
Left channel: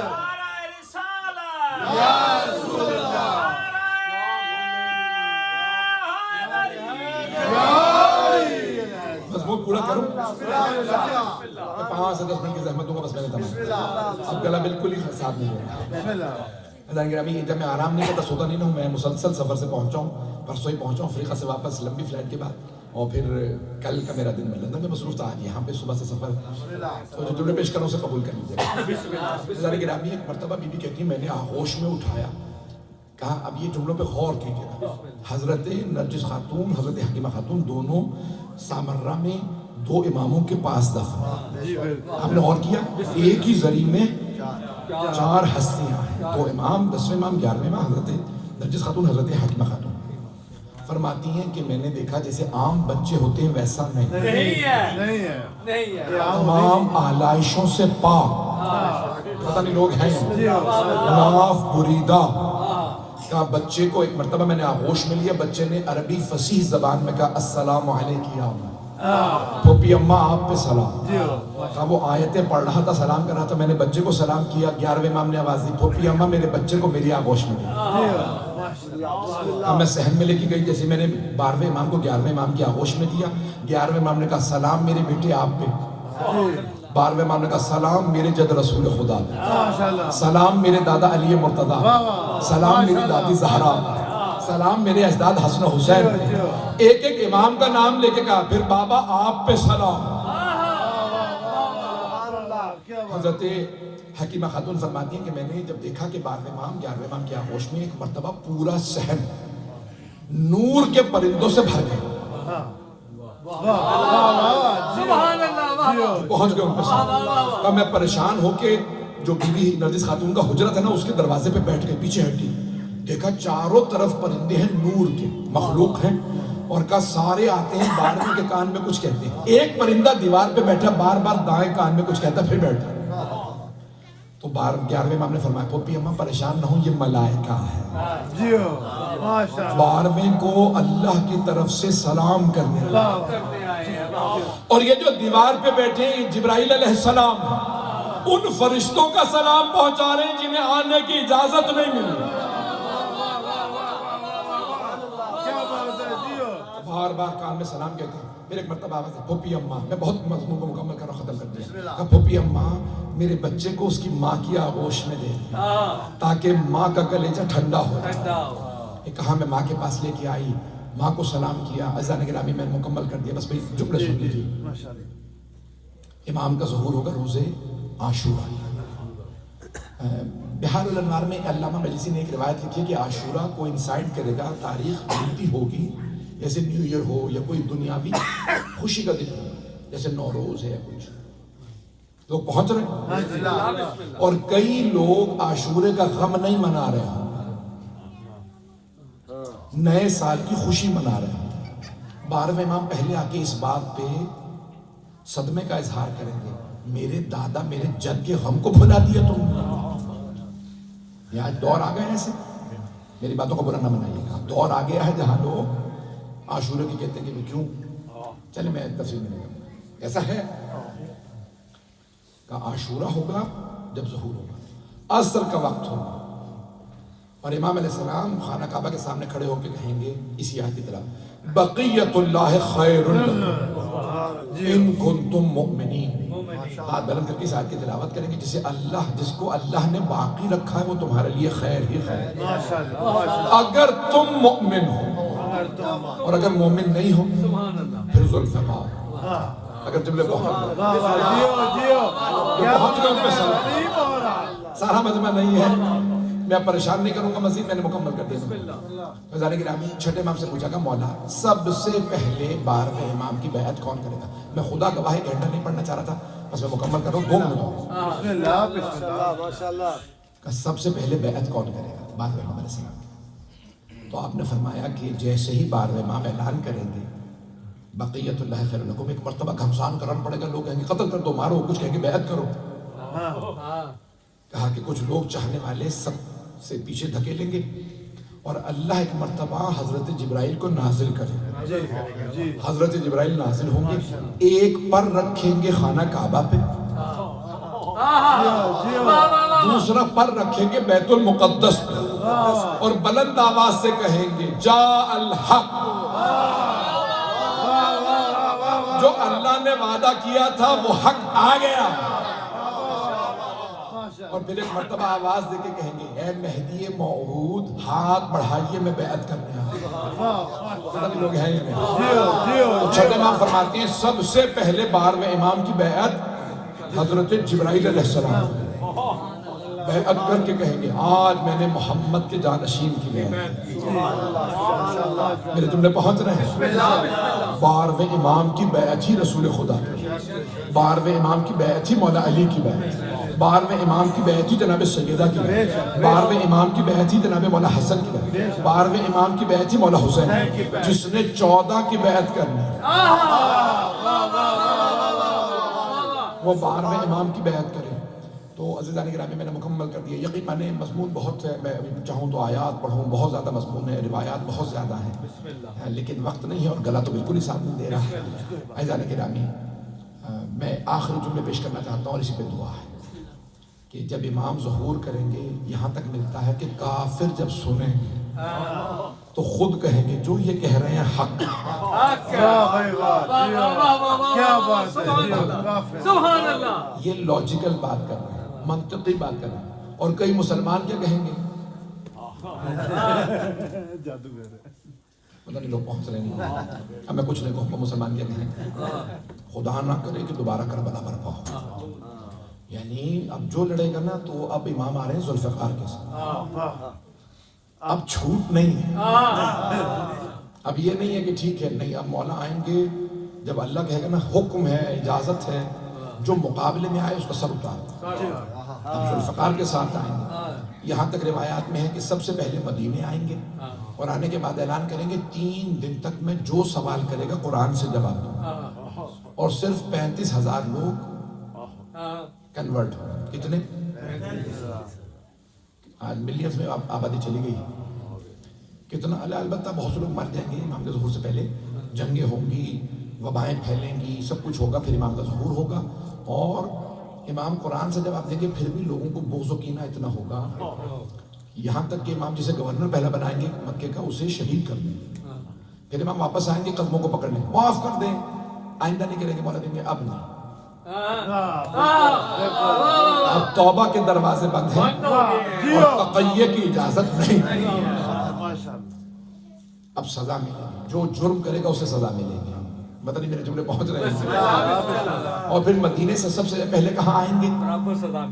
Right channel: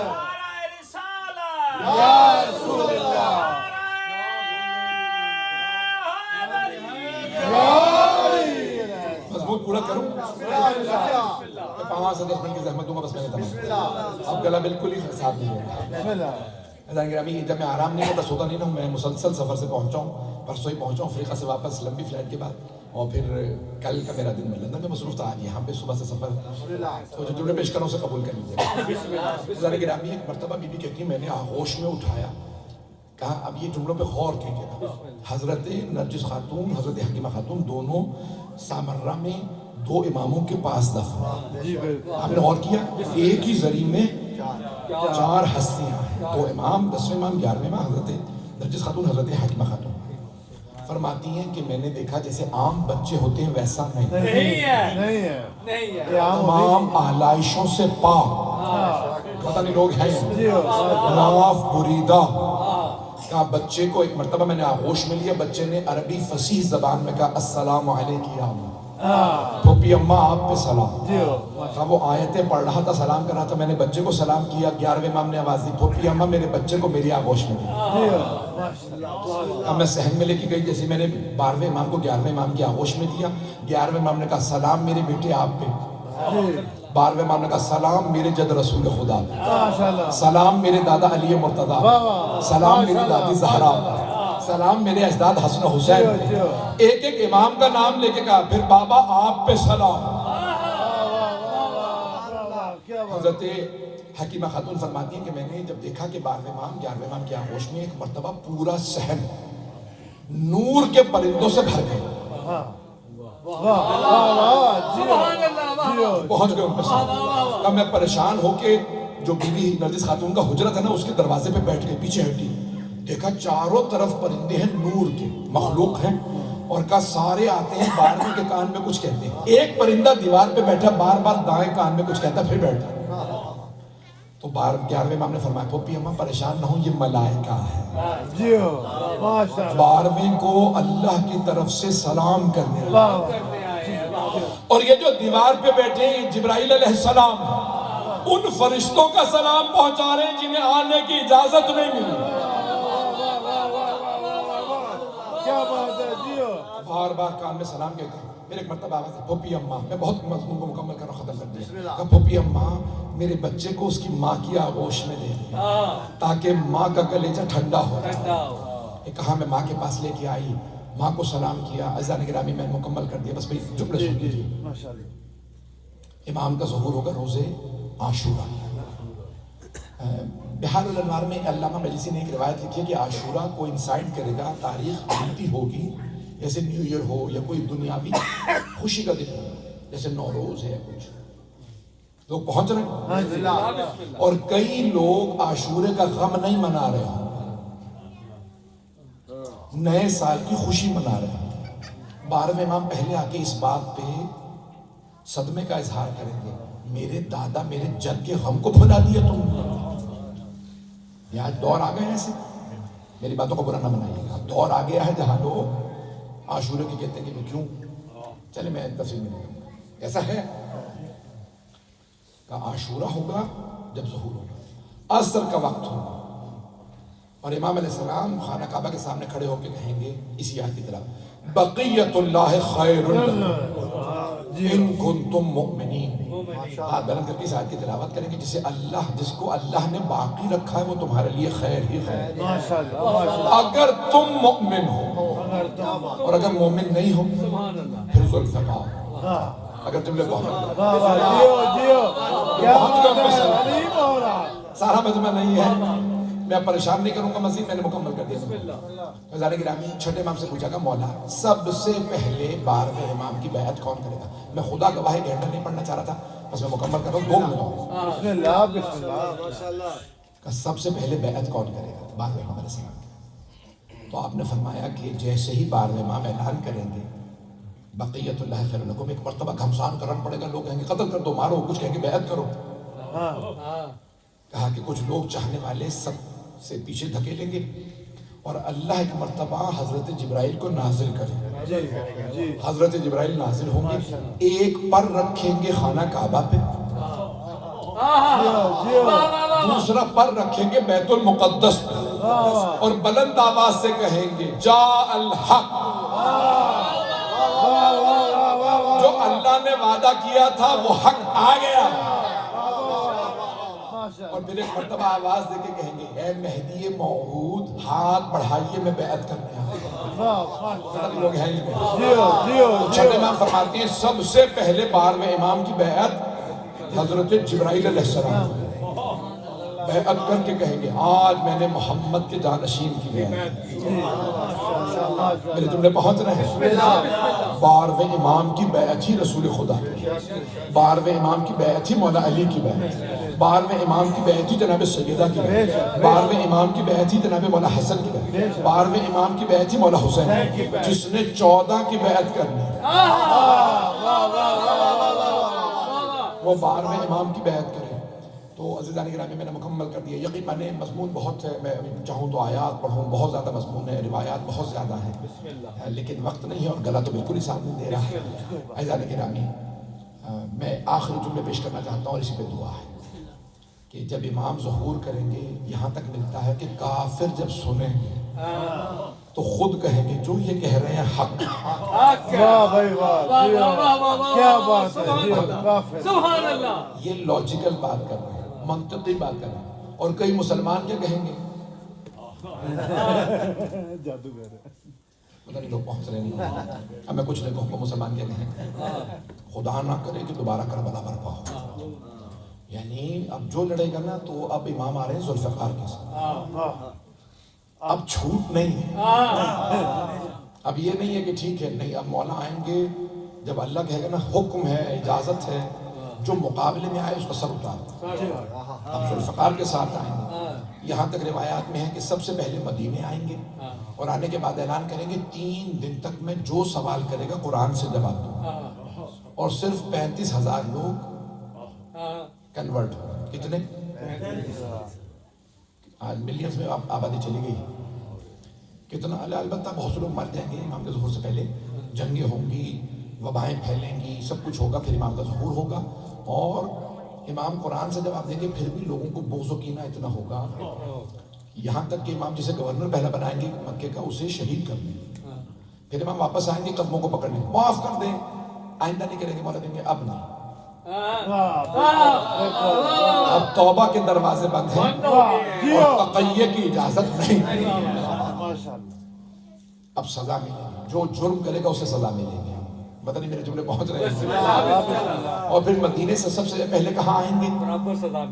یا رسول اللہ, مضمون پورا کروں, 5 سے 10 منٹ کی زحمت دوں گا بس. میں نے تمام اب گلا بالکل ہی ساتھ نہیں دے رہا. گرامی جب میں آرام نہیں کرتا سوتا نہیں ہوں, میں مسلسل سفر سے پہنچا ہوں, پرسوں ہی پہنچا ہوں افریقہ سے واپس لمبی فلائٹ کے بعد, اور پھر کل کا میرا دن میں لندن میں مصروف تھا. آج یہاں پہ صبح سے سفر, تو جو جملے پیش کروں سے قبول کر لیجیے. گرامی ایک مرتبہ بی بی کہتی میں نے آغوش میں اٹھایا, کہا اب یہ جملوں پہ غور کیجیے. حضرت نرجس خاتون, حضرت حکیمہ خاتون دونوں سامرہ میں 2 اماموں کے پاس دفن. آپ نے غور کیا, ایک ہی زری میں 4 ہستیاں ہیں, 2 امام, 10ویں امام, 11ویں امام, حضرت نرجس خاتون, حضرت حکیمہ خاتون. فرماتی ہیں کہ میں نے دیکھا جیسے عام بچے ہوتے ہیں ویسا نہیں ہے, تمام آلائشوں سے پاک. پتہ نہیں لوگ ہیں, ناف بریدہ. کہا بچے کو, ایک مرتبہ میں نے آغوش میں لیا, بچے نے عربی فصیح زبان میں کہا السلام علیکم یا اماں, پھوپھی اماں آپ پہ سلام. کہا وہ آیتیں پڑھ رہا تھا, سلام کر رہا تھا, میں نے بچے کو سلام کیا. 11ویں امام نے آواز دی, پھوپھی اماں میرے بچے کو میری آغوش میں دی. اب میں صحن میں لے کے گئی, جیسے میں نے 12ویں امام کو 11ویں امام کی آغوش میں دیا. 11ویں امام نے کہا سلام میرے بیٹے آپ پہ. 12ویں امام نے کہا سلام میرے جد رسول خدا پہ, سلام میرے دادا علی مرتضیٰ, سلام میری دادی زہرا, سلام میرے اجداد حسن و حسین. ایک ایک امام کا نام لے کے کہا, پھر بابا آپ پہ سلام. حضرت حکیمہ خاتون فرماتی ہیں کہ میں نے جب دیکھا کہ 12ویں امام 11ویں امام کی آغوش میں ایک مرتبہ پورا صحن نور کے پرندوں سے بھر گیا. پہنچ گئے ان پر. کہا میں پریشان ہو کے جو بی بی نرجس خاتون کا حجرہ تھا نا اس کے دروازے پہ بیٹھ گئے, پیچھے ہٹی, دیکھا چاروں طرف پرندے ہیں, نور کے مخلوق ہیں, اور کہا سارے آتے ہیں 12ویں کے کان میں کچھ کہتے ہیں. ایک پرندہ دیوار پہ بیٹھا بار بار دائیں کان میں کچھ کہتا پھر بیٹھا. تو 11ویں امام نے فرمایا پھوپھی اماں پریشان نہ ہوں, یہ ملائکہ ہے. 12ویں کو اللہ کی طرف سے سلام کرنے والے, اور یہ جو دیوار پہ بیٹھے ہیں جبرائیل علیہ السلام, ان فرشتوں کا سلام پہنچا رہے ہیں جنہیں آنے کی اجازت نہیں ملی. بار بار کان میں سلام کہتے ہیں. پھر ایک مرتبہ آواز ہے پھوپھی اماں, میں بہت مضمون کو مکمل کر رہا, ختم کر دیا. کہا پھوپھی اماں میرے بچے کو اس کی ماں کی آغوش میں دے دیں تاکہ ماں کا کلیجہ ٹھنڈا ہو. کہا میں ماں کے پاس لے کے آئی, ماں کو سلام کیا. عزیزان گرامی میں مکمل کر دیا, بس بھئی جملے سن لیجیے. امام کا ظہور ہوگا روزے عاشورہ. بحار الانوار میں علامہ مجلسی نے ایک روایت لکھی ہے کہ عاشورہ کو انسائٹ کرے گا, تاریخ بنتی ہوگی جیسے نیو ایئر ہو یا کوئی دنیاوی خوشی کا دن ہو، جیسے نوروز ہے یا کچھ، لوگ پہنچ رہے ہیں، اور کئی لوگ عاشورے کا غم نہیں منا رہے ہیں، نئے سال کی خوشی منا رہے ہیں۔ 12ویں امام پہلے آ کے اس بات پہ صدمے کا اظہار کریں گے، میرے دادا میرے جد کے غم کو بھلا دیا تم نے۔ یہ آج دور آ گئے ہیں ایسے، میری باتوں کو برا نہ منائیے گا، دور آ گیا ہے جہاں لوگ عاشورے کی کہتے ہیں کہ کیوں، چلے میں تفصیل میں نہیں کروں، ایسا ہے کہ عاشورہ ہوگا جب ظہور ہوگا، عصر کا وقت ہوگا، اور امام علیہ السلام خانہ کعبہ کے سامنے کھڑے ہو کے کہیں گے اسی آیت کی طرح، بقیت اللہ خیر لکم ان کنتم مؤمنین۔ ہاتھ بلند کر کے اس آیت کی تلاوت کریں گے، جس کو اللہ نے باقی رکھا ہے وہ تمہارے لیے خیر ہی خیر، اگر تم مؤمن ہو، اور اگر مومن نہیں ہو پھر ذوالفقار، اگر تم نے بہت سارا مجمع نہیں ہے، میں پریشان نہیں کروں گا مزید، میں نے مکمل کر دیا۔ فیضان گرامی چھٹے امام سے پوچھا کہ مولا سب سے پہلے 12ویں امام کی بیعت کون کرے گا؟ میں خدا گواہ ایک گھنٹہ نہیں پڑھنا چاہ رہا تھا، بس میں مکمل کر رہا ہوں، 2 منٹ ہوں۔ بسم اللہ بسم اللہ ماشاءاللہ۔ کہ سب سے پہلے بیعت کون کرے گا؟ 12ویں امام علیہ السلام۔ تو آپ نے فرمایا کہ جیسے ہی 12ویں امام اعلان کریں گے بقیت اللہ خیر لکم، ایک مرتبہ گھمسان کرنا پڑے گا، لوگ کہیں گے قتل کر دو، مارو، کچھ کہیں گے بیعت کرو۔ کہا کہ کچھ لوگ چاہنے والے سب سے پیچھے دھکیلیں گے، اور اللہ ایک مرتبہ حضرت جبرائیل کو نازل کریں، حضرت جبرائیل نازل ہوں گے، ایک پر رکھیں گے خانہ کعبہ پہ، دوسرا پر رکھیں گے بیت المقدس پہ، اور بلند آواز سے کہیں گے جاء الحق، جو اللہ نے وعدہ کیا تھا وہ حق آ گیا، اور پھر ایک مرتبہ آواز دے کے کہیں گے اے مہدی موعود ہاتھ بڑھائیے میں بیعت کرنے آیا۔ لوگ ہیں ہی نہیں۔ تو چھٹے امام فرماتے ہیں سب سے پہلے 12ویں امام کی بیعت حضرت جبرائیل علیہ السلام بیعت کر کے کہیں گے آج میں نے محمد کے جانشین کی بیعت، میرے جملے پہنچ رہے ہیں۔ 12ویں امام کی بیعت ہی رسول خدا، 12ویں امام کی بیعت ہی مولا علی کی بیعت، 12ویں امام کی بیعت ہی جناب سیدہ کی بیعت، 12ویں امام کی بیعت ہی جناب مولا حسن کی بیعت، 12ویں امام کی بیعت ہی مولا حسین، جس نے 14 کی بیعت کرنی وہ 12ویں امام کی بیعت کرے۔ تو عزیزان گرامی میں نے مکمل کر دیا، یقین مانے مضمون بہت ہے، میں چاہوں تو آیات پڑھوں، بہت زیادہ مضمون ہے، روایات بہت زیادہ ہیں، لیکن وقت نہیں ہے اور گلا تو بالکل ہی ساتھ نہیں دے رہا ہے۔ عزیزان گرامی میں آخری جملے پیش کرنا چاہتا ہوں اور اسی پہ دعا ہے کہ جب امام ظہور کریں گے یہاں تک ملتا ہے کہ کافر جب سنیں گے تو خود کہیں گے جو یہ کہہ رہے ہیں حق، کیا بات ہے، سبحان اللہ، یہ لاجیکل بات کر رہے ہیں، منطقی بات کر رہے ہیں۔ اور کئی مسلمان کیا کہیں گے، جادوگر پتہ نہیں لوگ پہنچ رہے نہیں، اب میں کچھ نہیں کہوں گا، مسلمان کیا کہیں گے خدا نہ کرے کہ دوبارہ کربلا برپا ہو، یعنی اب جو لڑے گا نا تو اب امام آ رہے ہیں ذوالفقار کے ساتھ، اب چھوٹ نہیں ہے، اب یہ نہیں ہے کہ ٹھیک ہے، نہیں، اب مولا آئیں گے جب اللہ کہے گا نا حکم ہے اجازت ہے، جو مقابلے میں آئے اس کا سر اتار، اب ذوالفقار کے ساتھ آئیں گے۔ یہاں تک روایات میں ہے کہ سب سے پہلے مدینے آئیں گے اور آنے کے بعد اعلان کریں گے 3 دن تک میں جو سوال کرے گا قرآن سے جواب دوں گا، اور صرف 35,000 لوگ کنورٹ ہوں۔ کتنے؟ آج ملینز میں آبادی چلی گئی، کتنا؟ البتہ بہت سے لوگ مر جائیں گے امام کے ظہور سے پہلے، جنگیں ہوں گی، وبائیں پھیلیں گی، سب کچھ ہوگا، پھر امام کا ظہور ہوگا، اور امام قرآن سے جواب دیں گے، پھر بھی لوگوں کو بغض و کینہ اتنا ہوگا، یہاں تک کہ امام جسے گورنر پہلا بنائیں گے مکے کا اسے شہید کر دیں، پھر امام واپس آئیں گے قدموں کو پکڑ لیں، معاف کر دیں، آئندہ نہیں کریں گے، مولا دیں گے اب نہیں، اب توبہ کے دروازے بند ہیں اور تقیہ کی اجازت نہیں، اب سزا ملے گی، جو جرم کرے گا اسے سزا ملے گی، پتہ نہیں میرے جملے پہنچ رہے ہیں۔ اور پھر مدینے سے سب سے پہلے کہاں آئیں گے؟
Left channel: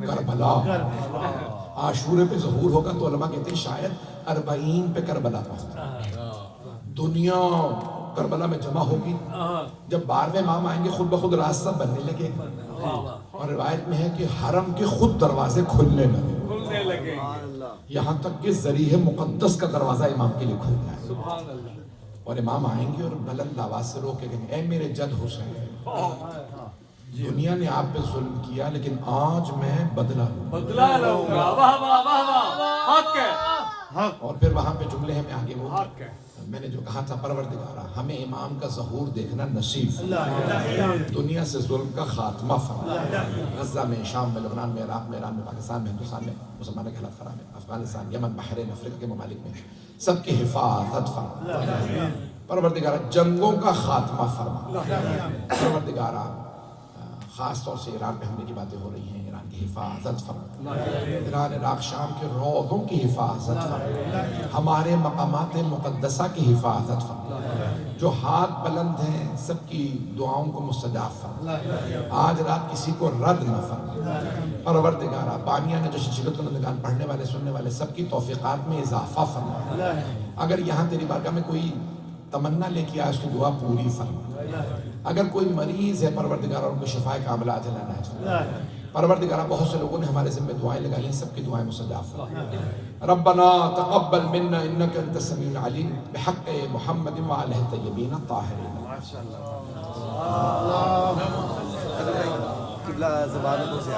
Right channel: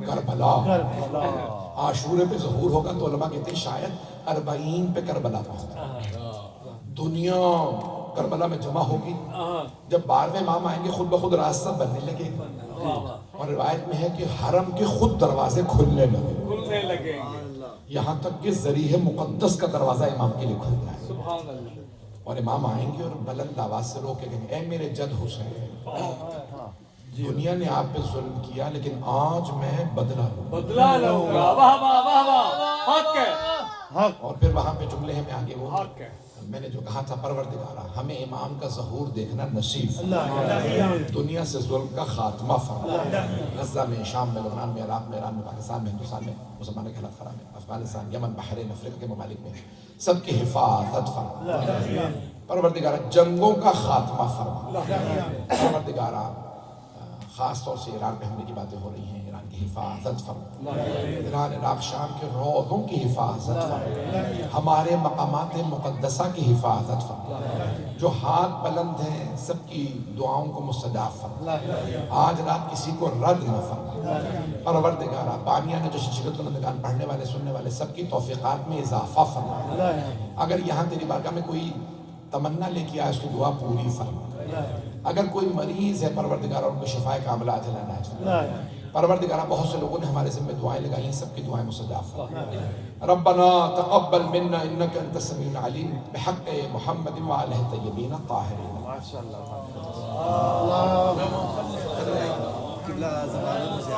کربلا، عاشورے پہ ظہور ہوگا تو علماء کہتے ہیں شاید 40 پہ کربلا پہنچا، دنیا کربلا میں جمع ہوگی. جب 12ویں امام آئیں گے خود بخود راستہ بننے لگے گا. اور روایت میں ہے کہ حرم کے خود دروازے کھلنے لگے, یہاں تک کہ ذریح مقدس کا دروازہ امام کے لیے کھل جائے. اور امام آئیں گے اور بلند آواز سے رو کے کہیں گے اے میرے جد حسین, دنیا نے آپ پہ ظلم کیا لیکن آج میں بدلہ لوں گا. اور پھر وہاں پہ جملے ہیں, میں آگے وہ میں نے جو کہا تھا, پروردگارا ہمیں امام کا ظہور دیکھنا نصیب, دنیا سے ظلم کا خاتمہ فرما. غزہ میں, شام میں, لبنان میں, عراق میں, ایران میں, پاکستان میں, ہندوستان میں, مسلمانوں کے خلاف میں, افغانستان, یمن, بحرین, افریقہ کے ممالک میں سب کی حفاظت فرما. پروردگارا جنگوں کا خاتمہ فرما. پروردگارا خاص طور سے ایران پہ حملے کی باتیں ہو رہی ہیں, ایران کی حفاظت فرما. ایران, عراق, شام کے روضوں کی حفاظت فرما. ہمارے مقامات مقدسہ کی حفاظت فرما. جو ہاتھ بلند ہیں سب کی دعاؤں کو مستجاب فرما. آج رات کسی کو رد نہ فرما. پروردگارا بانیہ نے جو شجرۃ الندگان پڑھنے والے سننے والے سب کی توفیقات میں اضافہ فرما. اگر یہاں تیری بارگاہ میں کوئی تمنا لے کے آئے اس کی دعا پوری فرما. اگر کوئی مریض ہے پروردگارہ ان کو شفائے کاملہ عاجلہ عنایت فرما. پروردگارہ بہت سے لوگوں نے ہمارے ذمہ دعائیں لگائی ہیں, سب کی دعائیں مستجاب فرما. ربنا تقبل منا انك انت السميع العليم بحق محمد وآلہ الطیبین الطاہرین. قبلہ زبانوں سے